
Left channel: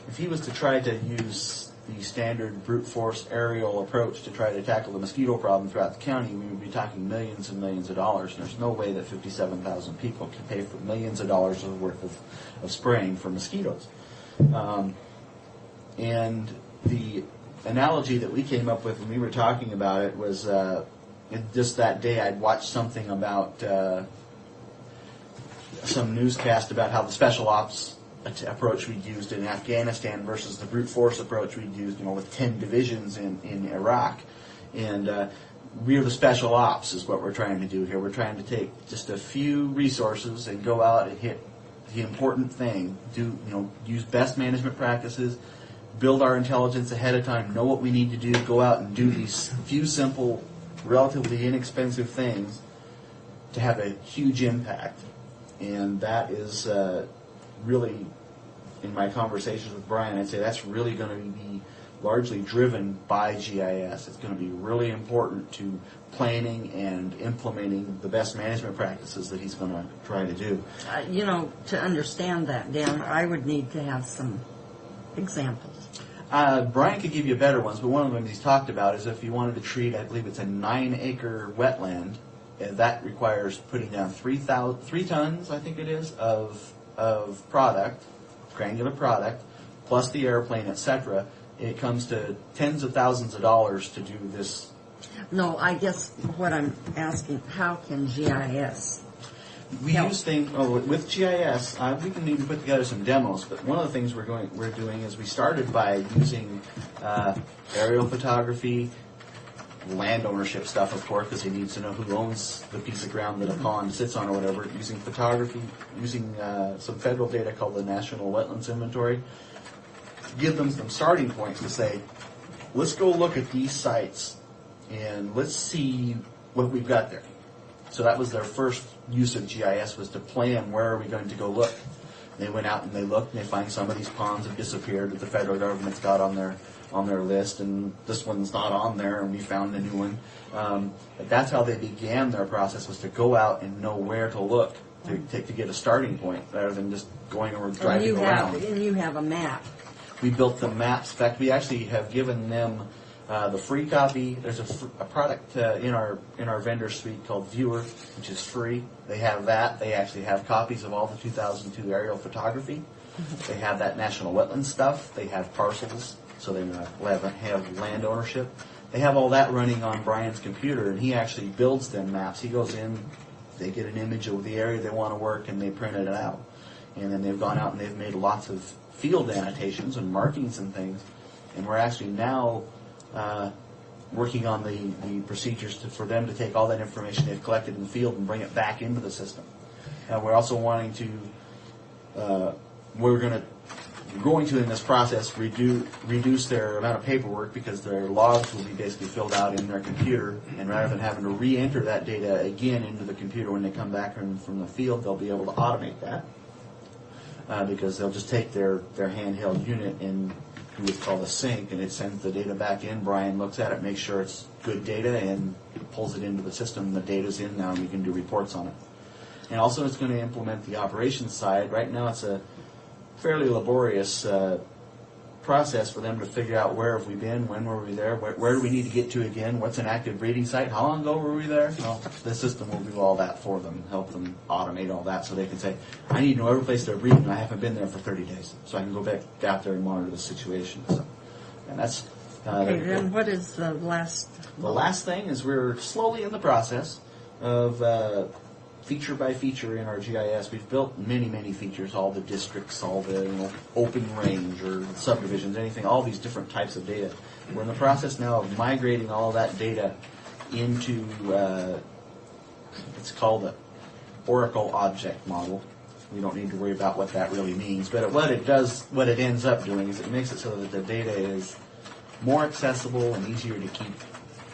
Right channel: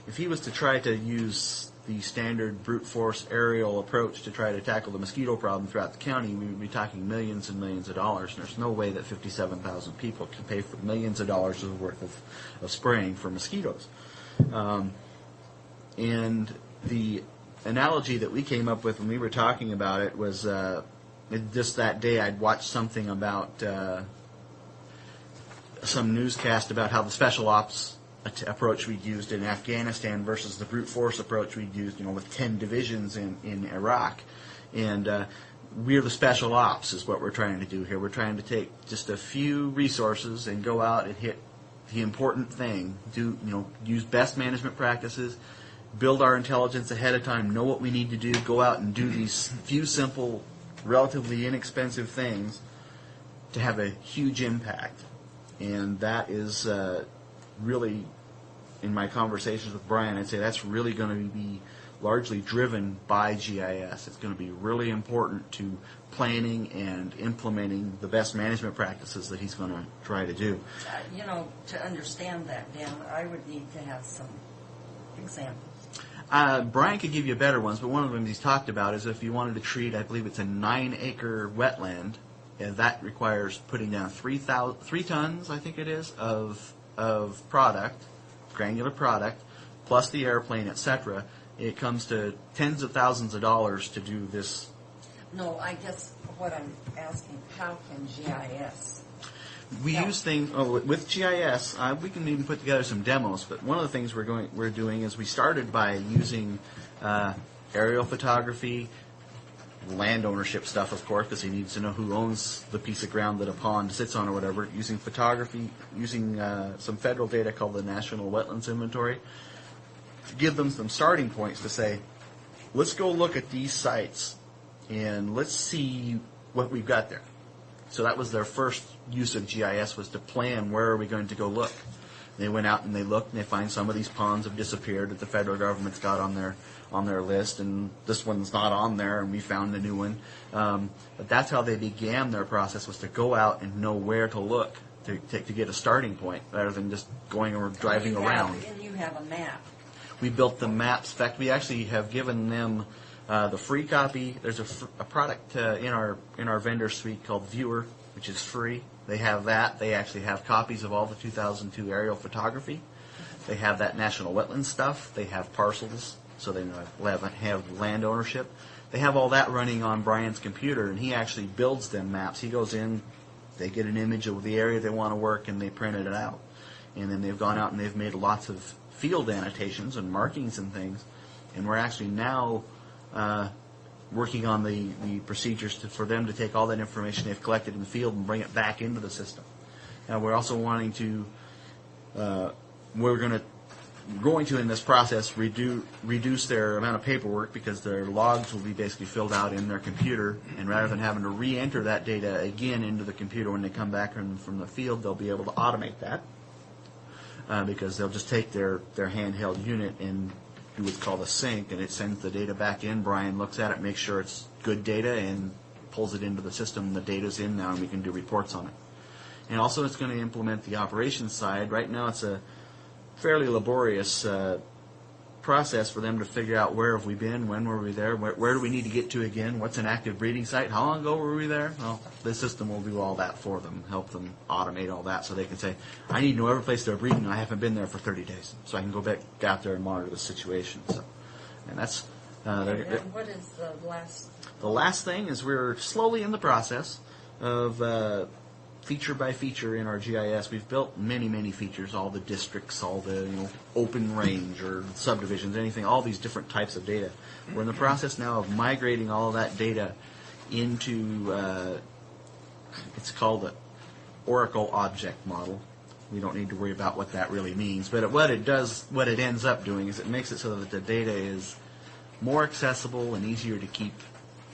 if he was to try to use the standard brute force aerial approach to try to tackle the mosquito problem throughout the county, we would be talking millions and millions of dollars. And there's no way that 57,000 people can pay for millions of dollars worth of spraying for mosquitoes. And the analogy that we came up with when we were talking about it was just that day I'd watched something about some newscast about how the special ops approach we used in Afghanistan versus the brute force approach we used, with 10 divisions in Iraq. And we're the special ops is what we're trying to do here. We're trying to take just a few resources and go out and hit the important thing. Use best management practices, build our intelligence ahead of time, know what we need to do, go out and do these few simple, relatively inexpensive things to have a huge impact. And that is really, in my conversations with Brian, I'd say that's really going to be largely driven by GIS. It's going to be really important to planning and implementing the best management practices that he's going to try to do. To understand that, Dan, I would need to have some examples. Brian could give you better ones, but one of them he's talked about is if you wanted to treat, I believe it's a 9-acre wetland, and that requires putting down 3 tons, I think it is, of product, granular product, plus the airplane, etc. It comes to tens of thousands of dollars to do this. No, I guess what I'm asking, how can GIS We use things with GIS. We can even put together some demos. But one of the things we're doing is we started by using aerial photography, land ownership stuff, of course, because he needs to know who owns the piece of ground that a pond sits on or whatever. Using photography, using some federal data called the National Wetlands Inventory, to give them some starting points to say, let's go look at these sites and let's see what we've got there. So that was their first use of GIS, was to plan where are we going to go look. They went out and they looked and they find some of these ponds have disappeared that the federal government's got on their list, and this one's not on there, and we found a new one. But that's how they began their process, was to go out and know where to look to get a starting point rather than just going or driving around. And you have a map. We built the maps. In fact, we actually have given them the free copy. There's a product in our vendor suite called Viewer, which is free. They have that. They actually have copies of all the 2002 aerial photography. They have that national wetlands stuff. They have parcels, so they have land ownership. They have all that running on Brian's computer, and he actually builds them maps. He goes in, they get an image of the area they want to work, and they print it out. And then they've gone out and they've made lots of field annotations and markings and things. And we're actually now working on the procedures for them to take all that information they've collected in the field and bring it back into the system. We're also wanting to, we're going to in this process reduce their amount of paperwork, because their logs will be basically filled out in their computer, and rather than having to re-enter that data again into the computer when they come back from the field, they'll be able to automate that, because they'll just take their handheld unit and do what's called a sync, and it sends the data back in. Brian looks at it, makes sure it's good data, and pulls it into the system. The data's in now, and we can do reports on it. And also it's going to implement the operations side. Right now it's a fairly laborious process for them to figure out where have we been, when were we there, where do we need to get to again, what's an active breeding site, how long ago were we there? Well, the system will do all that for them, help them automate all that so they can say, I need to know every place they're breeding and I haven't been there for 30 days. So I can go back out there and monitor the situation. So, and that's... and what is the last? The last thing is we're slowly in the process of feature by feature in our GIS. We've built many, many features, all the districts, all the open range or subdivisions, anything, all these different types of data. We're in the process now of migrating all of that data into, it's called the Oracle Object Model. We don't need to worry about what that really means. But what it ends up doing is it makes it so that the data is more accessible and easier to keep,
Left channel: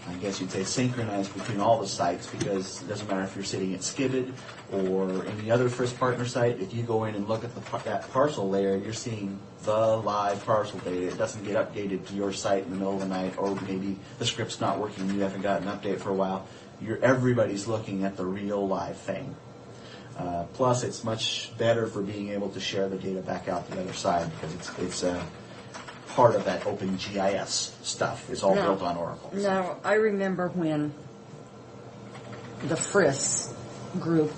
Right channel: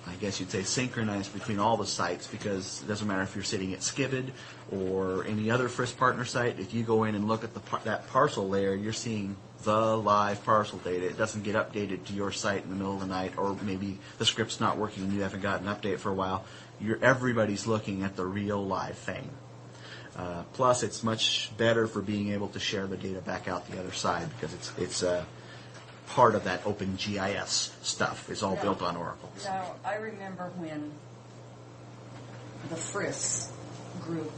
I guess you'd say, synchronized between all the sites, because it doesn't matter if you're sitting at Skibbed or any other Frisk partner site. If you go in and look at that parcel layer, you're seeing the live parcel data. It doesn't get updated to your site in the middle of the night, or maybe the script's not working and you haven't got an update for a while. Everybody's looking at the real live thing. Plus, it's much better for being able to share the data back out the other side, because it's part of that open GIS stuff is all built on Oracle. Now, I remember when the Frisk group,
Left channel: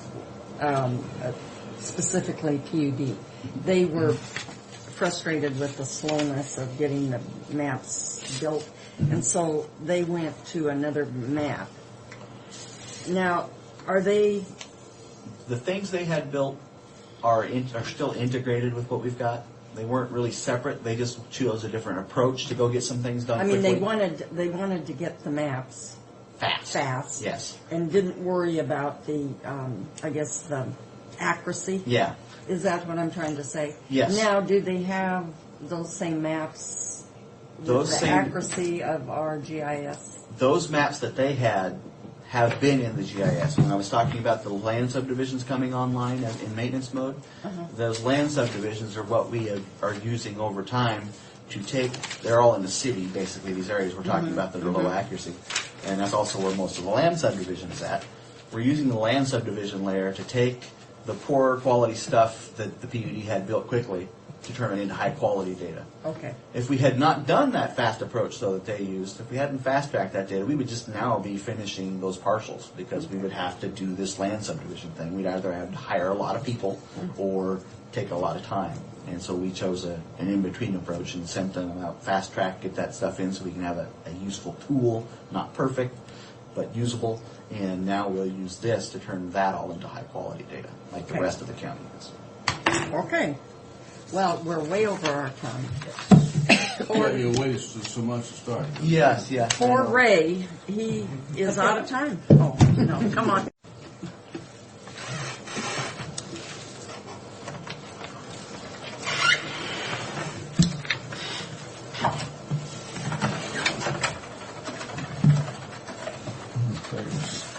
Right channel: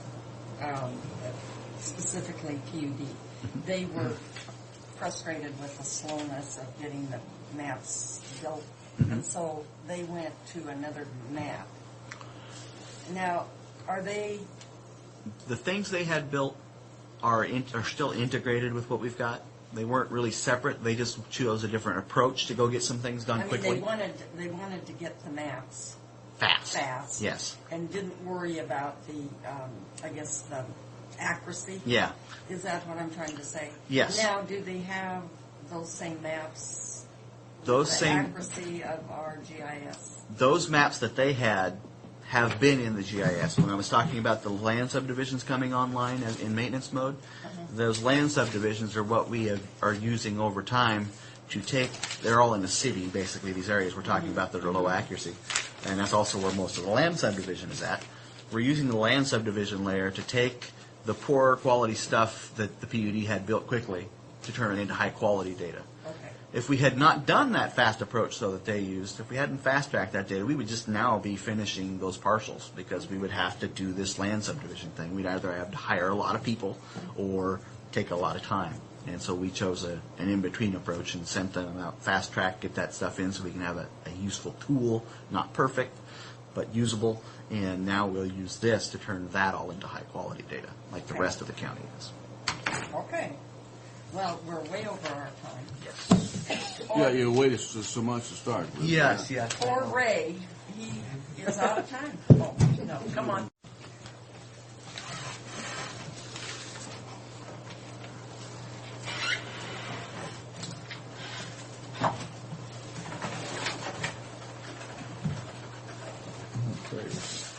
specifically PUD, they were frustrated with the slowness of getting the maps built, and so they went to another map. Now, are they... The things they had built are still integrated with what we've got. They weren't really separate. They just chose a different approach to go get some things done quickly. they wanted to get the maps fast. Yes. And didn't worry about the, I guess, the accuracy. Yeah. Is that what I'm trying to say? Yes. Now, do they have those same maps with Those the same- accuracy of our GIS? Those maps that they had have been in the GIS. When I was talking about the land subdivisions coming online in maintenance mode, those land subdivisions are what we are using over time to take, they're all in the city, basically, these areas we're talking about that are low accuracy. And that's also where most of the land subdivision is at. We're using the land subdivision layer to take the poor quality stuff that the PUD had built quickly to turn it into high quality data. Okay. If we had not done that fast approach, though, that they used, if we hadn't fast-tracked that data, we would just now be finishing those parcels, because we would have to do this land subdivision thing. We'd either have to hire a lot of people or take a lot of time. And so we chose an in-between approach and sent them out fast-track, get that stuff in so we can have a useful tool, not perfect, but usable. And now we'll use this to turn that all into high-quality data, like the rest of the county is. Okay. Well, we're way over our time. You waited so much to start. Yes, yeah. Poor Ray, he is out of time. Oh, no, come on.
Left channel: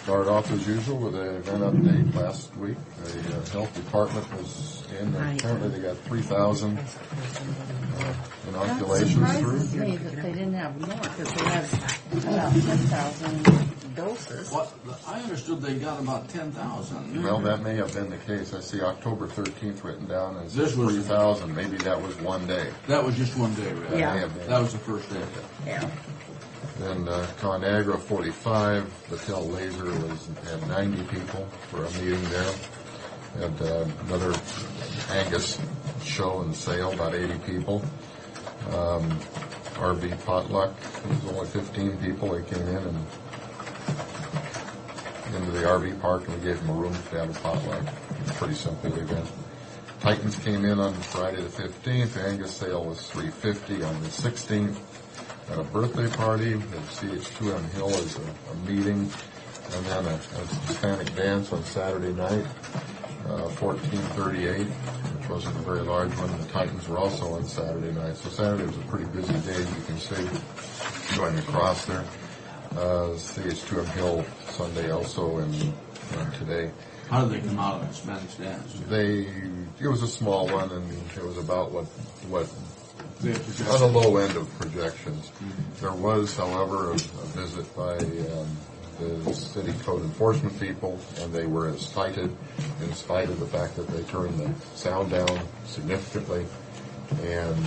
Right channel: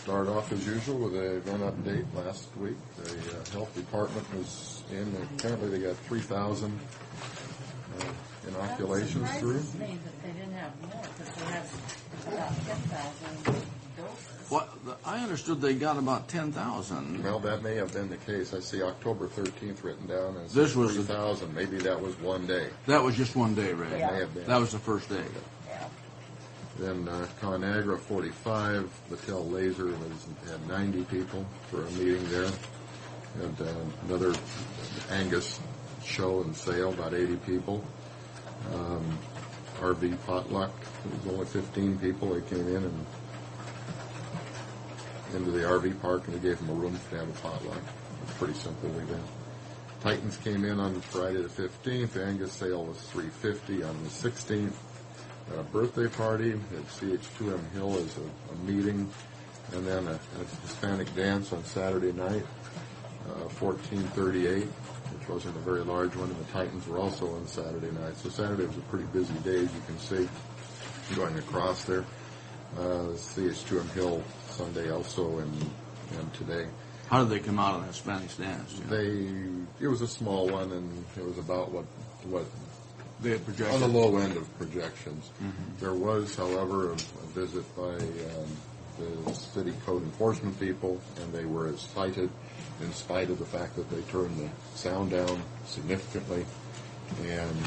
Start off as usual with an event update. Last week, the health department was in. Apparently, they got 3,000 inoculations through. That surprises me that they didn't have more, because they had about 10,000 doses. What? I understood they got about 10,000. Well, that may have been the case. I see October 13th written down as This was 3,000. Maybe that was one day. That was just one day, right? That may have been. That was the first day. Yeah. Then ConAgra 45, Battelle Laser had 90 people for a meeting there. Had another Angus show and sale, about 80 people. RV Potluck, it was only 15 people. They came in and into the RV park, and we gave them a room to have a potluck. It was a pretty simple event. Titans came in on Friday the 15th. Angus sale was $350 on the 16th. At a birthday party at CH2M Hill as a meeting, and then a Hispanic dance on Saturday night, 1438, which wasn't a very large one. The Titans were also on Saturday night, so Saturday was a pretty busy day, as you can see, going across there. CH2M Hill Sunday also, and today. How did they come out of that Spanish dance? It was a small one, and it was about what on the low end of projections. There was, however, a visit by the city code enforcement people, and they were cited in spite of the fact that they turned the sound down significantly. And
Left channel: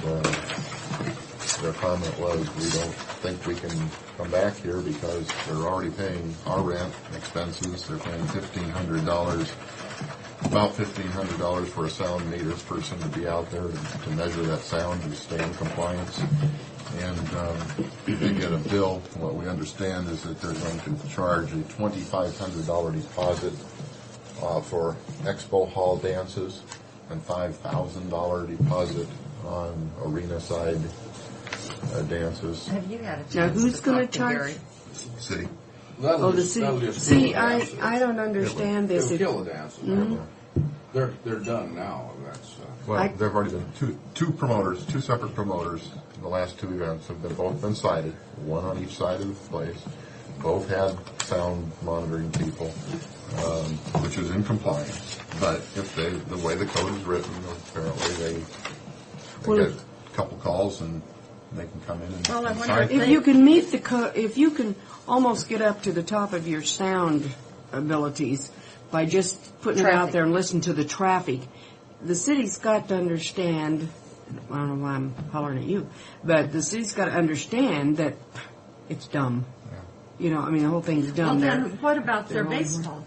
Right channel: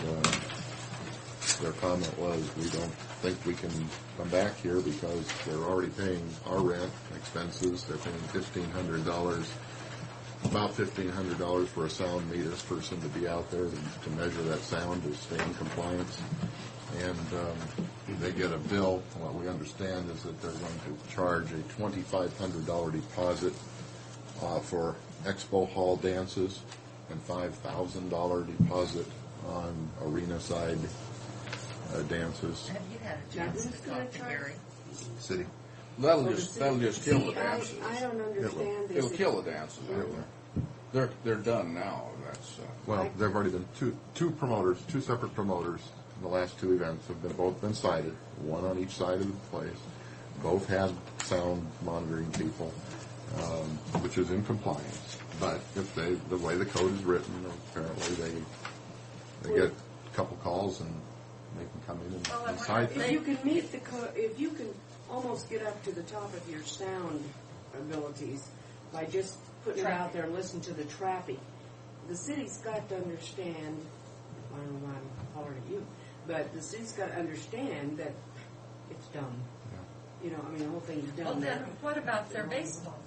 their comment was, we don't think we can come back here because they're already paying our rent expenses. They're paying $1,500, about $1,500 for a sound meter person to be out there to measure that sound, to stay in compliance. And they get a bill. What we understand is that they're going to charge a $2,500 deposit for expo hall dances and $5,000 deposit on arena side dances. Have you had a Now, chance who's to going talk to to charge? Gary? City. That'll Oh, the just city. kill See, the dances. I don't understand this. It'll kill the dances. They're done now. That's Well, there've already been two promoters, two separate promoters. The last two events have both been cited, one on each side of the place. Both had sound monitoring people, which is in compliance. But if the way the code is written, apparently they get a couple calls and they can come in and, Well, I and wonder sign. If you can meet if you can almost get up to the top of your sound abilities by just putting it out Traffic. there and listen to the traffic, the city's got to understand. I don't know why I'm hollering at you, but the city's got to understand that it's dumb. You know, I mean, the whole thing's Well, dumb. then what about their baseball?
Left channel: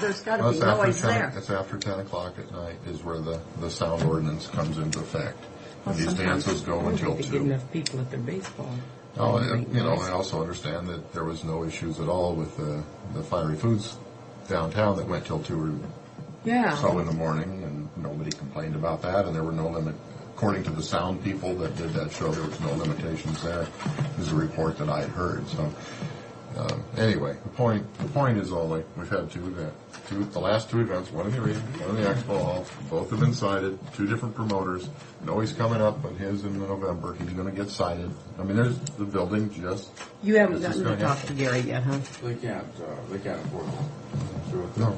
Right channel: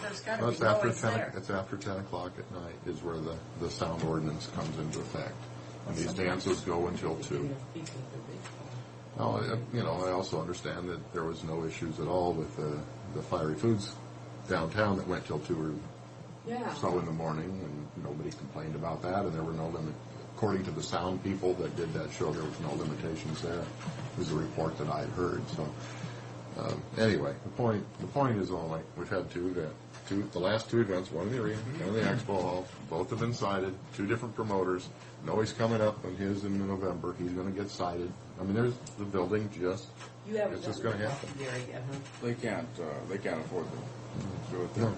There's got to be It's after noise 10, there. it's after 10 o'clock at night is where the sound ordinance comes into effect. And these sometimes dances go until they get 2. enough people at their baseball. Oh, I also understand that there was no issues at all with the Fiery Foods downtown that went till 2 or Yeah. so in the morning, and nobody complained about that, and there were no limit. According to the sound people that did that show, there was no limitations there. Is a report that I had heard. So anyway, the point is only we've had two events. The last two events, one in the arena, one in the expo hall. Both have been cited. Two different promoters. Noe's coming up on his in November. He's going to get cited. I mean, there's the building just. You haven't This is gotten to gonna talk to happen. Gary yet, huh? they can't afford to do it. No,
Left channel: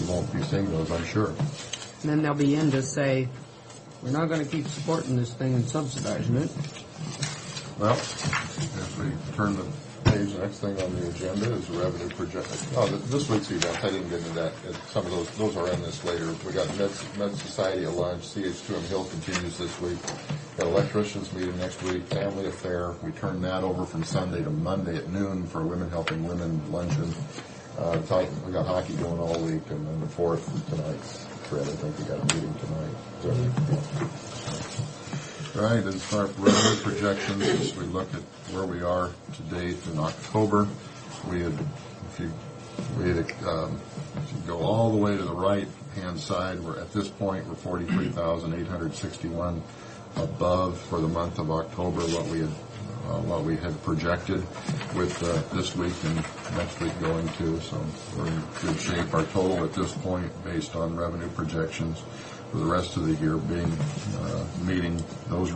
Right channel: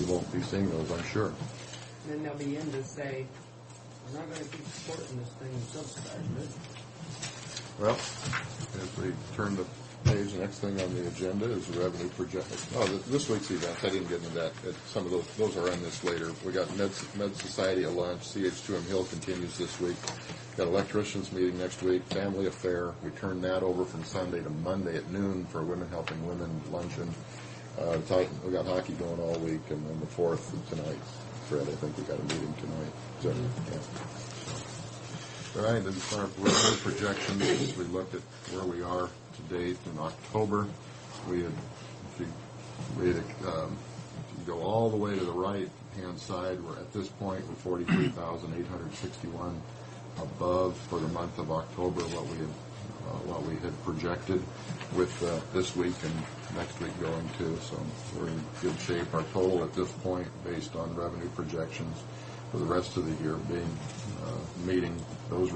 you won't be seeing those, I'm sure. And then they'll be in to say, we're not going to keep supporting this thing and subsidizing it. Well, if we turn the page, the next thing on the agenda is revenue projection. Oh, this week's event, I didn't get into that. Some of those are in this later. We got Med Society at lunch. CH2M Hill continues this week. Got electricians meeting next week. Family affair. We turned that over from Sunday to Monday at noon for Women Helping Women luncheon. We got hockey going all week, and then the 4th tonight. Fred, I think we got a meeting tonight. Right, as far as revenue projections, as we look at where we are to date in October, if you go all the way to the right-hand side, we're at this point, we're 43,861 above for the month of October what we had projected with this week and next week going to. So we're in good shape. Our total at this point, based on revenue projections for the rest of the year, being meeting those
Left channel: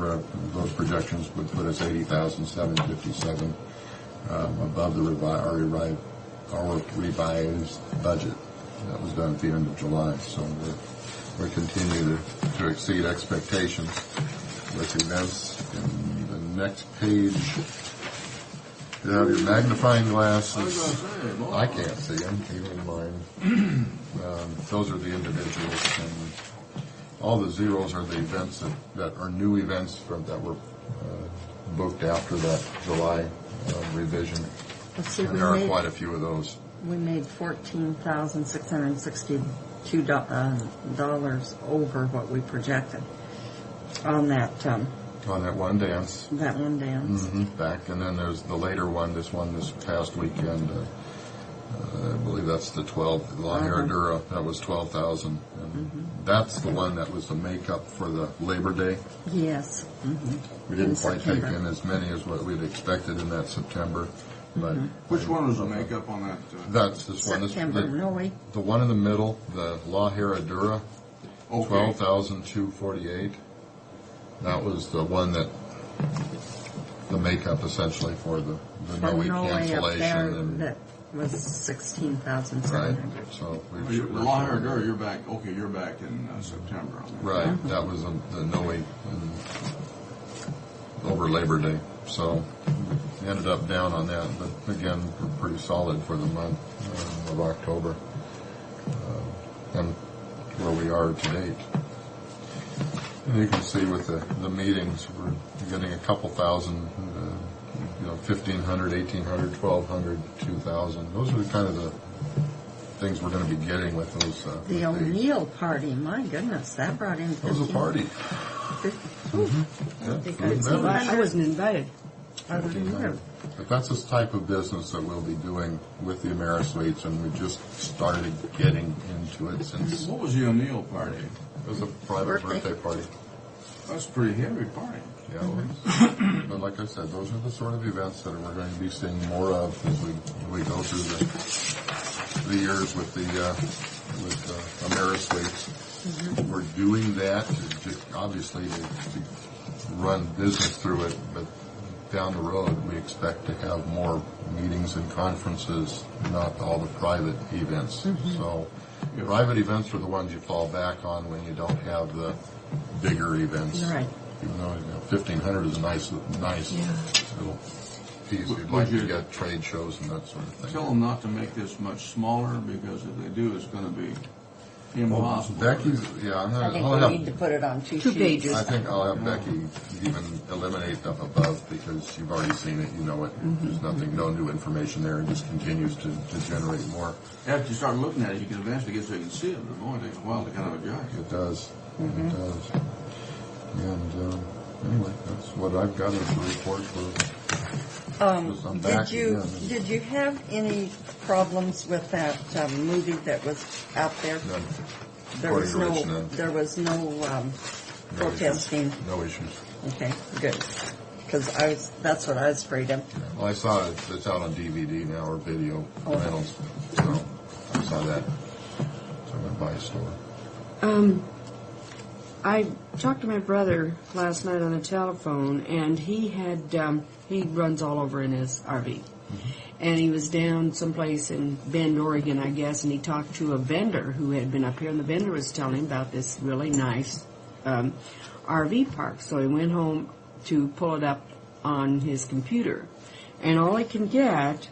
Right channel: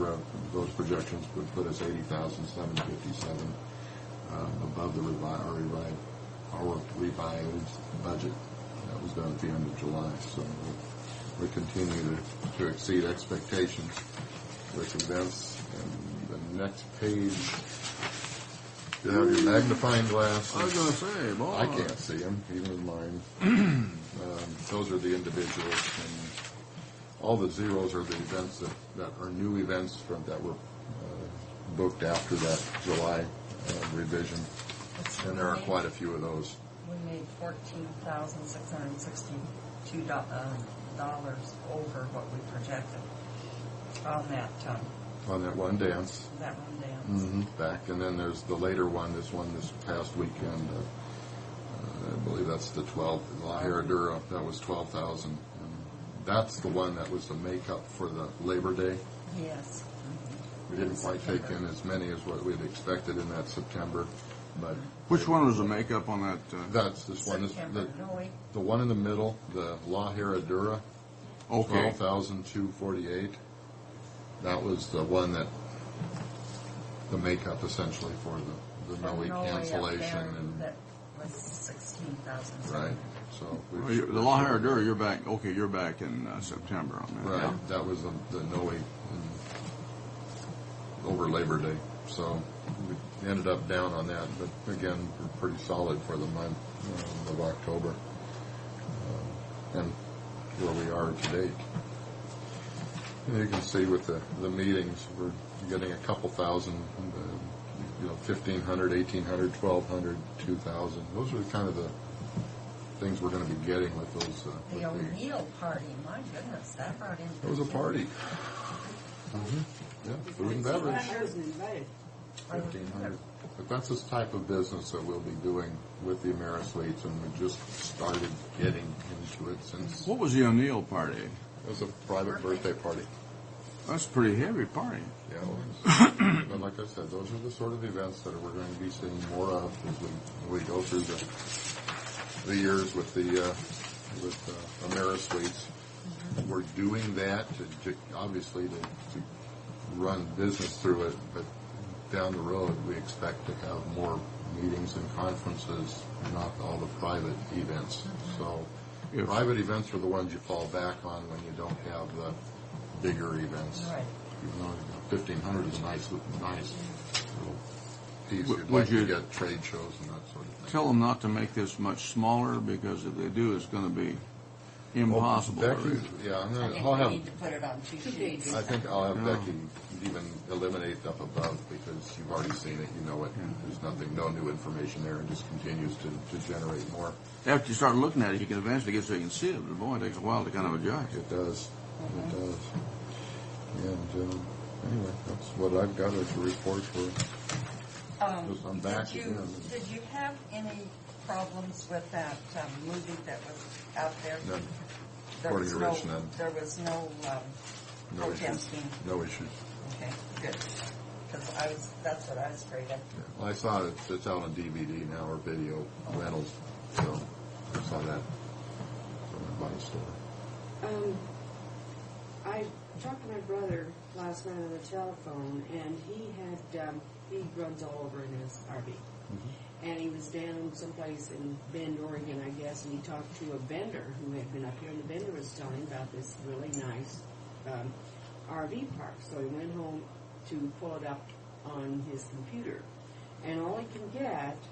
projections would put us 80,757 above our revised budget that was done at the end of July. So we continue to exceed expectations with events. And the next page, you have your magnifying glass. I was going to say, boy. I can't see them, even in mine. Those are the individuals, and all the zeros are the events that are new events that were booked after that July revision. Let's see, And we there are made- quite a few of those. We made $14,662 dollars over what we projected on that On that one dance. one dance. Back, and then there's the later one, this past weekend. I believe that's the 12th, La Herradura. That was 12,000. And that's the one that was the makeup for the Labor Day. Yes. We didn't In quite take September. in as many as what we'd expected in that September. But Which one was the makeup on that? that's this one. September, no way. The one in the middle, the La Herradura, Okay. 12,248. That was the one that the makeup essentially for the no From week Norway up cancellation there, and that was 16,700. right. So The La Herradura, you're back. Okay, you're back in September on that. right. That was the no week over Labor Day. So we ended up down on that, but again, we're pretty solid for the month of October and where we are to date. And you can see with the meetings, we're getting a couple thousand, 1,500, 1,800, 1,200, 2,000. Those are kind of the things we're going to be getting with those. The with O'Neill party, my goodness, that brought in. It was a party. Mm-hmm. Yeah, food and beverage. I wasn't invited. 1,500. But that's this type of business that we'll be doing with the AmeriSuites, and we just started getting into it since. What was the O'Neill party? It was a private birthday party. That's a pretty heavy party. Yeah, it was. But like I said, those are the sort of events that we're going to be seeing more of as we go through the years with the AmeriSuites. Mm-hmm. We're doing that obviously to run business through it, but down the road we expect to have more meetings and conferences, not all the private events. Mm-hmm. So private events are the ones you fall back on when you don't have the bigger events. Right. Even though 1,500 is a nice little piece. You'd Would like you to get trade shows and that sort of thing. Tell them not to make this much smaller, because if they do, it's going to be impossible. Becky's, yeah, I think we need to put it on two pages. I think I'll have Becky even eliminate up above, because you've already seen it, you know it. There's nothing, no new information there, and just continues to generate more. After you start looking at it, you can eventually get so you can see it, but it only takes a while to kind of adjust. It does. It does. And anyway, that's what I've got as a report for. I'm back again. Did you have any problems with that movie that was out there? None. There was According to Rich, none. There was no protesting. No issues. Okay, good. Because that's what I was afraid of. Well, I saw it. It's out on DVD now, or video rentals. So I saw that. So I went by a store. I talked to my brother last night on the telephone, and he had he runs all over in his RV. Mm-hmm. And he was down someplace in Bend, Oregon, I guess, and he talked to a vendor who had been up here, and the vendor was telling him about this really nice RV park. So he went home to pull it up on his computer, and all he can get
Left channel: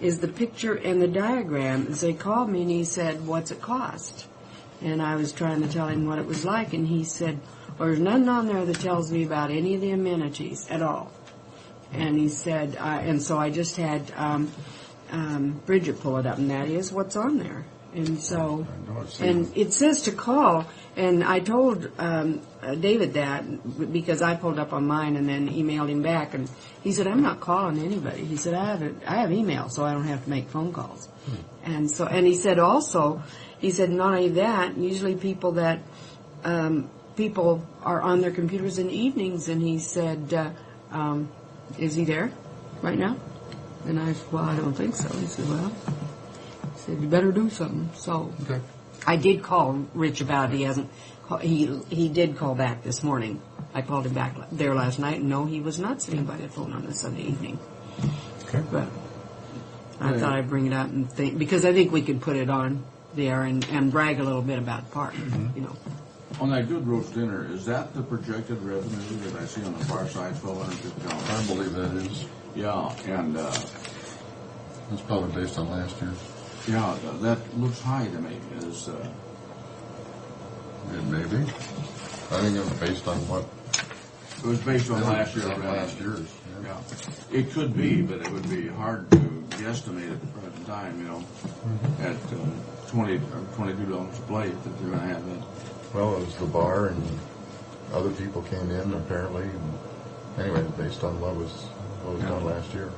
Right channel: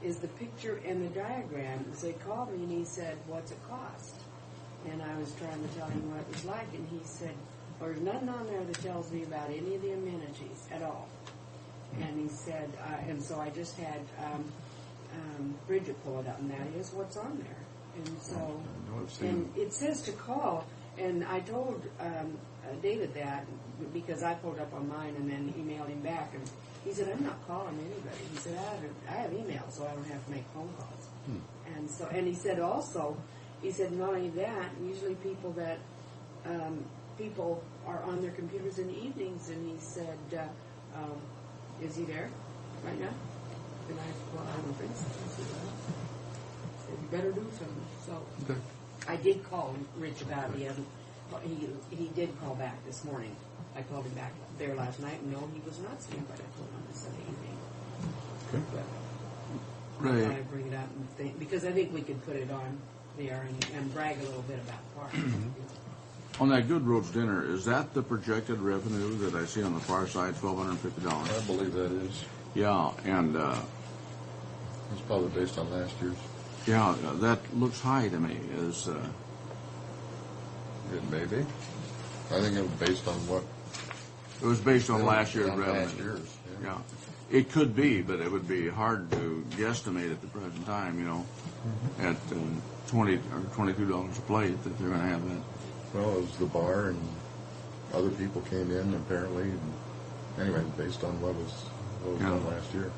is the picture and the diagram. As they called me, and he said, "What's it cost?" And I was trying to tell him what it was like, and he said, "Well, there's nothing on there that tells me about any of the amenities at all." And he said, and so I just had Bridget pull it up, and that is what's on there. And so, and it says to call, and I told David that because I pulled up on mine and then emailed him back, and he said, "I'm not calling anybody." He said, I have email, so I don't have to make phone calls. And so, and he said also, he said, not only that, usually people that, people are on their computers in the evenings, and he said, is he there right now? And I said, well, I don't think so. He said, well, he said, you better do something. So okay. I did call Rich about it. He hasn't, he did call back this morning. I called him back there last night, and no, he was not sitting by the phone on a Sunday evening. Okay. But I thought I'd bring it up and think, because I think we could put it on there and brag a little bit about the park, you know. On that Good Roach dinner, is that the projected revenue that I see on the far side, $1,250? I believe that is. Yeah, and it's probably based on last year's. Yeah, that looks high to me. It may be. I think it was based on what? It was based on last year's revenue. Last year's. Yeah, it could be, but it would be hard to guesstimate at the present time. You know, at $20 or $22 a plate that they're going to have that. Well, it was the bar, and other people came in apparently. And anyway, based on what was done last year.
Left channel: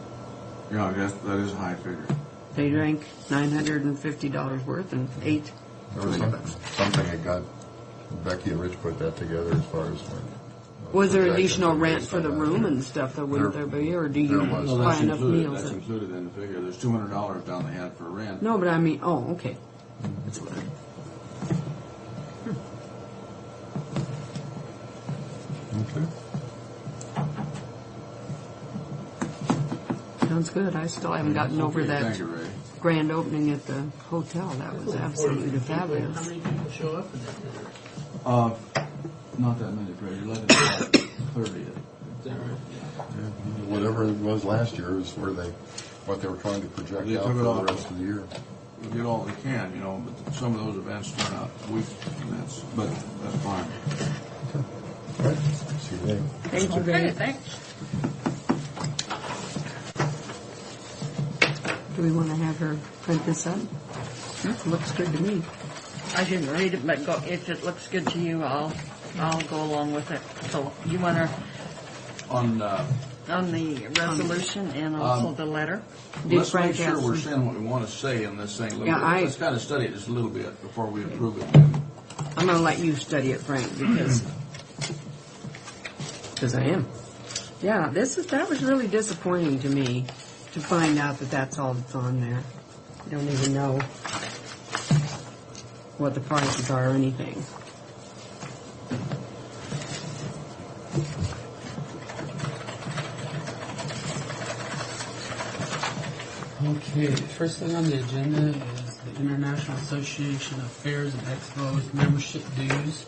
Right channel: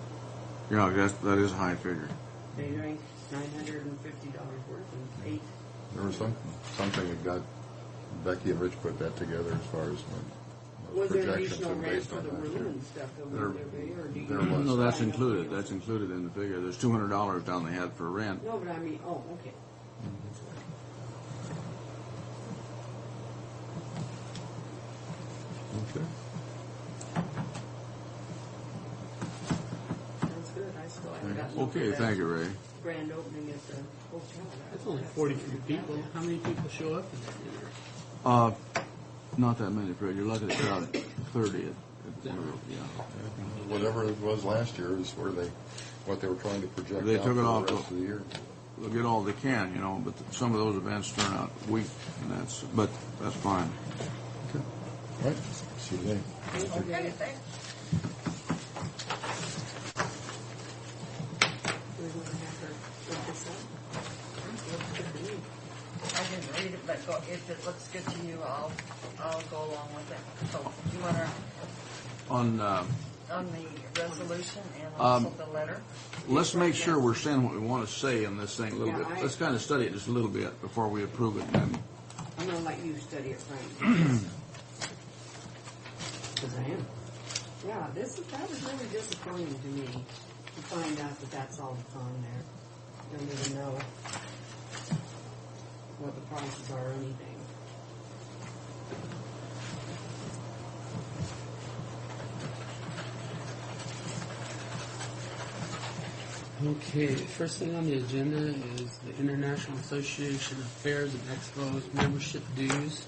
Yeah, I guess that is a high figure. They drank $950 worth and ate. There was something that got Becky and Rich put that together as far as when. Was there additional rent for the room and stuff that wouldn't there be, or do you No, that's buy enough included. meals? That's included in the figure. There's $200 down they had for rent. No, but I mean, oh, okay. That's what Sounds good. I still haven't gotten over that Thank you, Ray. grand opening at the hotel. That was absolutely fabulous. How many people show up in there? Not that many, Fred. You're looking at about 30. Whatever it was last year is what they were trying to project They out took for it the off. rest of the year. They'll get all they can, you know, but some of those events turn out weak, but that's fine. All right, see you later. Thank you, Okay, thanks. Do we want to have her print this up? Looks good to me. I didn't read it, but if it looks good to you, I'll go along with it. So you want to, On, on the resolution and also the letter? let's Frank make sure we're asked me. saying what we want to say in this thing a little Yeah, bit. Let's kind of study it just a little bit before we approve it. And I'm going to let you study it, Frank, because I am. Yeah, that was really disappointing to me to find out that that's all that's on there. I don't even know what the prices are or anything. Okay, the first thing on the agenda is the International Association of Fairs and Expos membership dues.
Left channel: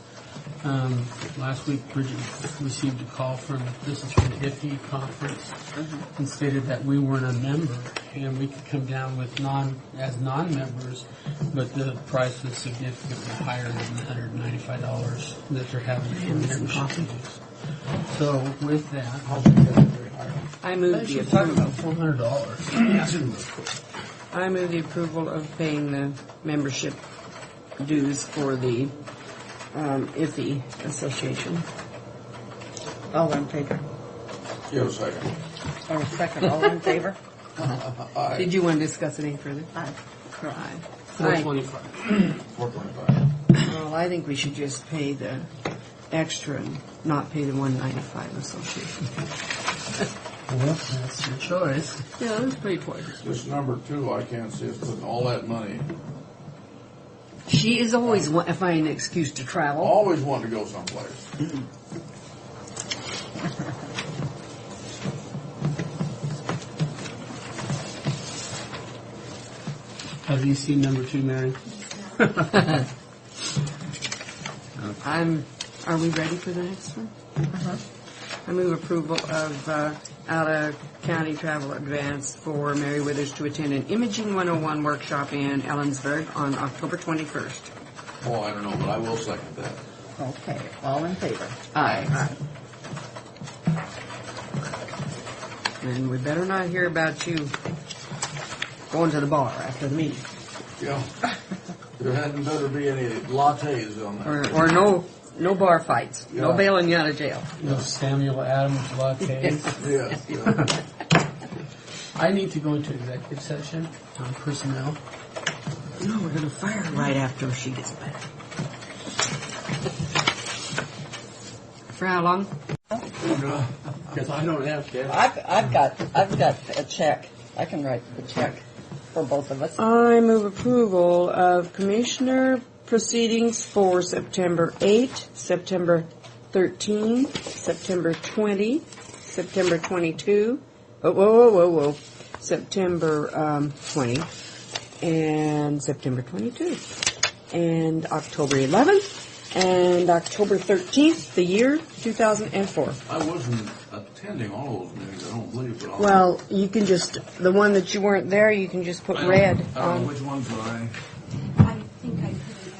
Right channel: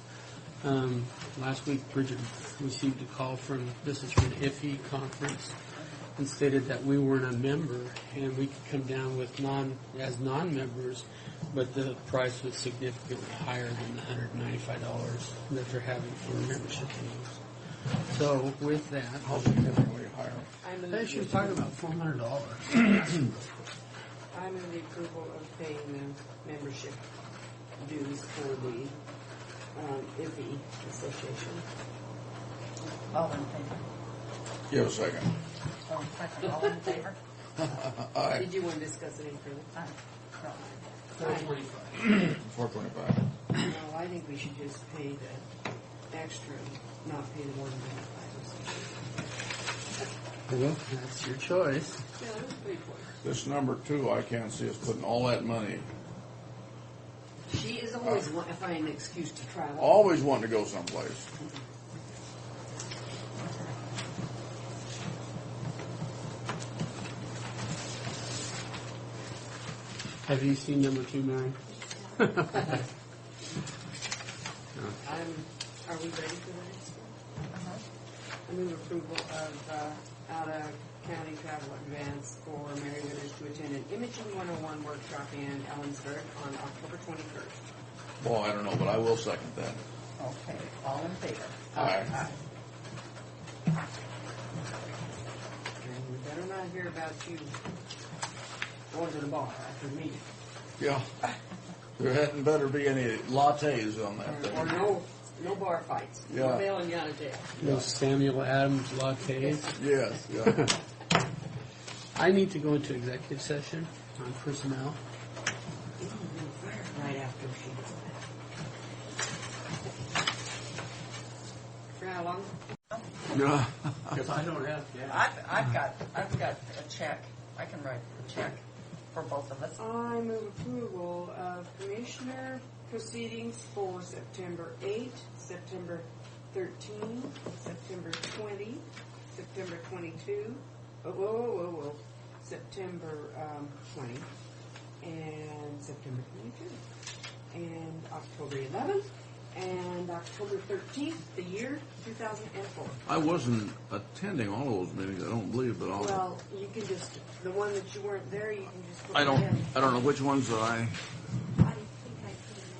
Last week, Bridget received a call from the IFE conference and stated that we weren't a member and we could come down with as non-members, but the price was significantly higher than the $195 that they're having for membership dues. So with that, I move the she was talking approval. about $400. I move the approval of paying the membership dues for the IFE Association. All in favor? give a second. Or second, all in favor? Aye. Did you want to discuss it any further? Aye. Aye. $425. $425. Well, I think we should just pay the extra and not pay the $195 association. Well, that's your choice. Yeah, let's pay twice. This number two, I can't see us putting all that money. She is always finding an excuse to travel. Always wanting to go someplace. Have you seen number 2, Mary? Are we ready for the next one? I move approval of out-of-county travel advance for Mary Withers to attend an Imaging 101 workshop in Ellensburg on October 21st. Well, I don't know, but I will second that. Okay, all in favor? Aye. And we better not hear about you going to the bar after the meeting. Yeah. There hadn't better be any lattes on that. Or no bar fights. No Yeah. bailing you out of jail. No Samuel Adams lattes. Yes, yeah. I need to go into executive session on personnel. No, we're going to fire her right after she gets back. For how long? Yeah. Because I don't have cash. I've got a check. I can write the check for both of us. I move approval of commissioner proceedings for September 8, September 13, September 20, September 22, September 20, and September 22, and October 11th, and October 13th, the year 2004. I wasn't attending all of those meetings, I don't believe, but Well, you can just, the one that you weren't there, you can just put I red. don't know which ones that I think I put an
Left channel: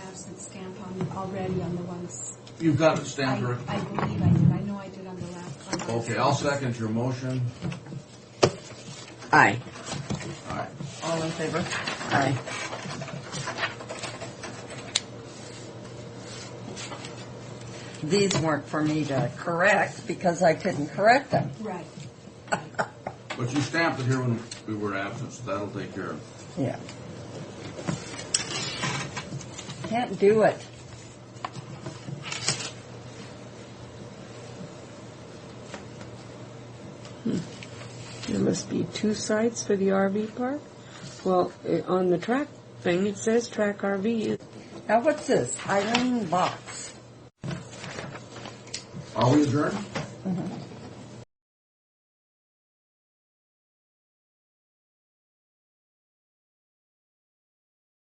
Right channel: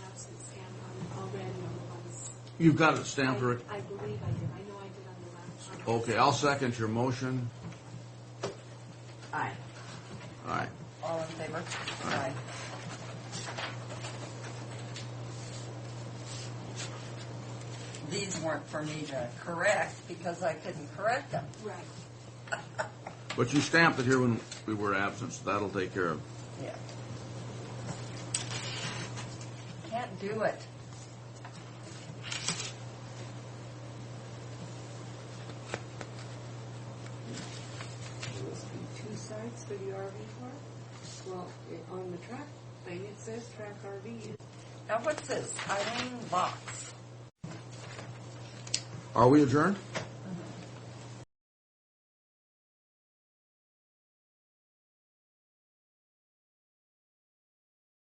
absence stamp on already on the ones. you've got it stamped, Rick. I believe I did. I know I did on the last one. Okay, I'll second your motion. Aye. All right. All in favor? Aye. These weren't for me to correct because I couldn't correct them. Right. But you stamped it here when we were absent, so that'll take care of it. Yeah. Can't do it. There must be 2 sites for the RV park. Well, on the track thing, it says track RV. Now what's this? Eileen Box. Are we adjourned? Mhm.